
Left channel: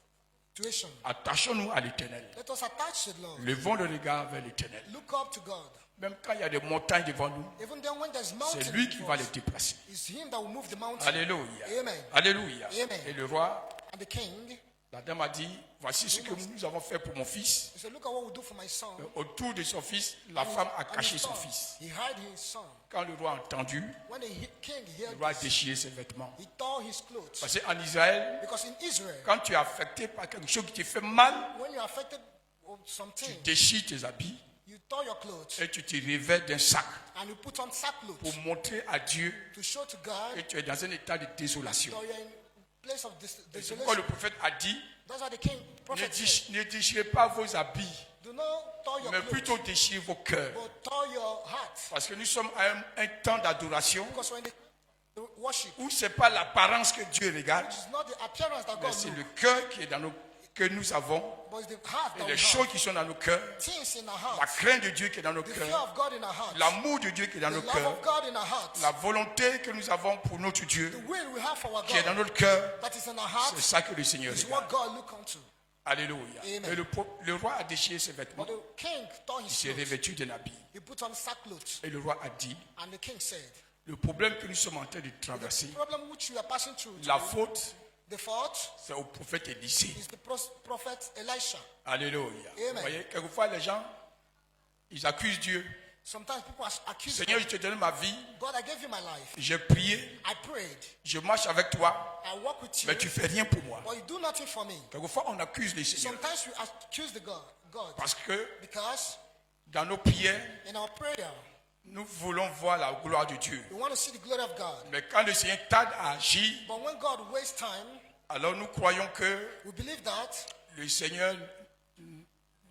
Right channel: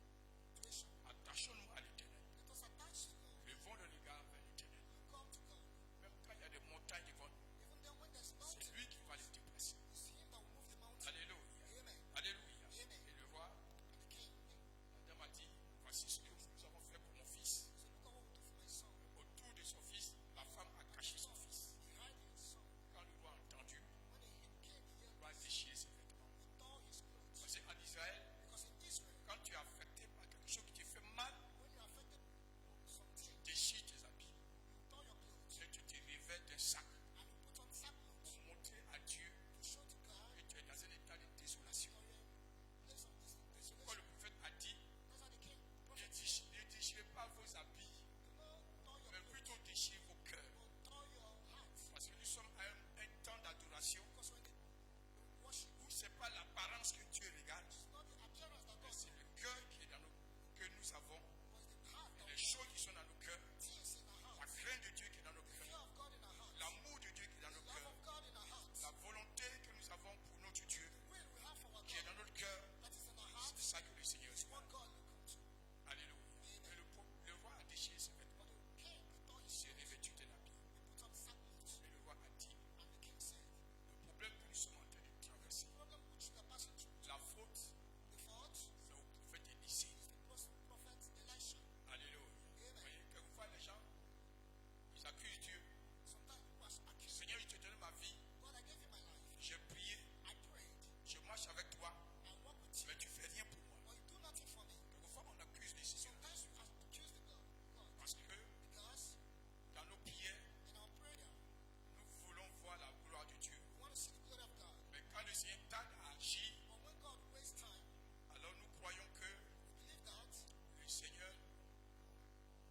situation. Attachons-nous à l'Éternel. Let us attach to the Lord. Levons le regard vers l'Éternel. Look up to God. Même quand il y a des montagnes devant nous, Even then when there's mountains, c'est lui qui before va us, les déplacer. it's him that will move the mountain. Alléluia. Amen. Alléluia. Amen. Et le roi And the king La dame a dit, voici ce que nous avons fait pour mon fils. He said, look at what we do for my son. Autour de son fils, la femme a And caché his son son. fils. He hid his son. Quand le roi a entendu, When the king le heard roi a this, déchiré ses vêtements. he tore his clothes. Parce qu'en Israël, Because in Israel, quand tu es affecté par quelque chose qui te fait mal, when you're affected of tu something, déchires tes habits you tore your clothes et tu te revêts d'un sac and you put on sackcloth pour montrer à Dieu to show to God que tu es dans un état de désolation. that you're in place of Et c'est pourquoi le desolation. prophète a dit, That's why the king prophet said, ne déchirez pas vos habits, do not tore your mais clothes, plutôt déchirez vos cœurs. but tore your heart. Parce que nous sommes à un temps d'adoration Because when the worship, où ce n'est pas l'apparence que Dieu regarde, it's not the appearance that mais God c'est looks, le cœur qui est dans que nous avons but it's the heart et that les we choses have. qui sont dans nos cœurs, Things in our la hearts, crainte de Dieu qui est dans nos the fear cœurs, of God in our hearts, l'amour de Dieu qui est dans the nos love cœurs, of God in our hearts, la volonté que nous avons pour notre Dieu the will we have for our qui est dans God notre cœur, that is in our c'est hearts ça que le Seigneur is regarde. what God look unto. Alléluia. Amen. Et le roi a déchiré ses vêtements, But the king tore il his s'est clothes. revêtu d'un habit. He put on sackcloth. Et le roi a dit, And the king said, le problème que nous sommes en train de traverser, the problem which we are passing through la today, faute, the fault c'est au prophète Élisée. is the prophet Elisha. Alléluia. Amen. Vous voyez, quelquefois les gens, ils accusent Dieu. Sometimes people accuse Seigneur, God. je te donne ma vie, God, I gave you my life. j'ai prié, I prayed. je marche avec toi, I walk with you. mais tu fais rien pour moi. But you do nothing for me. Quelquefois, on accuse les Seigneurs Sometimes we accuse the God. parce que Because dans nos prières, in our prayer, nous voulons voir la gloire de Dieu. we want to see the glory of God. Mais quand le Seigneur tarde à agir, But when God wastes time, alors nous croyons que we believe that le Seigneur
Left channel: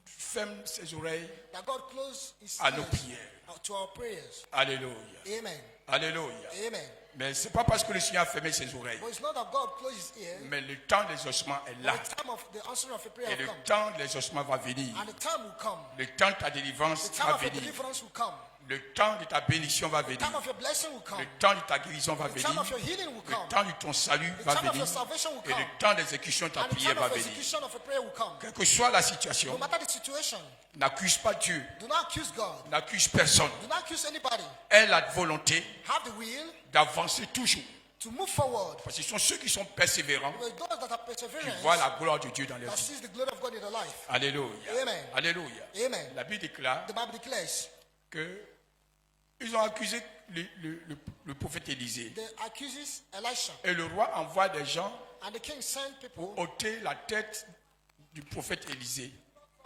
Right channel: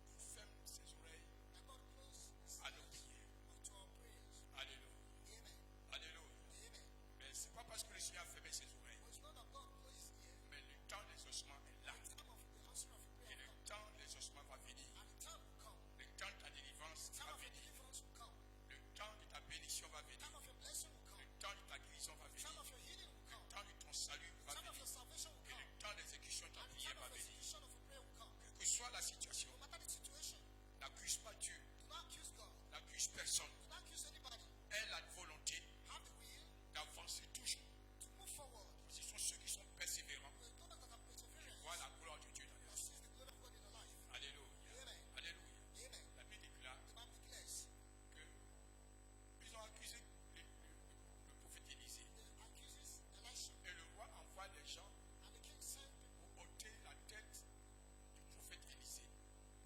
ferme ses oreilles God closes his à nos ears prières. to our prayers. Alléluia. Amen. Alléluia. Amen. Mais ce n'est pas parce que le Seigneur a fermé ses oreilles, But it's not that God closes his ear. mais le temps des ossements est là. The time of the answering of a prayer Et will le come. temps des ossements va venir. And the time will come. Le temps de ta délivrance The time va of your venir. deliverance will come. Le temps de ta bénédiction va venir. The time of your blessing will come. Le temps de ta guérison va The venir. time of your healing will Le come. temps de ton salut The va time of venir. your salvation will Et come. le temps d'exécution de ta And the prière time va of venir. execution of a prayer will come. Quelle que soit la situation, No matter the situation, n'accuse pas Dieu. do not accuse God. N'accuse personne. Do not accuse anybody. Aie la volonté Have the will d'avancer toujours. to move forward. Parce que ce sont ceux qui sont persévérants Because those that are qui perseverant, voient la gloire de Dieu dans leur that vie. sees the glory of God in their life. Alléluia. Amen. Alléluia. Amen. La Bible déclare The Bible declares que ils ont accusé le prophète Élisée. they accuses Elisha. Et le roi envoie des gens And the king sent people pour ôter la tête du prophète Élisée.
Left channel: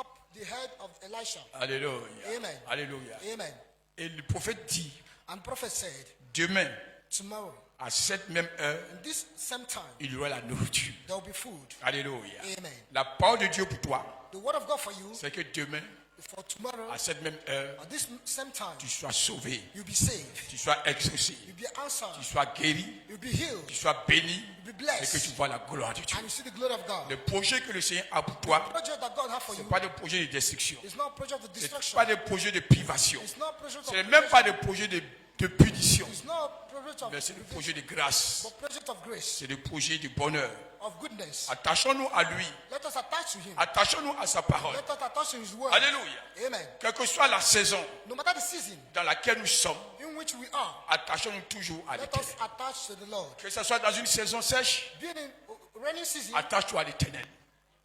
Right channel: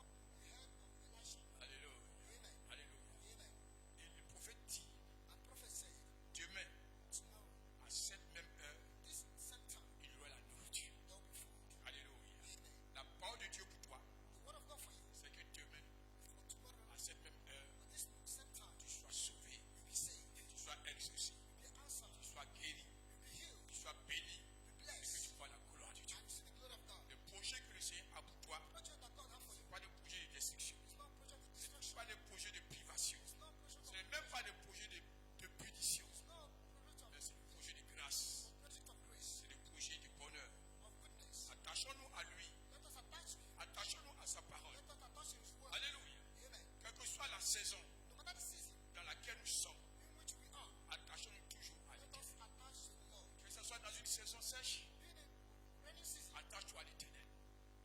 up the head of Elisha. Alléluia. Amen. Alléluia. Amen. Et le prophète dit, And prophet said, demain, tomorrow, à cette même heure, in this same time, il y aura la nourriture. there will be food. Alléluia. Amen. La parole de Dieu pour toi, The word of God for you, c'est que demain, for tomorrow, à cette même heure, at this same time, tu sois sauvé, you'll be saved. tu sois exaucé, You'll be answered. tu sois guéri, You'll be healed. tu sois béni You'll be et que tu blessed. vois la gloire de Dieu. And you see the glory of God. Le projet que le Seigneur a pour toi, The project that God has for ce you n'est pas des projets de destruction, is not a project of ce n'est destruction. pas des projets de privation, It's not a project ce of n'est même pas des projets de punition, It's not a project of mais c'est le projet de grâce, but project of grace, c'est le projet de bonheur. of goodness. Attachons-nous à lui, Let us attach to him. attachons-nous à sa parole. Let us attach to his word. Alléluia. Amen. Quelle que soit la saison No matter the season dans laquelle nous sommes, in which we are, attachons-nous toujours à let l'éternel. us attach to the Lord. Que ce soit dans une saison sèche, Being in rainy season, attache-toi à l'éternel.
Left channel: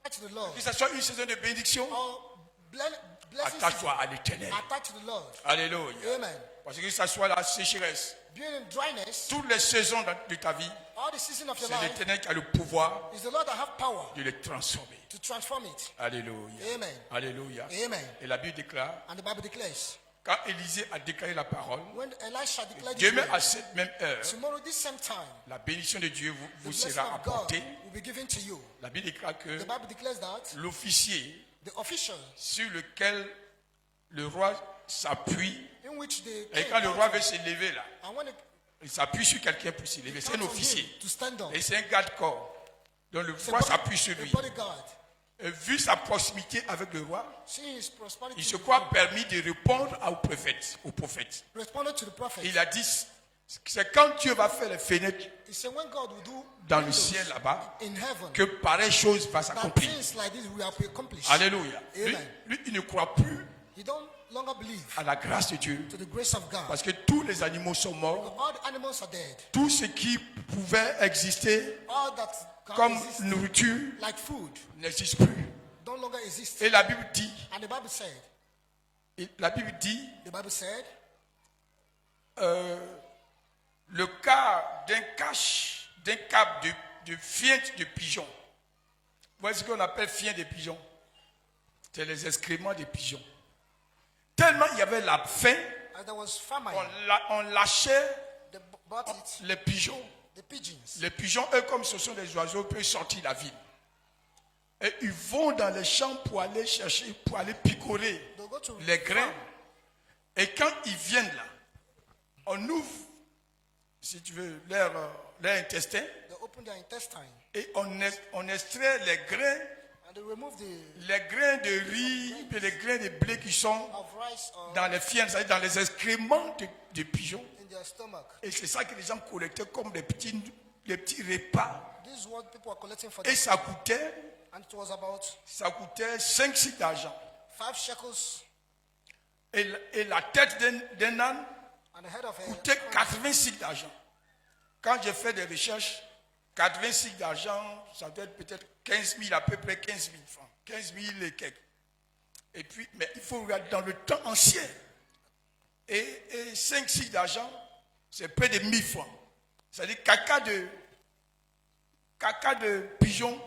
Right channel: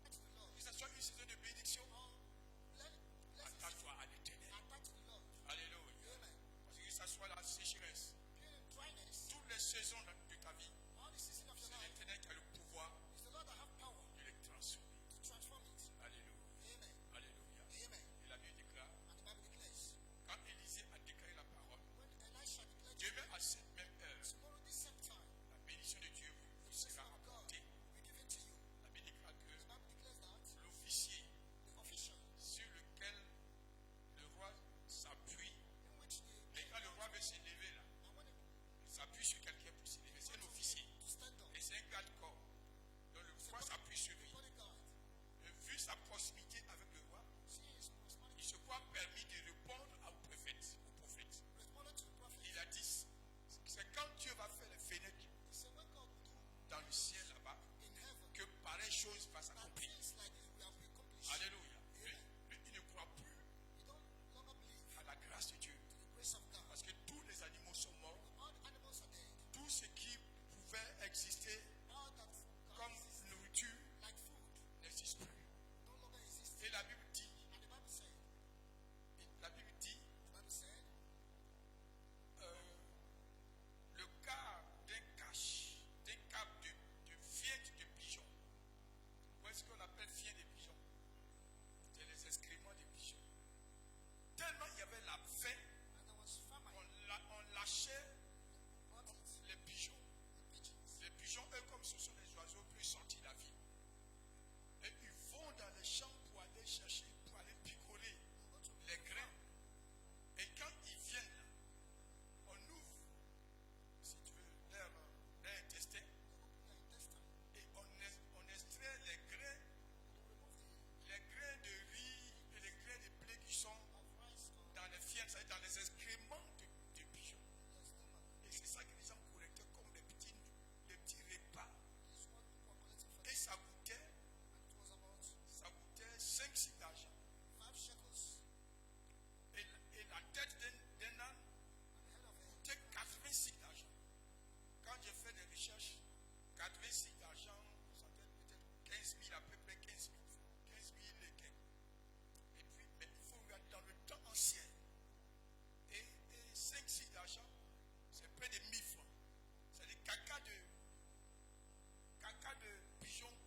attach to the Lord. Que ce soit une saison de bénédiction, Or blessing season, attache-toi à l'éternel. attach to the Lord. Alléluia. Amen. Parce que ce soit la sécheresse, Being in dryness, toutes les saisons de ta vie, all the season of your c'est life, l'éternel qui a le pouvoir is the Lord that have power de les transformer. to transform it. Alléluia. Amen. Alléluia. Amen. Et la Bible déclare, And the Bible declares, quand Élisée a déclaré la parole, when Elisha declared his demain word, à cette même heure, tomorrow this same time, la bénédiction de Dieu the vous blessing sera of God apportée. will be given to you. La Bible déclare que The Bible declares that l'officier the official sur lequel le roi s'appuie, in which the et king quand le roi counted, veut se lever là, and when il s'appuie sur quelqu'un pour se lever. C'est un counts on officier. him to stand up, Et c'est un garde-corps. Donc le it's a roi s'appuie sur a lui. bodyguard. Et vu sa proximité avec le roi, Seeing his prosperity, il se croit permis de répondre au prophète. responded to the prophet. Il a dit, c'est quand Dieu va faire les fenêtres He said, when God will do dans le windows ciel là-bas, in heaven, que pareille chose va that s'accomplir. things like this will be accomplished. Alléluia. Lui, Amen. il ne croit plus He don't longer believe à la grâce de Dieu. to the grace of God. Parce que tous les animaux sont morts. All the animals are dead. Tout ce qui pouvait exister All that comme exist nourriture like food n'existe plus. don't longer exist. Et la Bible dit, And the Bible said, the Bible said, le cas d'un cap de fiente de pigeons. Voici ce qu'on appelle fiente de pigeons. C'est les excréments des pigeons. Tellement il y avait la faim, and there was famine. on lâchait They brought it, les pigeons. the pigeons. Les pigeons, eux, comme ce sont des oiseaux, peuvent sortir de la ville. Et ils vont dans les champs pour aller chercher, pour aller picorer They'll go to les grains. farm. Et quand ils viennent là, on ouvre, si tu veux, leur intestin They open their intestine et on extrait les grains, and they remove les grains de riz et les grains de blé qui sont of rice or dans les fientes, c'est-à-dire dans les excréments de pigeons. in their stomach. Et c'est ça que les gens collectaient comme des petits repas. This is what people are collecting for Et them. ça coûtait And it was about 5 cycles d'argent. 5 shekels, Et la tête d'un âne and the head of a coûtait 80 cycles d'argent. Quand j'ai fait des recherches, 80 cycles d'argent, ça doit être peut-être 15 000, à peu près 15 000 francs. 15 000 et quelques. Et puis, mais il faut regarder dans le temps ancien. Et 5 cycles d'argent, c'est près de 1000 francs. C'est-à-dire caca de pigeon,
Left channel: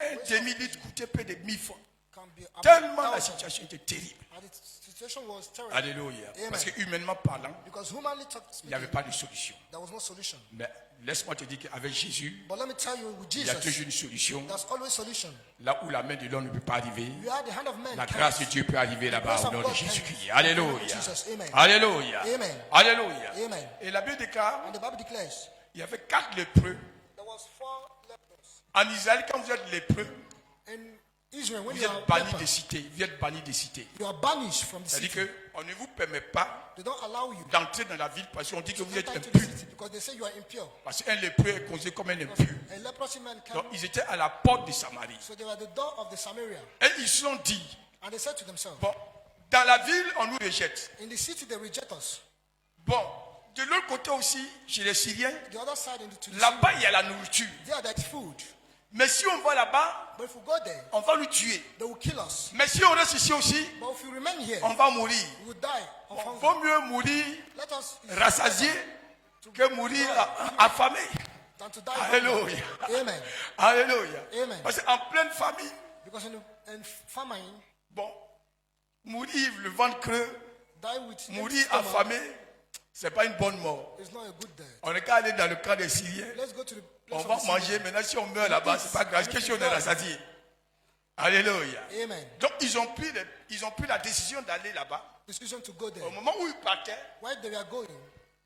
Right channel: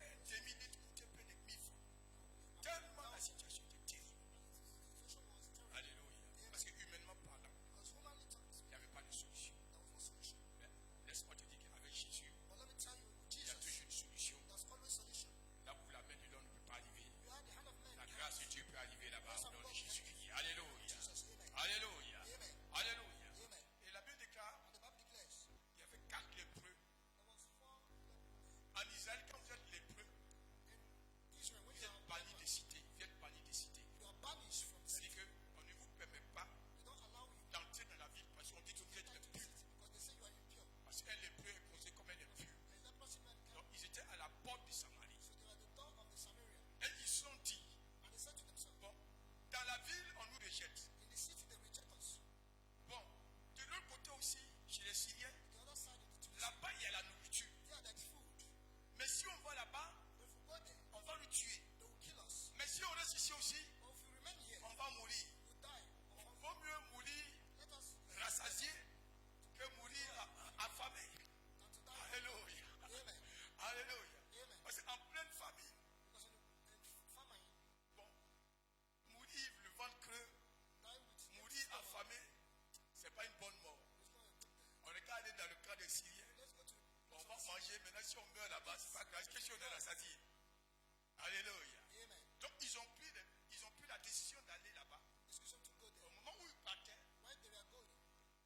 un demi-litre coûtait près de 1000 francs. can be about Tellement la 1,000. situation était terrible. And the situation was terrible. Alléluia. Amen. Parce que humainement parlant, Because humanly il n'y avait speaking, pas de solution. there was no solution. Mais laisse-moi te dire qu'avec Jésus, But let me tell you, with il y a Jesus, toujours une solution. there's always solution. Là où la main de l'homme ne peut pas arriver, You are the hand of man. la can't. grâce de Dieu peut arriver là-bas grace au of nom de God Jésus-Christ. can. Alléluia. Jesus, amen. Alléluia. Amen. Alléluia. Amen. Et la Bible déclare, And the Bible declares il y avait 4 lépreux. there was 4 lepers. En Israël, quand vous êtes lépreux, In Israel, when vous you are êtes banni leper, des cités. Vous êtes banni des cités. you are banished from the C'est-à-dire city. qu'on ne vous permet pas They don't allow you d'entrer dans la ville parce qu'on dit que to vous êtes enter into the impur. city because they say you are impure. Parce qu'un lépreux est considéré comme un impur. A leprosy man Donc came, ils étaient à la porte de Samarie. so they were at the door of the Samaria, Et ils se sont dit, and they said to themselves, bon, dans la ville, on nous rejette. in the city they reject us. Bon, de l'autre côté aussi, chez les Syriens, The other side, to the là-bas, il y a la nourriture. Syria, there is food. Mais si on va là-bas, But if we go there, on va nous tuer. they will kill us. Mais si on reste ici aussi, But if we remain here, on va mourir. we will die of Bon, hunger. vaut mieux mourir Let us rassasié que mourir affamé. than to die of hunger. Alléluia. Amen. Alléluia. Amen. Parce qu'en pleine famine, Because in famine, bon, mourir le ventre creux, die with empty mourir stomach affamé, c'est pas une bonne mort. is not a good death. On n'est qu'à aller dans le camp des Syriens. Let's go to the On place va of the manger. Syrians. Maintenant, si on meurt là-bas, c'est pas grave. Qu'est-ce qu'on est rassasié? Alléluia. Amen. Donc, ils ont pris la décision d'aller là-bas. Decision to go there. Au moment où ils partaient, While they were going,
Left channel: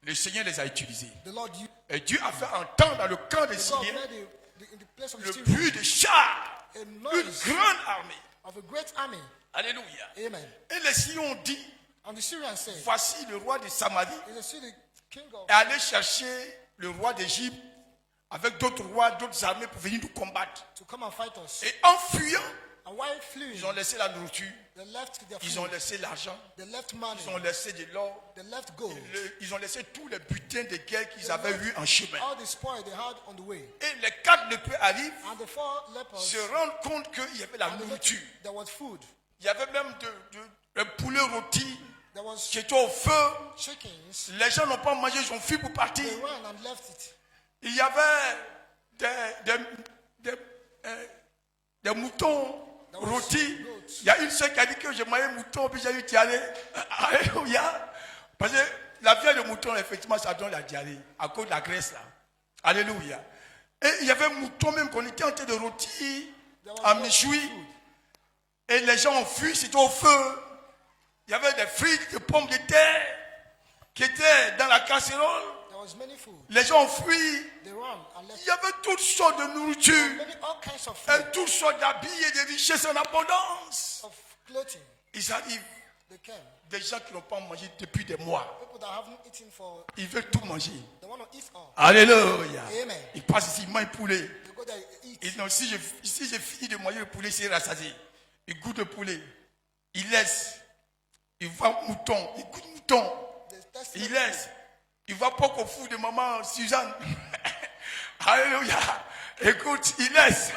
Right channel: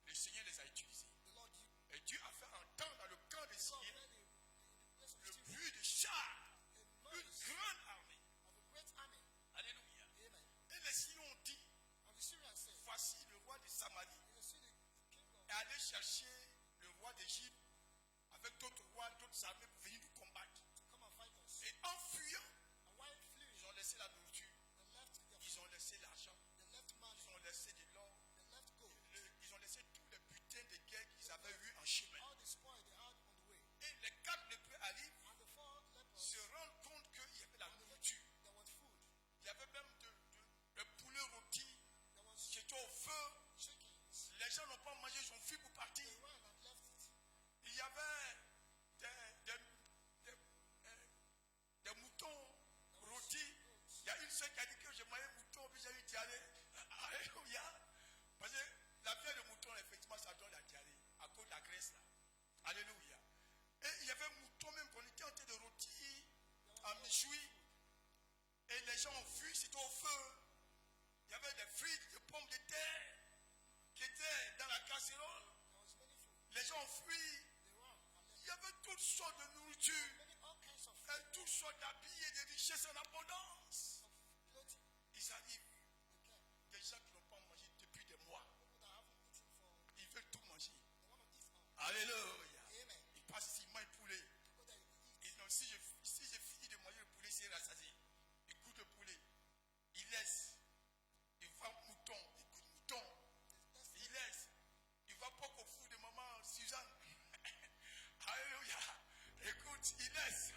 le Seigneur les a utilisés. the Lord used Et Dieu a fait entendre dans le camp des God Syriens made in the place of the le Syrians bruit de chars, a une noise grande armée. of a great army. Alléluia. Amen. Et les Syriens ont dit, And the Syrians said, voici le roi de Samarie "Is the city king of est allé chercher le roi d'Égypte avec d'autres rois, d'autres armées pour venir nous combattre. to come and fight us?" Et en fuyant, And while fleeing, ils ont laissé la nourriture, they left their ils ont food, laissé l'argent, they left money, ils ont laissé de l'or, they left gold, ils ont laissé tous les butins de guerre qu'ils avaient eu en chemin. all the spoil they had on the way. Et les 4 lépreux arrivent, And the 4 lepers, se rendent compte qu'il y avait la and they looked, nourriture. there was food, Il y avait même un poulet rôti there was qui était au feu. chickens. Les gens n'ont pas mangé, ils ont fui pour partir. They ran and left it. Il y avait des moutons rôtis. Il y a une seule qui a dit que j'ai mangé un mouton, puis j'ai eu diarrhée. Alléluia. Parce que la viande de mouton, effectivement, ça donne la diarrhée à cause de la graisse là. Alléluia. Et il y avait un mouton même qu'on était en train de rôtir à méchoui. Et les gens ont fui, c'était au feu. Il y avait des frites, des pommes de terre qui étaient dans la casserole. There was many food. Les gens ont fui. They ran and left Il y avait toutes sortes de nourriture, all kinds of food, et toutes sortes d'habits et de richesses en abondance. of clothing. Ils arrivent, They came. des gens qui n'ont pas mangé depuis des mois. People that haven't eaten for, Ils veulent tout manger. they want to eat all. Alléluia. Amen. Ils passent ici, ils mangent poulet. They go there and eat. Et non, si j'ai fini de manger le poulet, c'est rassasié. Ils goûtent le poulet. Ils laissent. Ils voient mouton. Ils goûtent mouton. They test Ils it. laissent. Ils voient pas qu'au fou de maman Suzanne. Alléluia. Écoute, Inès,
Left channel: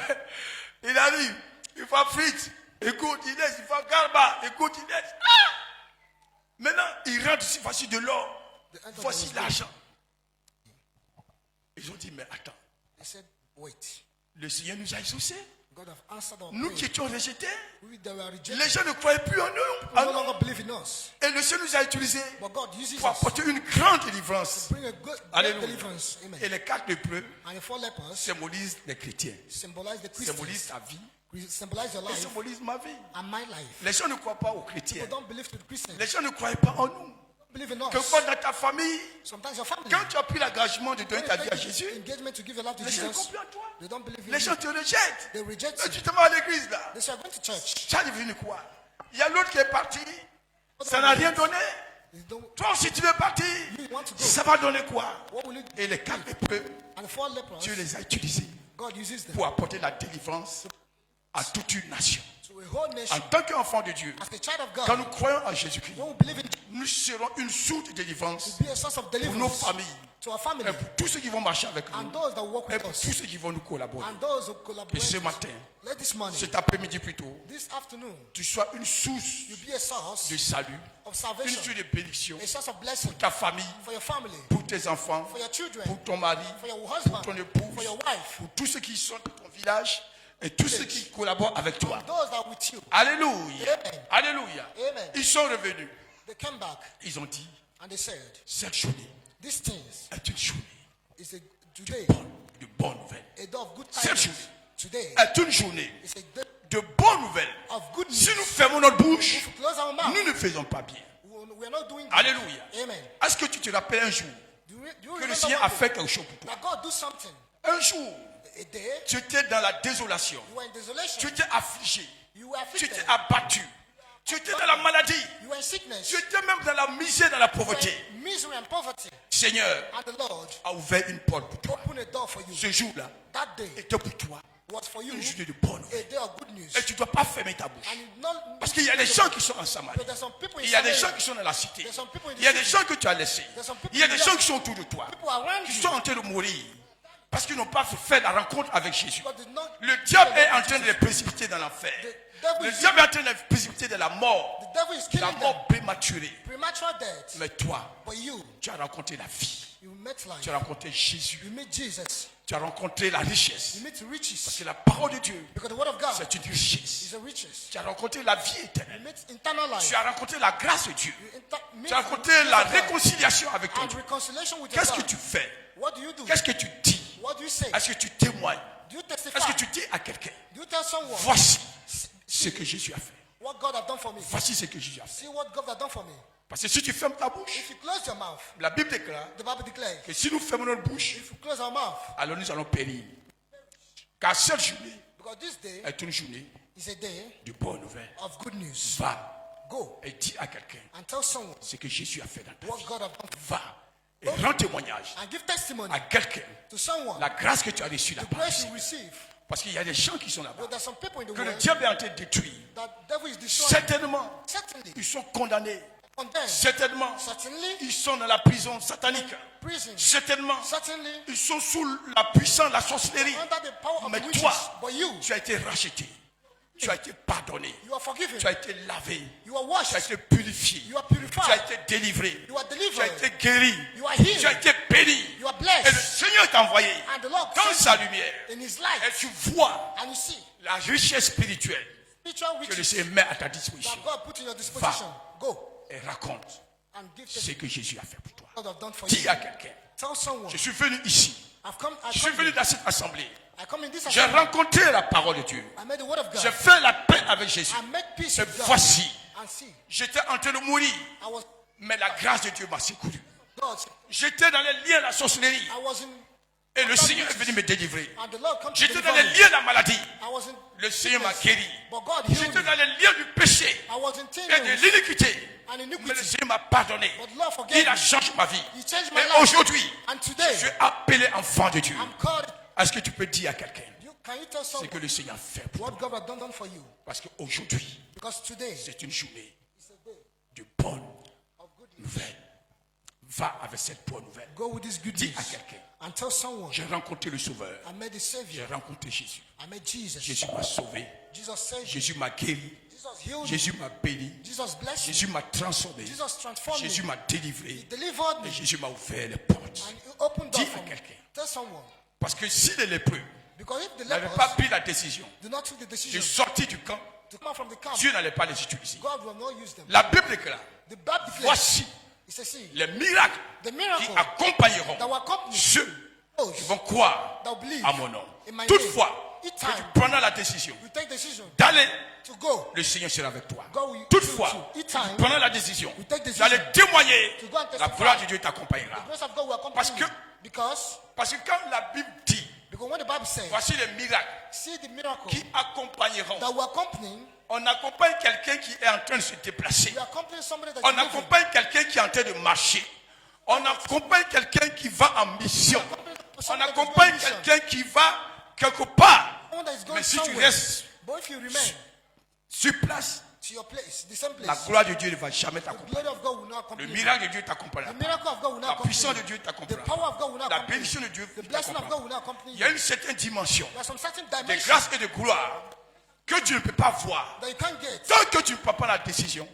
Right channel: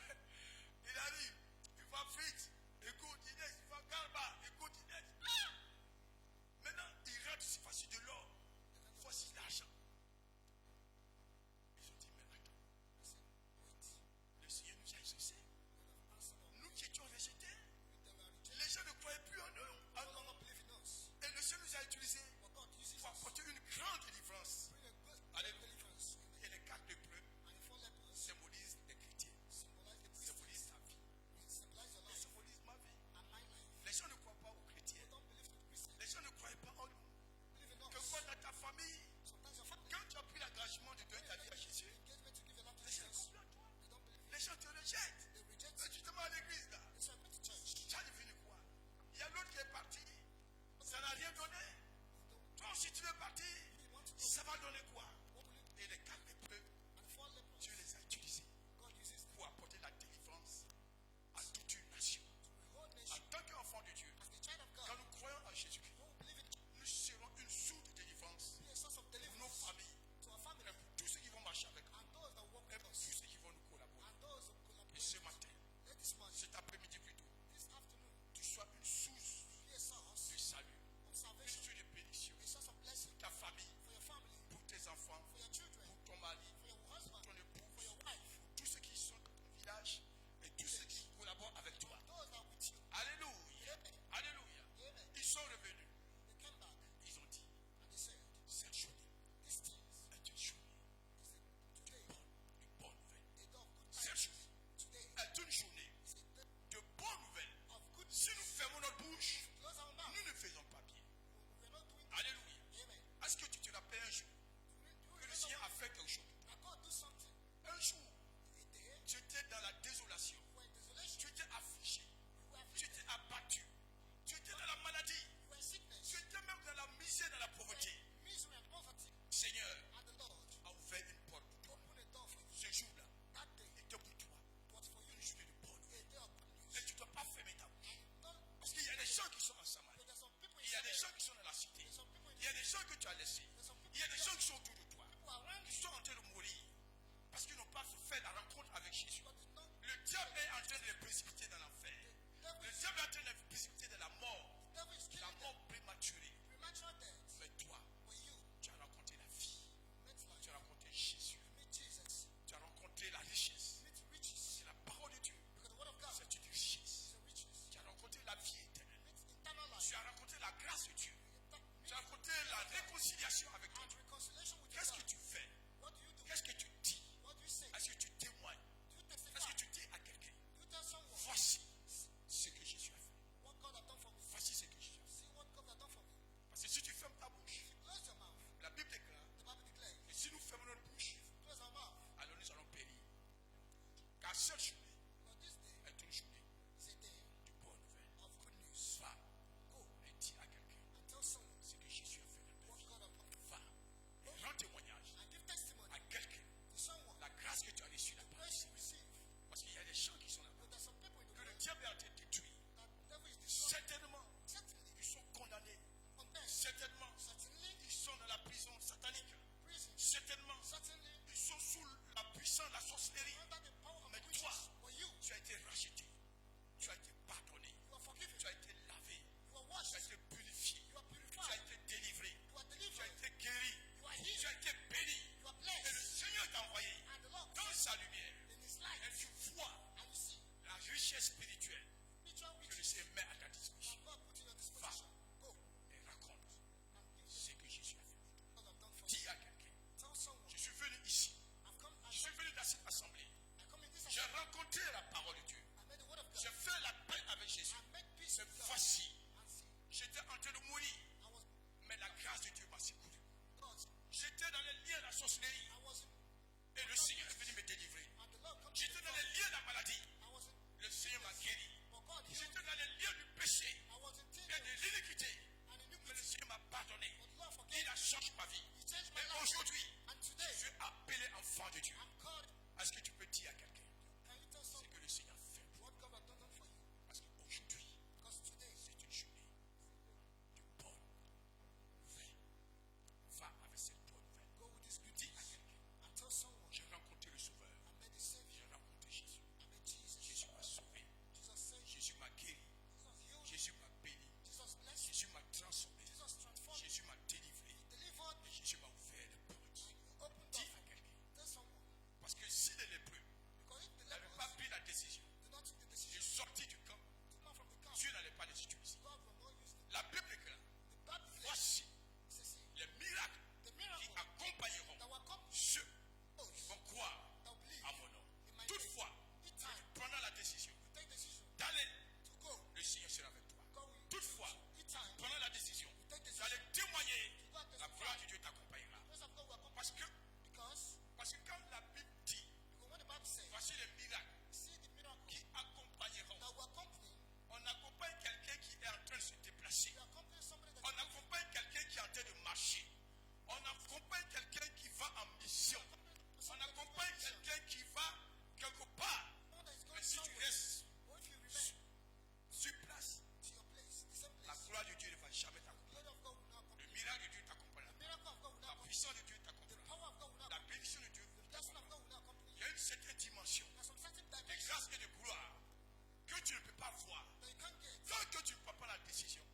il arrive, il faut frites. Écoute, Inès, il faut garba. Écoute, Inès. Ah! Maintenant, il rentre ici, voici de l'or. Voici l'argent. Ils ont dit, mais attends. They said, wait. Le Seigneur nous a exaucés. God have answered our Nous prayer. qui étions rejetés, We that were rejected. les gens ne croyaient plus en nous. People no longer believe in us. Et le Seigneur nous a utilisés But God uses pour us apporter une grande délivrance. to bring a good Alléluia. deliverance. Amen. Et les 4 lépreux And the 4 lepers symbolisent les chrétiens, symbolize the Christians. symbolisent ta vie Symbolize your et life symbolisent ma vie. and my life. Les gens ne croient pas aux chrétiens. People don't believe to the Christians. Les gens ne croyaient pas en nous. Believe in us. Quelquefois dans ta famille, Sometimes your family. quand tu as pris l'engagement de donner When ta you vie à take Jésus, engagement to give your life to les gens ne Jesus, croient plus en toi. they don't believe in Les you. gens te rejettent. They reject Mais you. tu te mets à l'église là. They say, I'm going to church. Tu as devenu quoi? Il y a l'autre qui est parti. Ça n'a rien donné. They don't, Toi aussi tu veux partir. you want to go. Ça va donner quoi? What will you do? Et les 4 lépreux, And the 4 lepers, Dieu les a utilisés God uses them pour apporter la délivrance à toute une nation. to a whole nation. En tant qu'enfant de Dieu, As a child of quand God, nous croyons en Jésus-Christ, when we believe in nous serons une source de délivrance be a source of pour nos deliverance familles, to our family et pour tous ceux qui vont marcher avec and nous, those that work et with pour us tous ceux qui vont nous collaborer. and those who Et collaborate. ce matin, Let this morning, cet après-midi plutôt, this afternoon, tu sois une source you be a source de salut, of une salvation, source de bénédiction a source of blessing pour ta famille, for your family, pour tes enfants, for your children, pour ton mari, for your pour husband, ton épouse, for your wife, pour tous ceux qui sont dans ton village et tous ceux qui collaborent avec toi. those that are with you. Alléluia. Amen. Alléluia. Amen. Ils sont revenus. They came back Ils ont dit, and they said, cette journée these things est une journée is a today de bonnes nouvelles. a day of good Cette tidings. journée Today est une journée is a day de bonnes nouvelles. of good Si news. nous fermons notre bouche, If we close our mouth, nous ne faisons pas bien. we are not doing good. Alléluia. Amen. Est-ce que tu te rappelles un jour Do you que le remember Seigneur one a day fait quelque chose pour toi? that God do something? Un jour, A day tu étais dans la désolation. you were in desolation, Tu étais affligé. you were Tu afflicted, étais abattu. Tu étais dans la maladie. you were in sickness, Tu étais même dans la misère, dans la you were pauvreté. in misery and poverty, Seigneur and the Lord a ouvert une porte pour toi. opened a door for you. Ce jour-là That day était pour toi was for you une journée de bonne a nouvelle. day of good news. Et tu ne dois pas fermer ta bouche. And you not Parce qu'il y a des gens qui sont en Samarie. But there's some people in Il y a des Samaria, gens qui sont dans la cité. there's some people in the Il y a des city, gens que tu as laissés. there's some people Il y a in des the gens land, qui sont autour de toi. people around Qui you sont en train de mourir. Parce qu'ils n'ont pas fait la rencontre avec Jésus. God did not. Le diable est en train de les précipiter dans l'enfer. Le diable est en train de les précipiter dans la mort. The devil is La killing them. mort prématurée. Premature death. Mais toi, But you tu as rencontré la vie. met life. Tu as rencontré Jésus. You meet Jesus. Tu as rencontré la richesse. You meet riches. C'est la parole de Dieu. Because the word of God C'est une richesse. is a riches. Tu as rencontré la vie You éternelle. meet eternal life. Tu as rencontré la grâce de Dieu. You meet Tu as rencontré the la grace of God réconciliation avec ton and Dieu. reconciliation with your Qu'est-ce que God. tu fais? What do you do? Qu'est-ce que tu dis? What do you say? Est-ce que tu témoignes? Do you testify? Est-ce que tu dis à quelqu'un, Do you tell someone voici ce que Jésus a fait. what God has done for me? Voici ce que Jésus a fait. See what God has done for me. Parce que si tu fermes ta bouche, If you close your mouth, la Bible déclare the Bible declares, que si nous fermons notre bouche, if you close our mouth, alors nous allons périr. Car cette journée because this day est une journée is a day de bonnes nouvelles. of good news. Va Go et dis à quelqu'un and tell someone ce que Jésus a fait dans ta what vie. God has done Va et rends témoignage and give testimony à quelqu'un to someone la grâce que tu as reçue the là-bas. grace you receive. Parce qu'il y a des gens qui sont là-bas, But there's some people in the que le world diable est en train de détruire. that devil is destroying. Certainement, Certainly, ils sont condamnés. condemned. Certainement, Certainly, ils sont dans la prison satanique. prison. Certainement, Certainly, ils sont sous la puissance de la sorcellerie. under the power of Mais the witches. toi, But you, tu as été racheté. Tu as été pardonné. you are forgiven. Tu as été lavé. You are Tu as washed. été purifié. You are Tu as purified. été délivré. You are Tu as delivered. été guéri. You are healed. Tu as été béni. You are Et le blessed. Seigneur t'a envoyé And the Lord dans sent sa you lumière. in His Et light. tu vois And you see la richesse spirituelle spiritual que le riches Seigneur met à ta disposition. that God put in your disposition. Go Et raconte and give ce testimony que Jésus a fait pour toi. what God has done for you. Dis à quelqu'un, Tell someone. je suis venu ici. Je suis venu dans cette assemblée. I come in this J'ai assembly. rencontré la parole de Dieu. I made the word of God. J'ai fait la paix avec Jésus. I made peace Et with God. voici, And see, j'étais en train de mourir, I was mais la grâce de Dieu m'a secouru. God. J'étais dans les liens de la sorcellerie I was in. et le Seigneur est venu me délivrer. And the Lord come to J'étais deliver dans les me. liens de la maladie. I was in. Le Seigneur m'a sickness, guéri. But God healed J'étais me. dans les liens du péché I was in et de tears l'iniquité. and Mais le iniquity. Seigneur m'a pardonné. But the Lord forgave Il a me. changé ma vie. He changed my Et life. aujourd'hui, And today, je suis appelé enfant de Dieu. I'm called. Est-ce que tu peux dire à quelqu'un Can you tell ce someone que le Seigneur fait pour what toi? God has done for you? Parce qu'aujourd'hui, Because today c'est une journée is a day de bonnes of good news. nouvelles. Va avec cette bonne nouvelle. Go with this good Dis news à quelqu'un, Until someone, j'ai rencontré le Sauveur. I met the J'ai Savior. rencontré Jésus. I met Jesus. Jésus m'a sauvé. Jesus saved me. Jésus m'a guéri. Jesus healed me. Jésus m'a béni. Jesus blessed me. Jésus m'a transformé. Jesus transformed Jésus me. m'a délivré. He delivered me. Et Jésus m'a ouvert les portes. And he opened Dis doors à for me. quelqu'un. Tell someone. Parce que si les lépreux Because if the n'avaient lepers pas pris la décision do not take the de decision sortir du camp, to come out from the camp, Dieu n'allait pas les utiliser. God will not use them. La Bible déclare, The Bible declares, voici he says, see, les miracles the qui miracle accompagneront that will accompany ceux those qui vont croire that will believe à mon nom. in my Toutefois, name. Each que tu time prendras la décision you take decision d'aller, to go, le Seigneur sera avec toi. God will Toutefois, use you. Each que tu time prendras la décision you take decision d'aller témoigner, to go and la testify, gloire de Dieu the t'accompagnera. grace of God will accompany Parce que- you. Because quand la Bible dit, when the Bible says, voici les miracles see the miracle qui accompagneront, that will accompany, on accompagne quelqu'un qui est en train de se déplacer. we accompany somebody that On is moving. accompagne quelqu'un qui est en train de marcher. On accompagne quelqu'un qui va en mission. On Somebody that is accompagne going mission. quelqu'un qui va quelque part. Someone that is going Mais si tu somewhere. restes But if you remain sur place, to your place, the same place, la gloire de Dieu ne va jamais the t'accompagner. glory of God will not Le accompany you. miracle de Dieu t'accompagnera. The miracle of God will not La accompany puissance you. de Dieu The t'accompagnera. power of God will not La accompany bénédiction you. de Dieu The blessing of God t'accompagnera. will not accompany Il you. y a une certaine dimension There are some certain de dimensions grâce et de gloire que tu ne peux pas voir that you can't get tant que tu ne prends pas la décision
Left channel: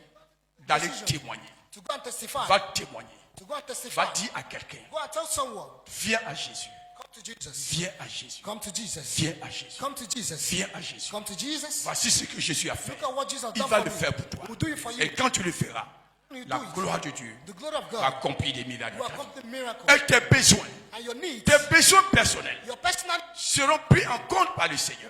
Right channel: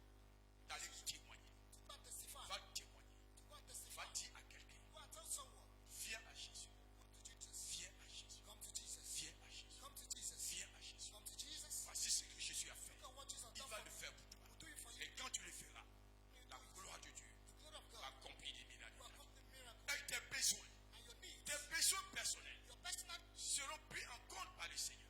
d'aller Decision. témoigner. to go and testify. Va témoigner. To go and testify. Va dire à quelqu'un, Go and tell someone, viens à Jésus. come to Jesus. Viens à Jésus. Come to Jesus. Viens à Jésus. Come to Jesus. Viens à Jésus. Come to Jesus. Voici ce que Jésus a fait. Look at what Jesus has Il done va for le me. faire pour toi. We'll do it for you. Et quand tu le feras, When you la do it, gloire de Dieu the glory of va God accomplir des miracles. will accompany miracles. Et tes besoins, And your needs, tes besoins personnels your personal seront pris en compte par le Seigneur.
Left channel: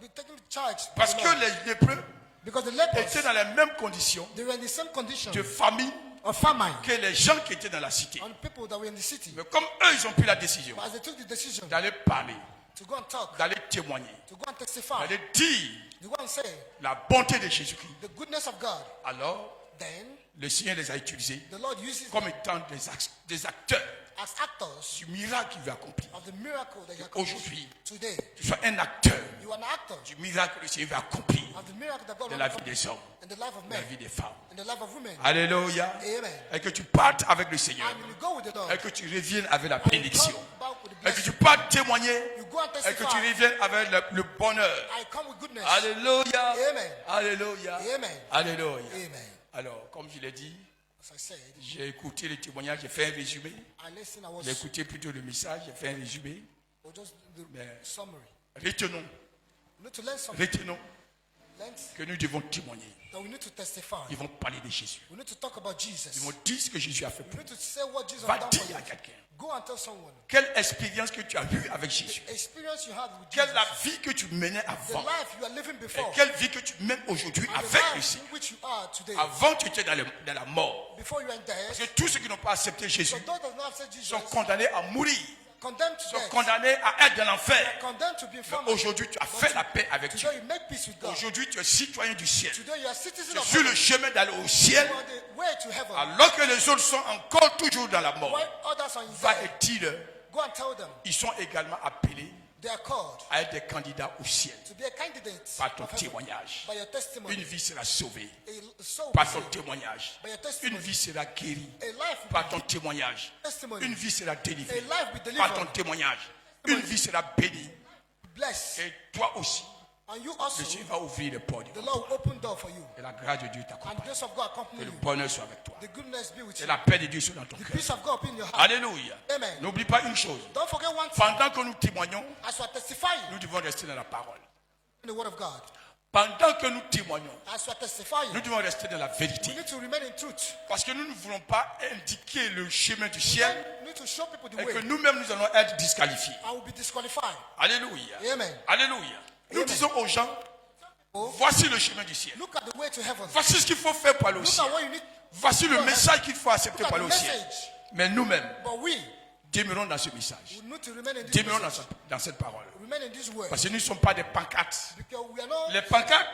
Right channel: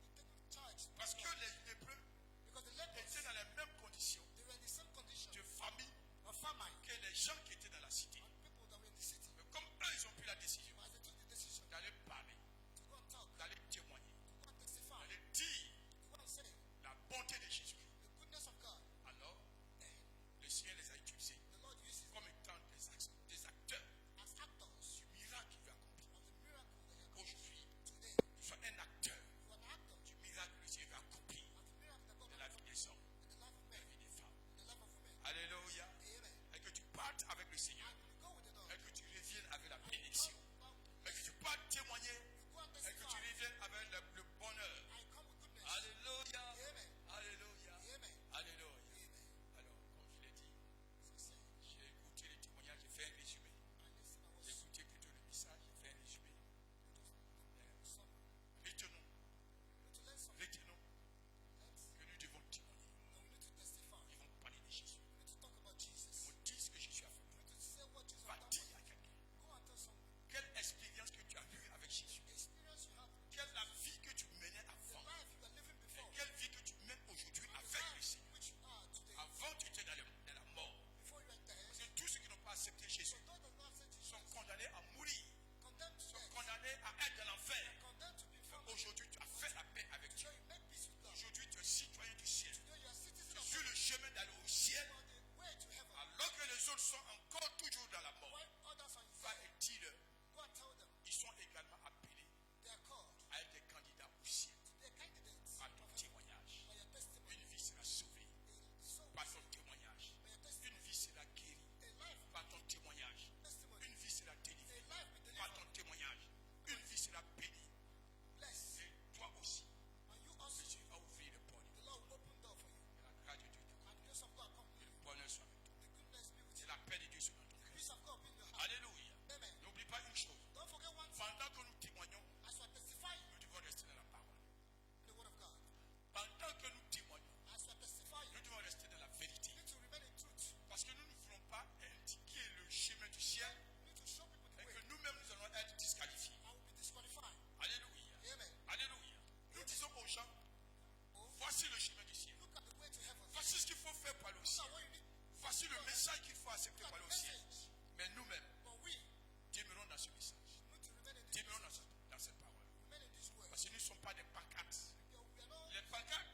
be taken charge. by Parce the que Lord. les lépreux Because the lepers, étaient dans les mêmes conditions they were in the same condition de famine of famine que les gens qui étaient dans la cité. on people that were in the city. Mais comme eux, ils ont pris la décision But as they took the decision d'aller parler, to go and talk, d'aller témoigner, to go and testify, d'aller dire to go and say la bonté de Jésus-Christ, the goodness of God, alors then le Seigneur les a utilisés the Lord uses comme étant des acteurs as actors du miracle qu'il veut accomplir. of the miracle that you accomplished Aujourd'hui, today. tu sois un acteur You are an actor du miracle que le Seigneur veut accomplir of the miracle that God dans will la vie accomplish des hommes, in the life of dans la men, vie des femmes. in the life of women. Alléluia. Amen. Et que tu partes avec le Seigneur. And you go with the Lord. Et que tu reviennes avec la And you bénédiction. come back with the Et que tu blessing. partes témoigner. You go and Et que tu testify. reviennes avec le bonheur. I come with goodness. Alléluia. Amen. Alléluia. Amen. Alléluia. Amen. Alors, comme je l'ai dit, As I said, j'ai écouté le témoignage, j'ai fait un résumé. I listened, I J'ai was écouté plutôt le message, j'ai fait un résumé. or just the Mais- summary. Retenons, We need to learn something. retenons Learn que nous devons témoigner. that we need to testify. Ils vont parler de Jésus. We need to talk about Ils Jesus. vont dire ce que Jésus a fait We pour need to say what Jesus Va has done dire for you. à quelqu'un. Go and tell someone. Quelle expérience que tu as eue avec Jésus. Experience you had with Quelle Jesus. la vie que tu menais The avant. life you are living Et before. quelle vie que tu mènes aujourd'hui And the avec le life Seigneur. in which you are today. Avant, tu étais dans la mort. Before you were dead. Parce que tous ceux qui n'ont pas accepté Jésus So those that not accept Jesus sont condamnés à mourir. condemned to Sont death. condamnés à être dans l'enfer. Condemned to be Mais infirm. aujourd'hui, tu as fait la paix avec Dieu. Today you make peace with God. Aujourd'hui, tu es citoyen du ciel. Today you are citizen Tu es of sur le heaven. chemin d'aller au ciel. You are the way to heaven. Alors que les autres sont encore toujours dans la mort. While others are in Va death, et dis-leur, go and tell them ils sont également appelés they are called à être des candidats au ciel. to be a candidate Par ton of heaven. témoignage. By your testimony. Une vie sera sauvée. A soul Par will ton be saved. témoignage. By your Une testimony. vie sera guérie. A life will Par be ton témoignage. testimony. Une vie sera délivrée. A life will be Par ton delivered. témoignage. Une vie sera bénie. Blessed. Et toi aussi, And you also, le Seigneur va ouvrir les portes. the Lord will open door for you. Et la grâce de Dieu And the t'accompagne. grace of God Que accompany le you. bonheur soit avec toi. The goodness be with Et you. la paix de Dieu soit dans ton The cœur. peace of God be in your heart. Alléluia. Amen. N'oublie pas une chose. Don't forget one thing. Pendant que nous témoignons, As you are testifying nous devons rester dans la parole. in the word of God, Pendant que nous témoignons, as you are testifying, nous devons rester dans la vérité. you need to remain in truth. Parce que nous ne voulons pas indiquer le chemin du ciel You need to show people the et que way. nous-mêmes nous allons être disqualifiés. I will be disqualified. Alléluia. Amen. Alléluia. Nous Amen. disons aux gens, Oh, voici le chemin du ciel. look at the way to heaven. Voici ce qu'il faut faire pour aller au Look ciel. at what you need. Voici le message qu'il faut accepter Look pour at aller the au ciel. message. Mais nous-mêmes, But we demeurons dans ce message. need to remain in this Demeurons message. dans cette parole. Remain in this word. Parce que nous ne sommes pas des pancartes. Because we are not. Les pancartes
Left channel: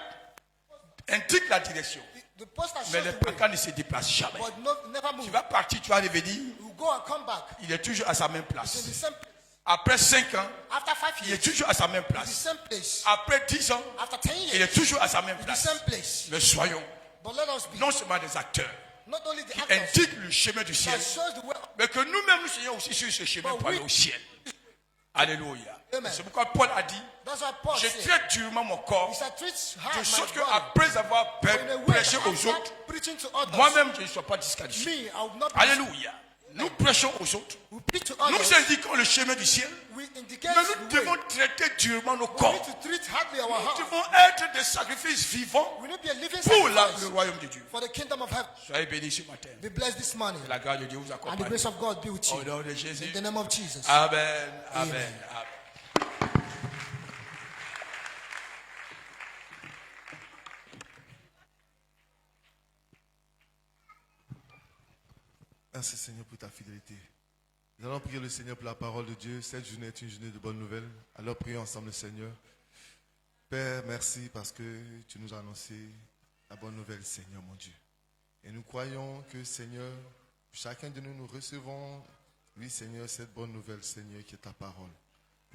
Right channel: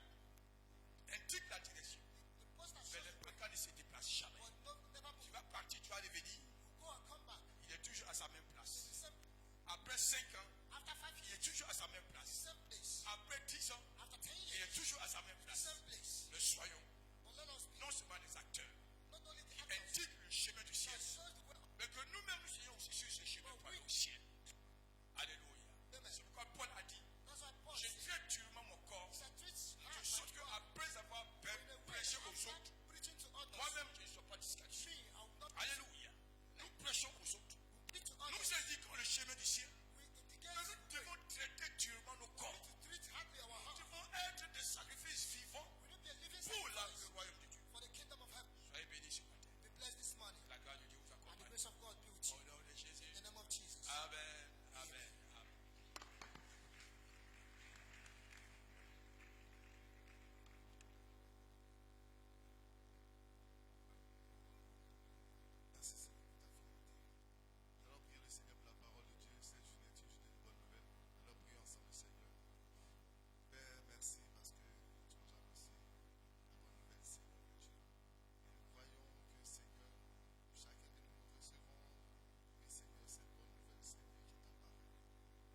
indiquent la direction. The poster Mais shows les the way. pancartes ne se déplacent jamais. But never Tu move. vas partir, tu vas revenir, You go and come back. il est toujours à sa même It's in place. the same place. Après 5 ans, After 5 il est years, toujours à sa même it's the place. same place. Après 10 ans, After 10 il est years, toujours à sa même it's the place. same place. Mais soyons But let us be non seulement des acteurs not only the qui actors indiquent le chemin du ciel, that shows the way, mais que nous-mêmes nous soyons aussi sur ce chemin But pour aller we- au ciel. Alléluia. Amen. C'est pourquoi Paul a dit, That's why Paul je said, traite durement mon corps, he said, treat de hard sorte my body qu'après avoir in a way prêché that aux after autres, preaching to others, moi-même je ne sois pas disqualifié. me, I will not be. Alléluia. Nous prêchons aux autres. We preach to Nous others. indiquons le chemin du ciel. We indicate Mais nous the way. devons traiter durement nos We corps. need to treat hardly our Nous heart. devons être des sacrifices vivants We need to be a living pour le sacrifice royaume de Dieu. for the kingdom of heaven. Soyez bénis ce matin. Be blessed this morning. Que la grâce de Dieu vous And the accompagne. grace of God be with Au you. nom de Jésus. In the name of Jesus. Amen. Amen. Amen. Merci Seigneur pour ta fidélité. Nous allons prier le Seigneur pour la parole de Dieu. Cette journée est une journée de bonnes nouvelles. Alors prions ensemble le Seigneur. Père, merci parce que tu nous as annoncé la bonne nouvelle, Seigneur mon Dieu. Et nous croyons que Seigneur, chacun de nous recevons, oui Seigneur, cette bonne nouvelle, Seigneur, qui est ta parole.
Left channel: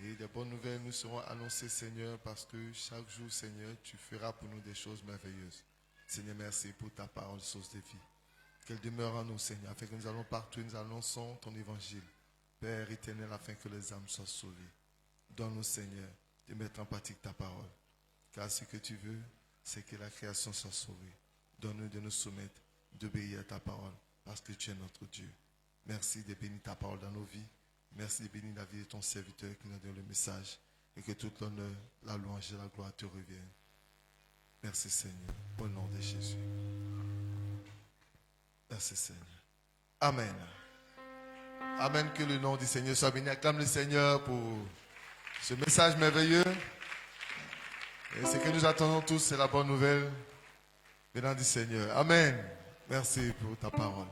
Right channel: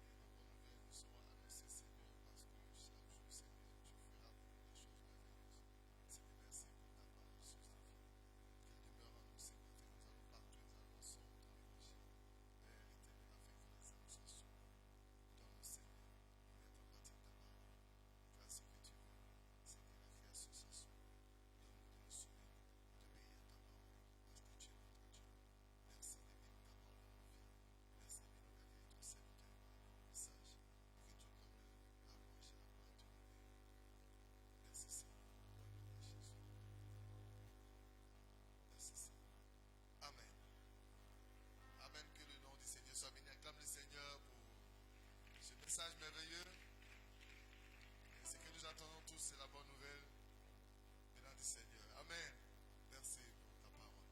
Et des bonnes nouvelles nous seront annoncées, Seigneur, parce que chaque jour, Seigneur, tu feras pour nous des choses merveilleuses. Seigneur, merci pour ta parole, source de vie. Qu'elle demeure en nous, Seigneur, afin que nous allons partout, nous annonçons ton évangile. Père éternel, afin que les âmes soient sauvées. Donne-nous, Seigneur, de mettre en pratique ta parole. Car ce que tu veux, c'est que la création soit sauvée. Donne-nous de nous soumettre, d'obéir à ta parole, parce que tu es notre Dieu. Merci de bénir ta parole dans nos vies. Merci de bénir la vie de ton serviteur qui nous donne le message. Et que toute l'honneur, la louange et la gloire te reviennent. Merci, Seigneur, au nom de Jésus. Merci Seigneur. Amen. Amen. Que le nom du Seigneur soit béni. Acclame le Seigneur pour ce message merveilleux. Et ce que nous attendons tous, c'est la bonne nouvelle venant du Seigneur. Amen. Merci pour ta parole.